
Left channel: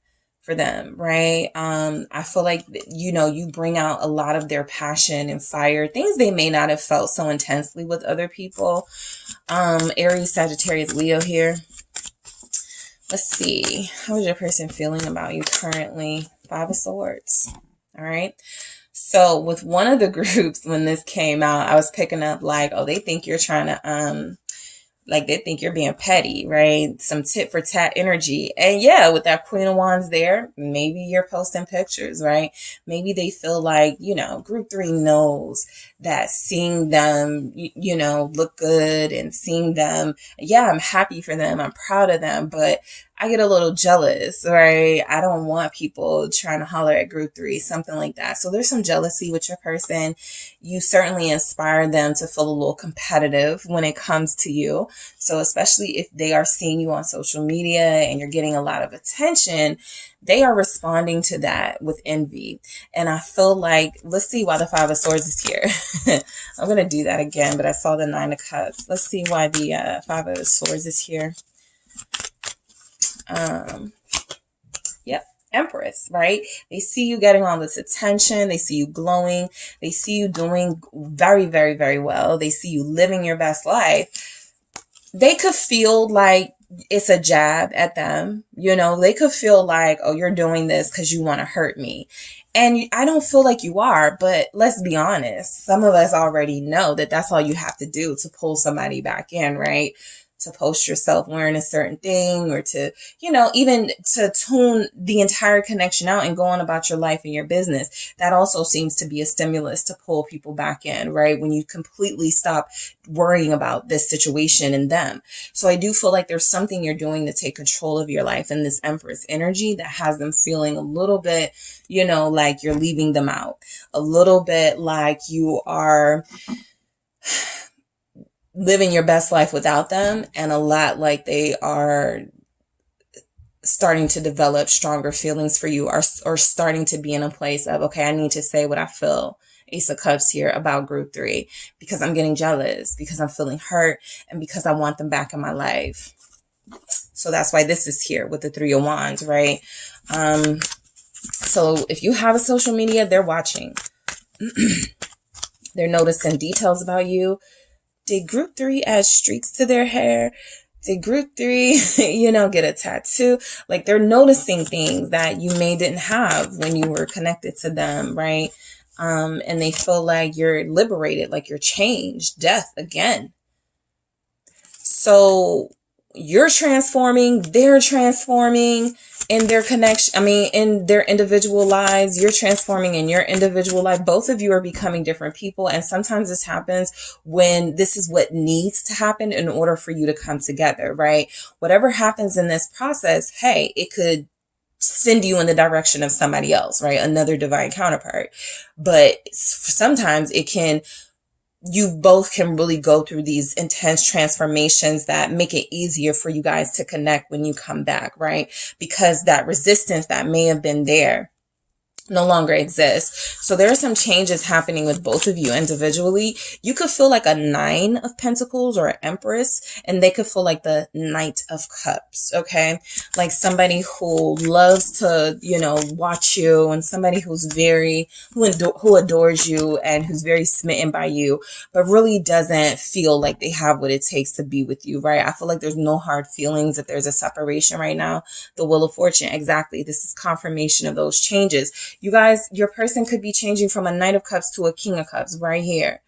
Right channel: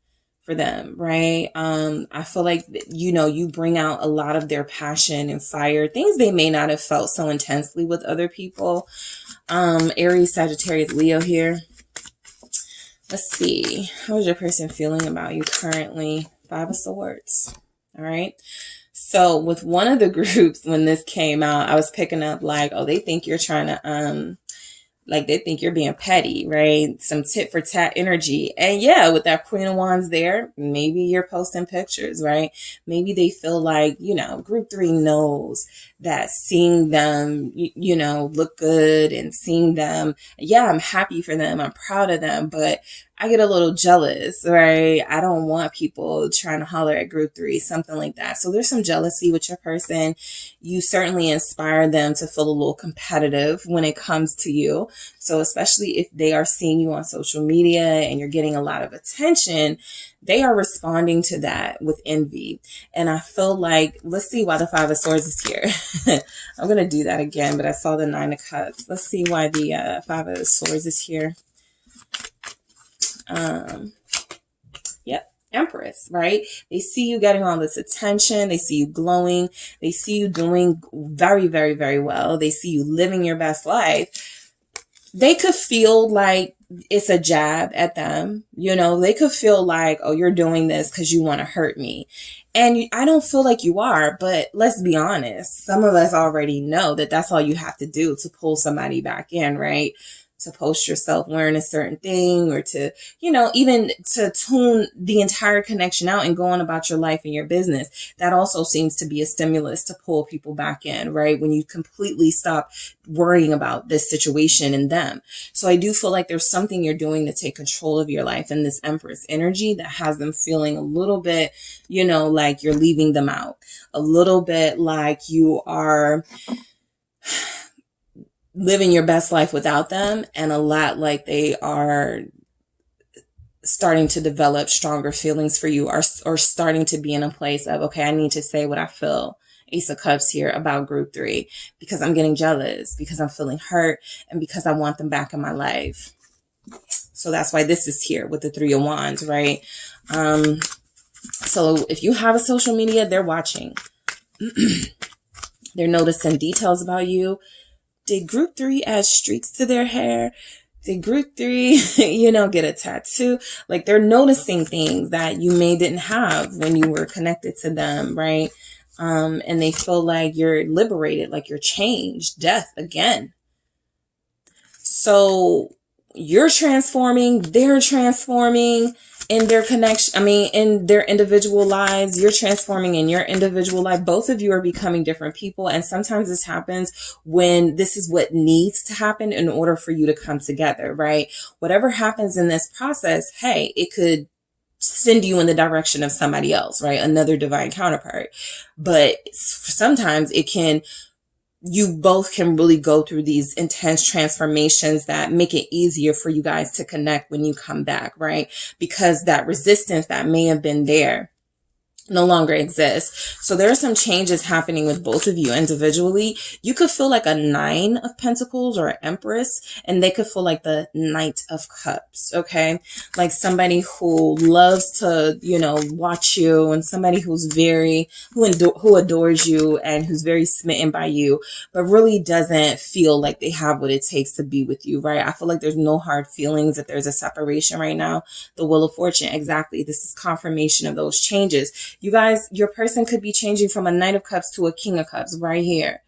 for them, right? I feel like, you bring out a lot of their passion and fire, things they may not have felt so intensely with other people. Aries, Sagittarius, Leo here. Let's see. How is your person feeling about you currently? 5 of Swords. All right. So with one of the groups, when this came out, I was picking up like, oh, they think you're trying to, like they think you're being petty, right? Some tit for tat energy. And yeah, with that Queen of Wands there, maybe you're posting pictures, right? Maybe they feel like, group 3 knows that seeing them, look good and seeing them, yeah, I'm happy for them. I'm proud of them, but I get a little jealous, right? I don't want people trying to holler at group 3, something like that. So there's some jealousy with your person. You certainly inspire them to feel a little competitive when it comes to you. So especially if they are seeing you on social media and you're getting a lot of attention, they are responding to that with envy. And I feel like, let's see why the 5 of Swords is here. I'm going to do that again, but I saw the 9 of Cups. Let's see why the 5 of Swords is here. Yep. Empress, right? They see you getting all this attention. They see you glowing. They see you doing very, very, very well. They see you living your best life. They could feel like it's a jab at them. They could feel like, oh, you're doing this because you want to hurt me. And I don't feel like you are, but let's be honest. Some of us already know that that's all you have to do to pull somebody back in, right? to post yourself wearing a certain thing, or to, you know, even to tune the entire connection out and go on about your life and your business. That also seems to be a stimulus to pull people back in, right? When you completely stop worrying about this situation and them. So I do feel like there's something you're doing to take control of your life in this Empress energy that has them feeling a little bit, you know, like you're leaving them out, a little bit like you are living your best life without them, and a lot like they are starting to develop stronger feelings for you, or starting to be in a place of, okay, I need to say what I feel. Ace of Cups here about group 3, because I'm getting jealous, because I'm feeling hurt, and because I want them back in my life. So that's why this is here with the 3 of Wands, right? So if you have a social media, they're watching. They're noticing details about you. Did group 3 add streaks to their hair? Did group 3, you know, get a tattoo? Like, they're noticing things that you didn't have when you were connected to them, right? And they feel like you're liberated, like you're changed, death again. So you're transforming, they're transforming in their connection. I mean, in their individual lives, you're transforming in your individual life. Both of you are becoming different people. And sometimes this happens when this is what needs to happen in order for you to come together, right? Whatever happens in this process, hey, it could send you in the direction of somebody else, right? Another divine counterpart. But sometimes you both can really go through these intense transformations that make it easier for you guys to connect when you come back, right? Because that resistance that may have been there no longer exists. So there are some changes happening with both of you individually. You could feel like a 9 of Pentacles or an Empress, and they could feel like the Knight of Cups, okay? Like somebody who loves to, you know, watch you, and somebody who's who adores you and who's very smitten by you, but really doesn't feel like they have what it takes to be with you, right? I feel like there's no hard feelings if there's a separation right now. The Wheel of Fortune, exactly. This is confirmation of those changes. You guys, your person could be changing from a Knight of Cups to a King of Cups right here.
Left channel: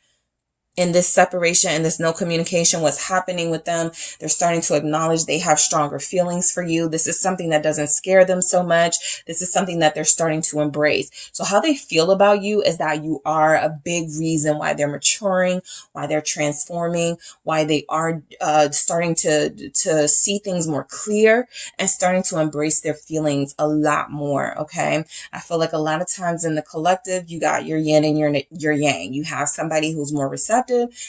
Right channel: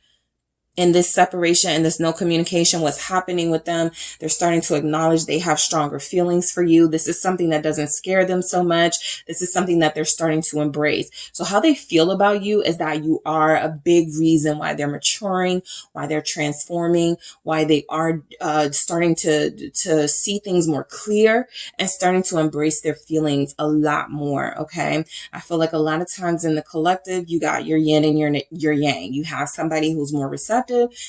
In this separation and this no communication, what's happening with them, they're starting to acknowledge they have stronger feelings for you. This is something that doesn't scare them so much. This is something that they're starting to embrace. So how they feel about you is that you are a big reason why they're maturing, why they're transforming, why they are starting to see things more clear and starting to embrace their feelings a lot more, okay? I feel like a lot of times in the collective, you got your yin and your yang. You have somebody who's more receptive,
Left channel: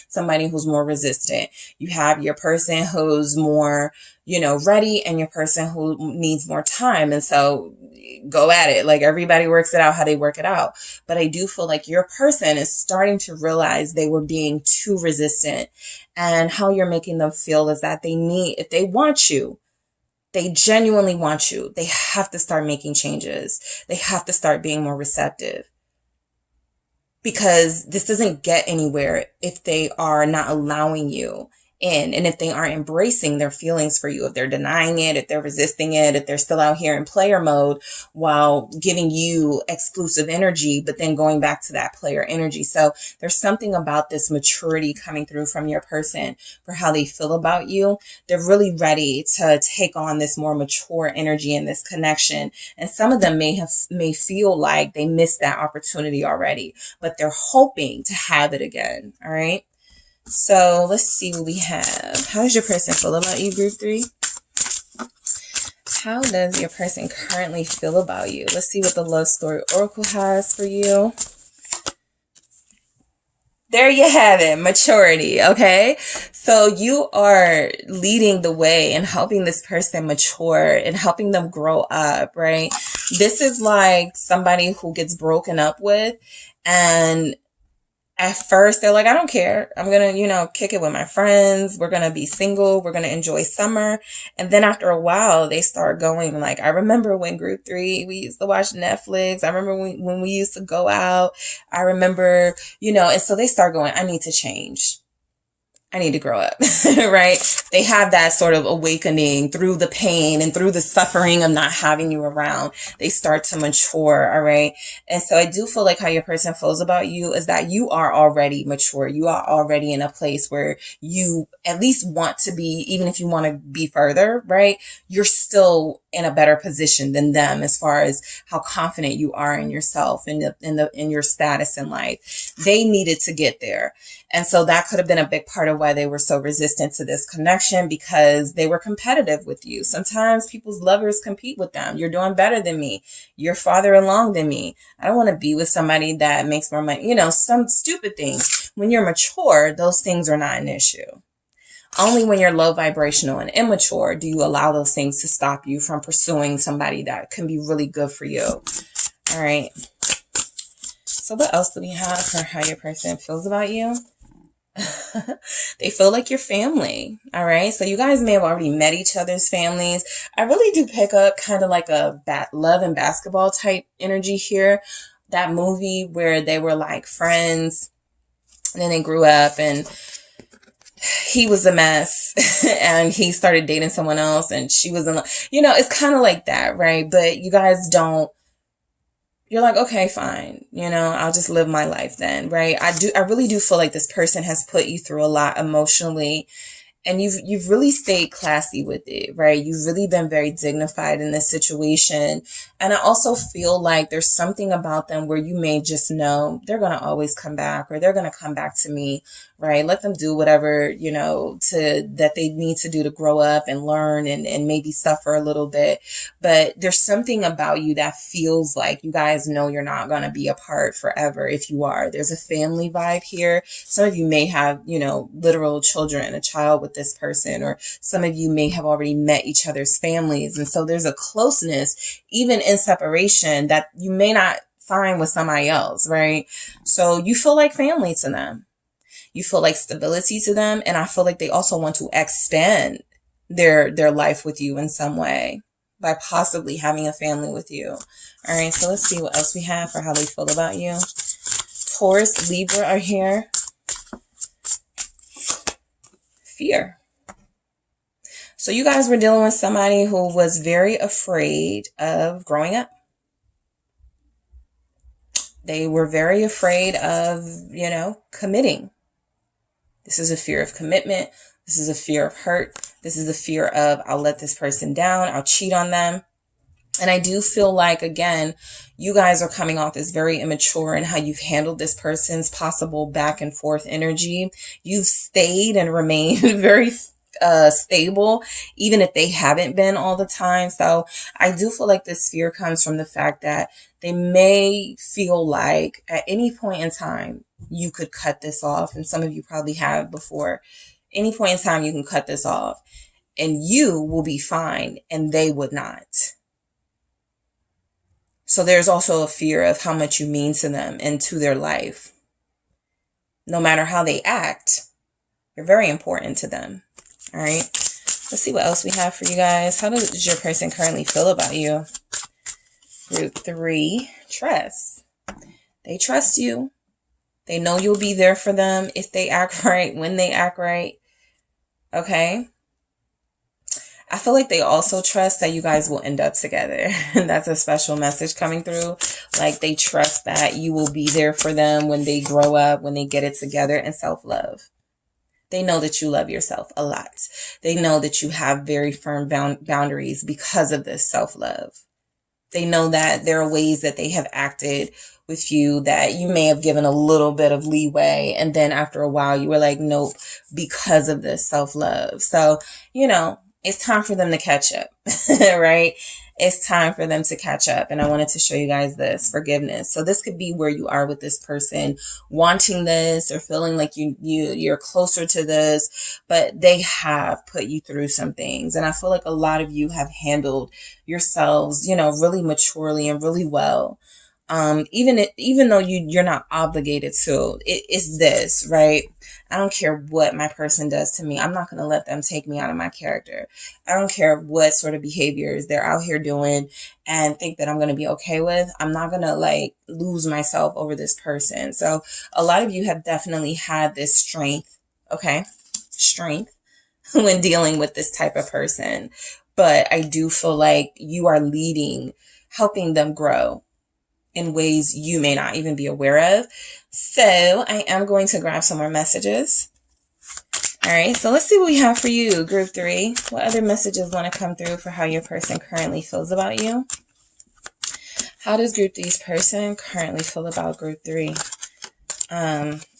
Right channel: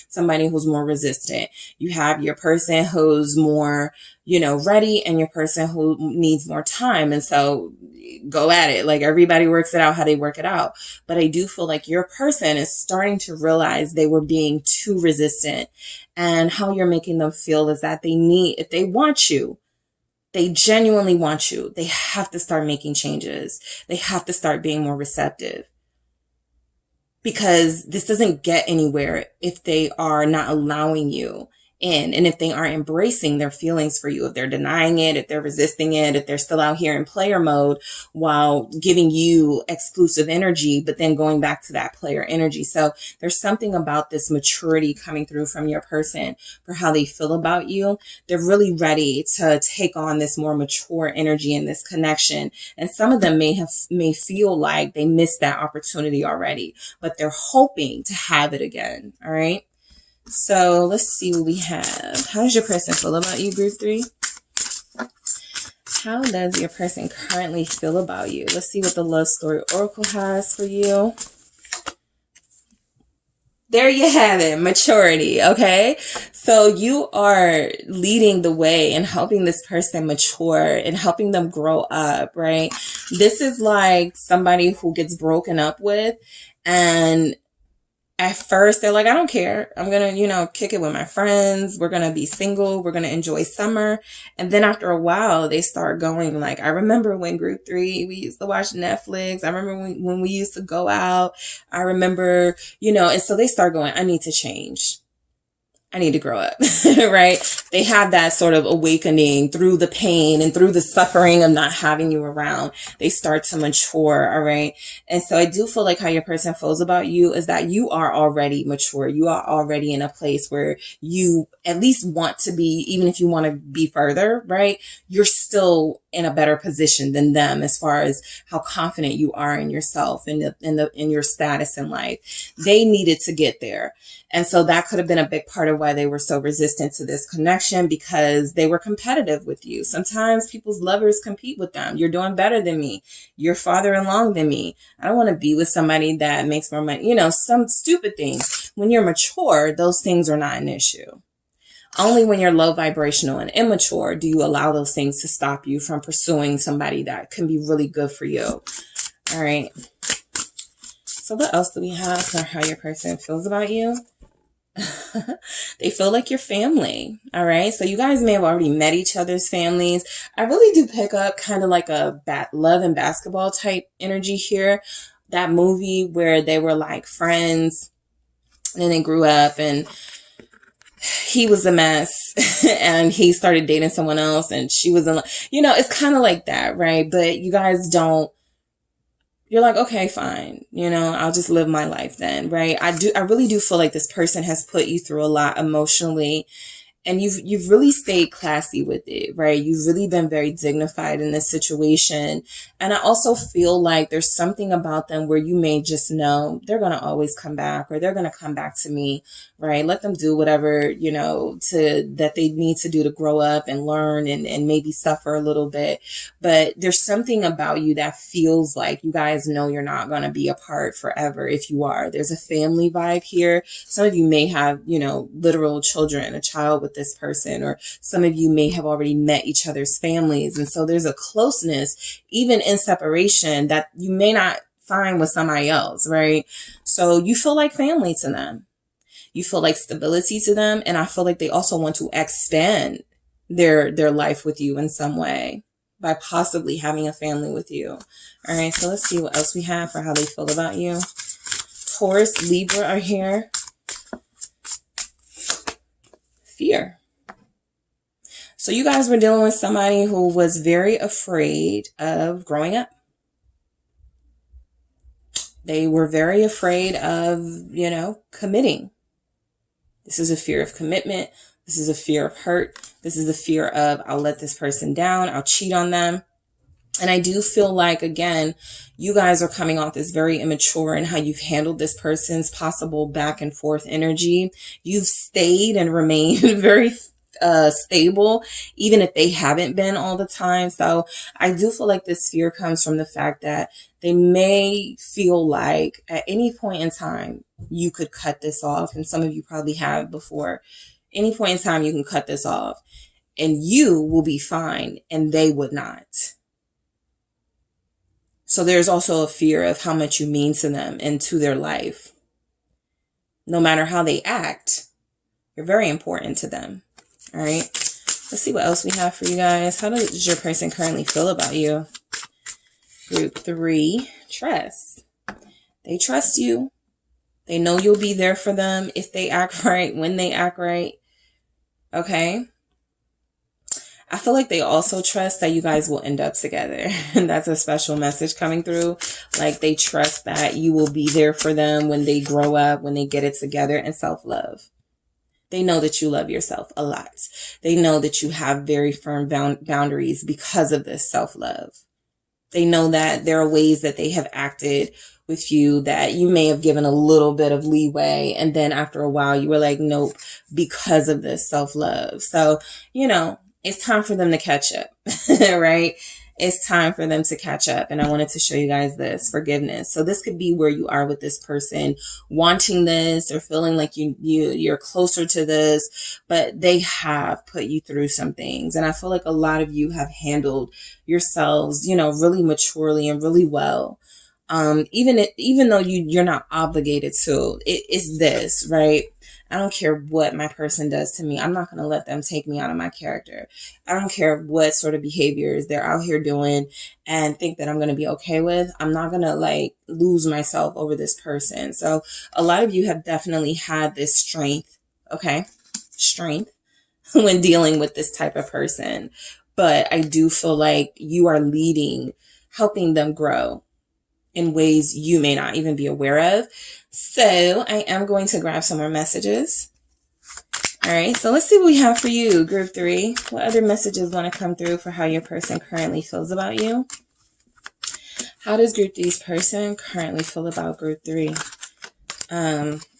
somebody who's more resistant. You have your person who's more, you know, ready, and your person who needs more time. And so go at it. Like, everybody works it out how they work it out. But I do feel like your person is starting to realize they were being too resistant, and how you're making them feel is that if they want you, they genuinely want you, they have to start making changes. They have to start being more receptive. Because this doesn't get anywhere if they are not allowing you in, and if they aren't embracing their feelings for you, if they're denying it, if they're resisting it, if they're still out here in player mode while giving you exclusive energy, but then going back to that player energy. So there's something about this maturity coming through from your person for how they feel about you. They're really ready to take on this more mature energy in this connection. And some of them may feel like they missed that opportunity already, but they're hoping to have it again. All right. So let's see what we have. How does your person feel about you, group 3? How does your person currently feel about you? Let's see what the Love Story Oracle has for you. There you have it, maturity, okay? So you are leading the way and helping this person mature and helping them grow up, right? This is like somebody who gets broken up with, and at first, they're like, I don't care. I'm going to, kick it with my friends. We're going to be single. We're going to enjoy summer. And then after a while, they start going like, I remember when group 3, we used to watch Netflix. I remember when we used to go out. I remember, and so they start going, I need to change. I need to grow up, right? They have that sort of awakening through the pain and through the suffering of not having you around. They start to mature, all right? And so I do feel like how your person feels about you is that you are already mature. You are already in a place where you at least want to be, even if you want to be further, right? You're still in a better position than them as far as how confident you are in yourself and in your status in life. They needed to get there. And so that could have been a big part of why they were so resistant to this connection, because they were competitive with you. Sometimes people's lovers compete with them. You're doing better than me. You're farther along than me. I don't want to be with somebody that makes more money. Some stupid things. When you're mature, those things are not an issue. Only when you're low vibrational and immature do you allow those things to stop you from pursuing somebody that can be really good for you. All right. So what else do we have for how your person feels about you? They feel like your family. All right. So you guys may have already met each other's families. I really do pick up kind of like a love and basketball type energy here. That movie where they were like friends and then they grew up and he was a mess and he started dating someone else and she was in, it's kind of like that, right? But you guys you're like, okay, fine. I'll just live my life then, right? I really do feel like this person has put you through a lot emotionally. And you've really stayed classy with it, right? You've really been very dignified in this situation. And I also feel like there's something about them where you may just know they're going to always come back, or they're going to come back to me, right? Let them do whatever, that they need to do to grow up and learn and maybe suffer a little bit. But there's something about you that feels like you guys know you're not going to be apart forever if you are. There's a family vibe here. Some of you may have, literal children, a child with this person, or some of you may have already met each other's families. And so there's a closeness, even in separation, that you may not find with somebody else, right? So you feel like family to them. You feel like stability to them. And I feel like they also want to expand their life with you in some way by possibly having a family with you. All right. So let's see what else we have for how they feel about you. Taurus, Libra are here. Fear. So you guys were dealing with somebody who was very afraid of growing up. They were very afraid of, committing. This is a fear of commitment. This is a fear of hurt. This is a fear of, I'll let this person down. I'll cheat on them. And I do feel like, again, you guys are coming off as very immature in how you've handled this person's possible back and forth energy. You've stayed and remained very stable, even if they haven't been all the time. So I do feel like this fear comes from the fact that they may feel like at any point in time, you could cut this off. And some of you probably have before. Any point in time, you can cut this off and you will be fine and they would not. So there's also a fear of how much you mean to them and to their life. No matter how they act, you're very important to them. All right. Let's see what else we have for you guys. How does your person currently feel about you? Group 3, trust. They trust you. They know you'll be there for them if they act right, when they act right. Okay. I feel like they also trust that you guys will end up together. And that's a special message coming through. Like they trust that you will be there for them when they grow up, when they get it together, and self-love. They know that you love yourself a lot. They know that you have very firm boundaries because of this self-love. They know that there are ways that they have acted with you that you may have given a little bit of leeway. And then after a while, you were like, nope, because of this self-love. So, it's time for them to catch up, right? It's time for them to catch up. And I wanted to show you guys this forgiveness. So this could be where you are with this person, wanting this or feeling like you're closer to this, but they have put you through some things. And I feel like a lot of you have handled yourselves, really maturely and really well. Even though you're not obligated to, it's this, right? I don't care what my person does to me. I'm not going to let them take me out of my character. I don't care what sort of behaviors they're out here doing and think that I'm going to be okay with. I'm not going to lose myself over this person. So a lot of you have definitely had this strength, okay? Strength when dealing with this type of person. But I do feel like you are leading, helping them grow in ways you may not even be aware of. So I am going to grab some more messages. All right, so let's see what we have for you, group 3. What other messages want to come through for how your person currently feels about you? How does group 3's person currently feel about group 3?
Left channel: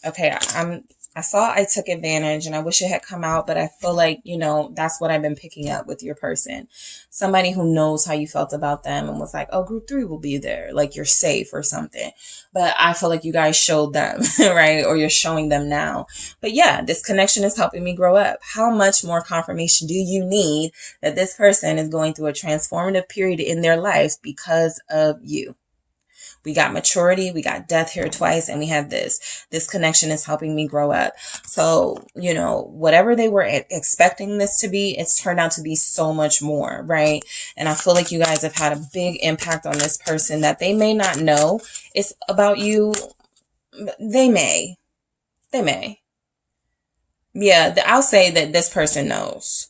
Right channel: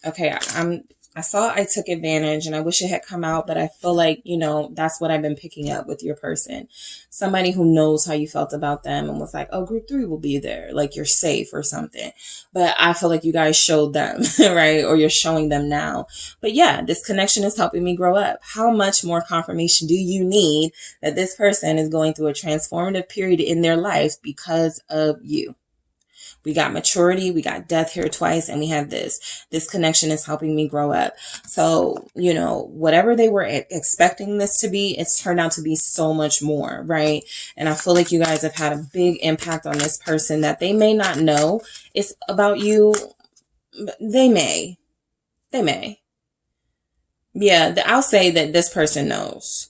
Okay, I saw I took advantage and I wish it had come out, but I feel like, you know, that's what I've been picking up with your person. Somebody who knows how you felt about them and was like, oh, group 3 will be there. Like you're safe or something. But I feel like you guys showed them, right? Or you're showing them now. But yeah, this connection is helping me grow up. How much more confirmation do you need that this person is going through a transformative period in their life because of you? We got maturity, we got death here twice, and we have this. This connection is helping me grow up. So, you know, whatever they were expecting this to be, it's turned out to be so much more, right? And I feel like you guys have had a big impact on this person that they may not know it's about you. They may. Yeah, I'll say that this person knows.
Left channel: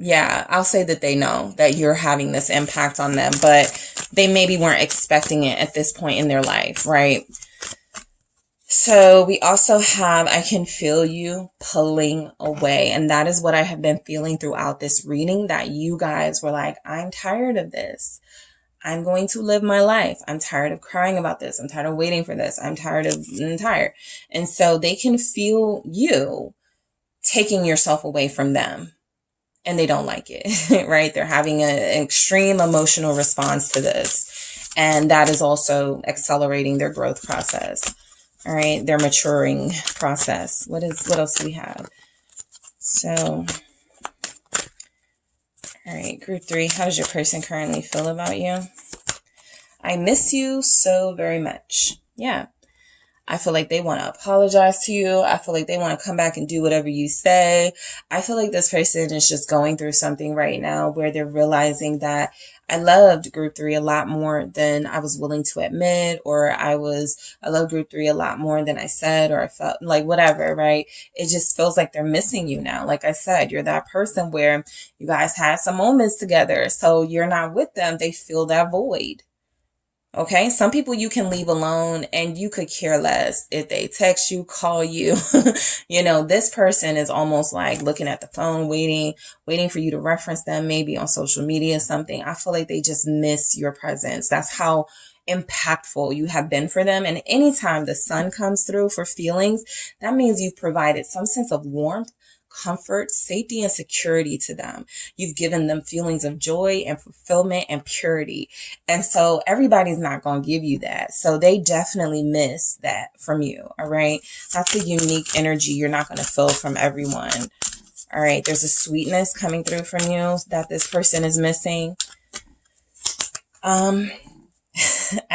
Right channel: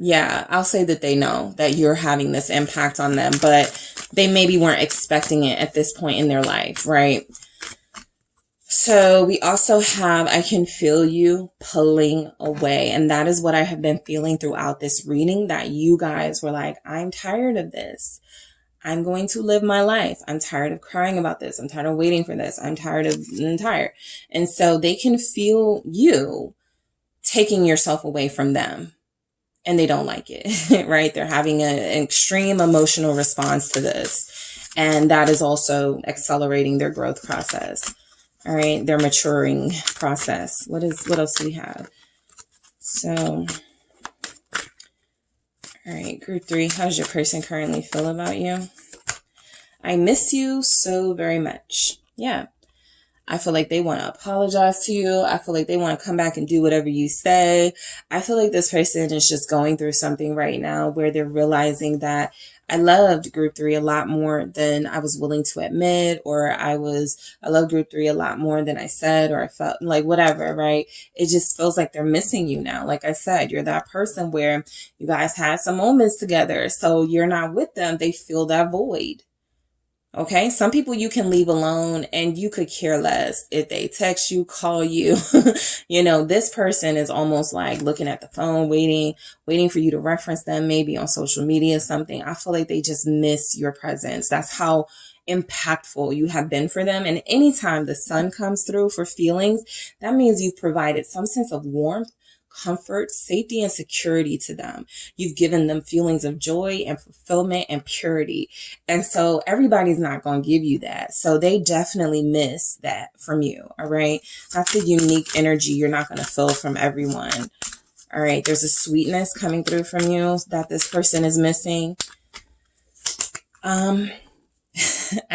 Yeah, I'll say that they know that you're having this impact on them, but they maybe weren't expecting it at this point in their life, right? So we also have, I can feel you pulling away. And that is what I have been feeling throughout this reading, that you guys were like, I'm tired of this. I'm going to live my life. I'm tired of crying about this. I'm tired of waiting for this. I'm tired. And so they can feel you taking yourself away from them. And they don't like it, right? They're having an extreme emotional response to this. And that is also accelerating their growth process. All right. Their maturing process. What else do we have? So, all right. Group 3. How does your person currently feel about you? I miss you so very much. Yeah. I feel like they want to apologize to you. I feel like they want to come back and do whatever you say. I feel like this person is just going through something right now where they're realizing that I loved group 3 a lot more than I was willing to admit, or I love group 3 a lot more than I said, or I felt like whatever, right? It just feels like they're missing you now. Like I said, you're that person where you guys had some moments together. So you're not with them. They feel that void. Okay, some people you can leave alone and you could care less if they text you, call you. You know, this person is almost like looking at the phone, waiting for you to reference them, maybe on social media, something. I feel like they just miss your presence. That's how impactful you have been for them. And anytime the sun comes through for feelings, that means you've provided some sense of warmth, comfort, safety, and security to them. You've given them feelings of joy and fulfillment and purity. And so everybody's not going to give you that. So they definitely miss that from you. All right. That's a unique energy you're not going to feel from everyone. All right. There's a sweetness coming through from you that this person is missing. I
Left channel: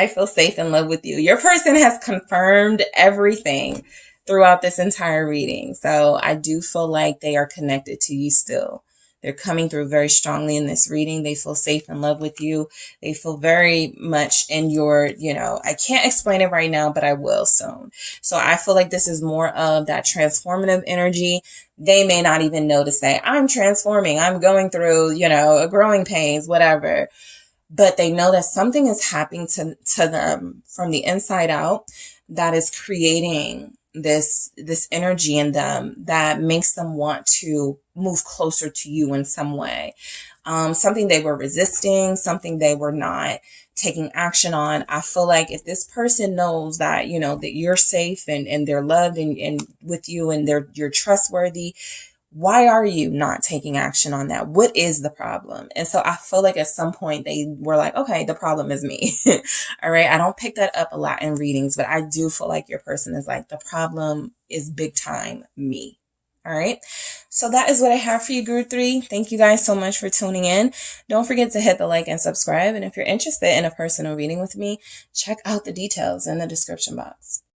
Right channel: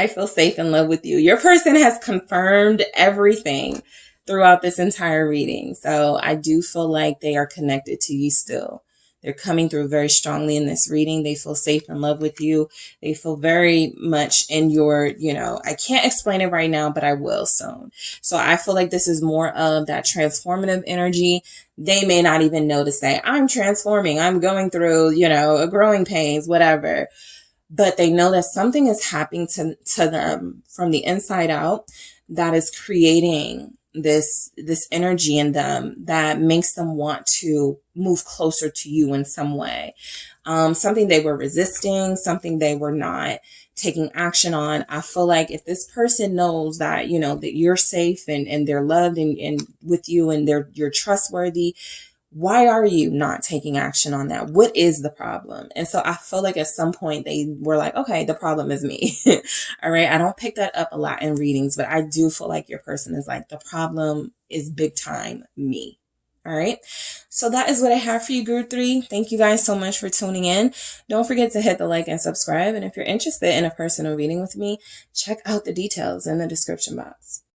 feel safe in love with you. Your person has confirmed everything throughout this entire reading. So I do feel like they are connected to you still. They're coming through very strongly in this reading. They feel safe in love with you. They feel very much in your, I can't explain it right now, but I will soon. So I feel like this is more of that transformative energy. They may not even know to say, I'm transforming. I'm going through, a growing pains, whatever. But they know that something is happening to them from the inside out that is creating this energy in them that makes them want to move closer to you in some way. Something they were resisting, something they were not taking action on. I feel like if this person knows that, that you're safe and they're loved and with you and you're trustworthy, why are you not taking action on that? What is the problem? And so I feel like at some point they were like, okay, the problem is me. All right. I don't pick that up a lot in readings, but I do feel like your person is like, the problem is big time me. All right. So that is what I have for you, group 3. Thank you guys so much for tuning in. Don't forget to hit the like and subscribe. And if you're interested in a personal reading with me, check out the details in the description box.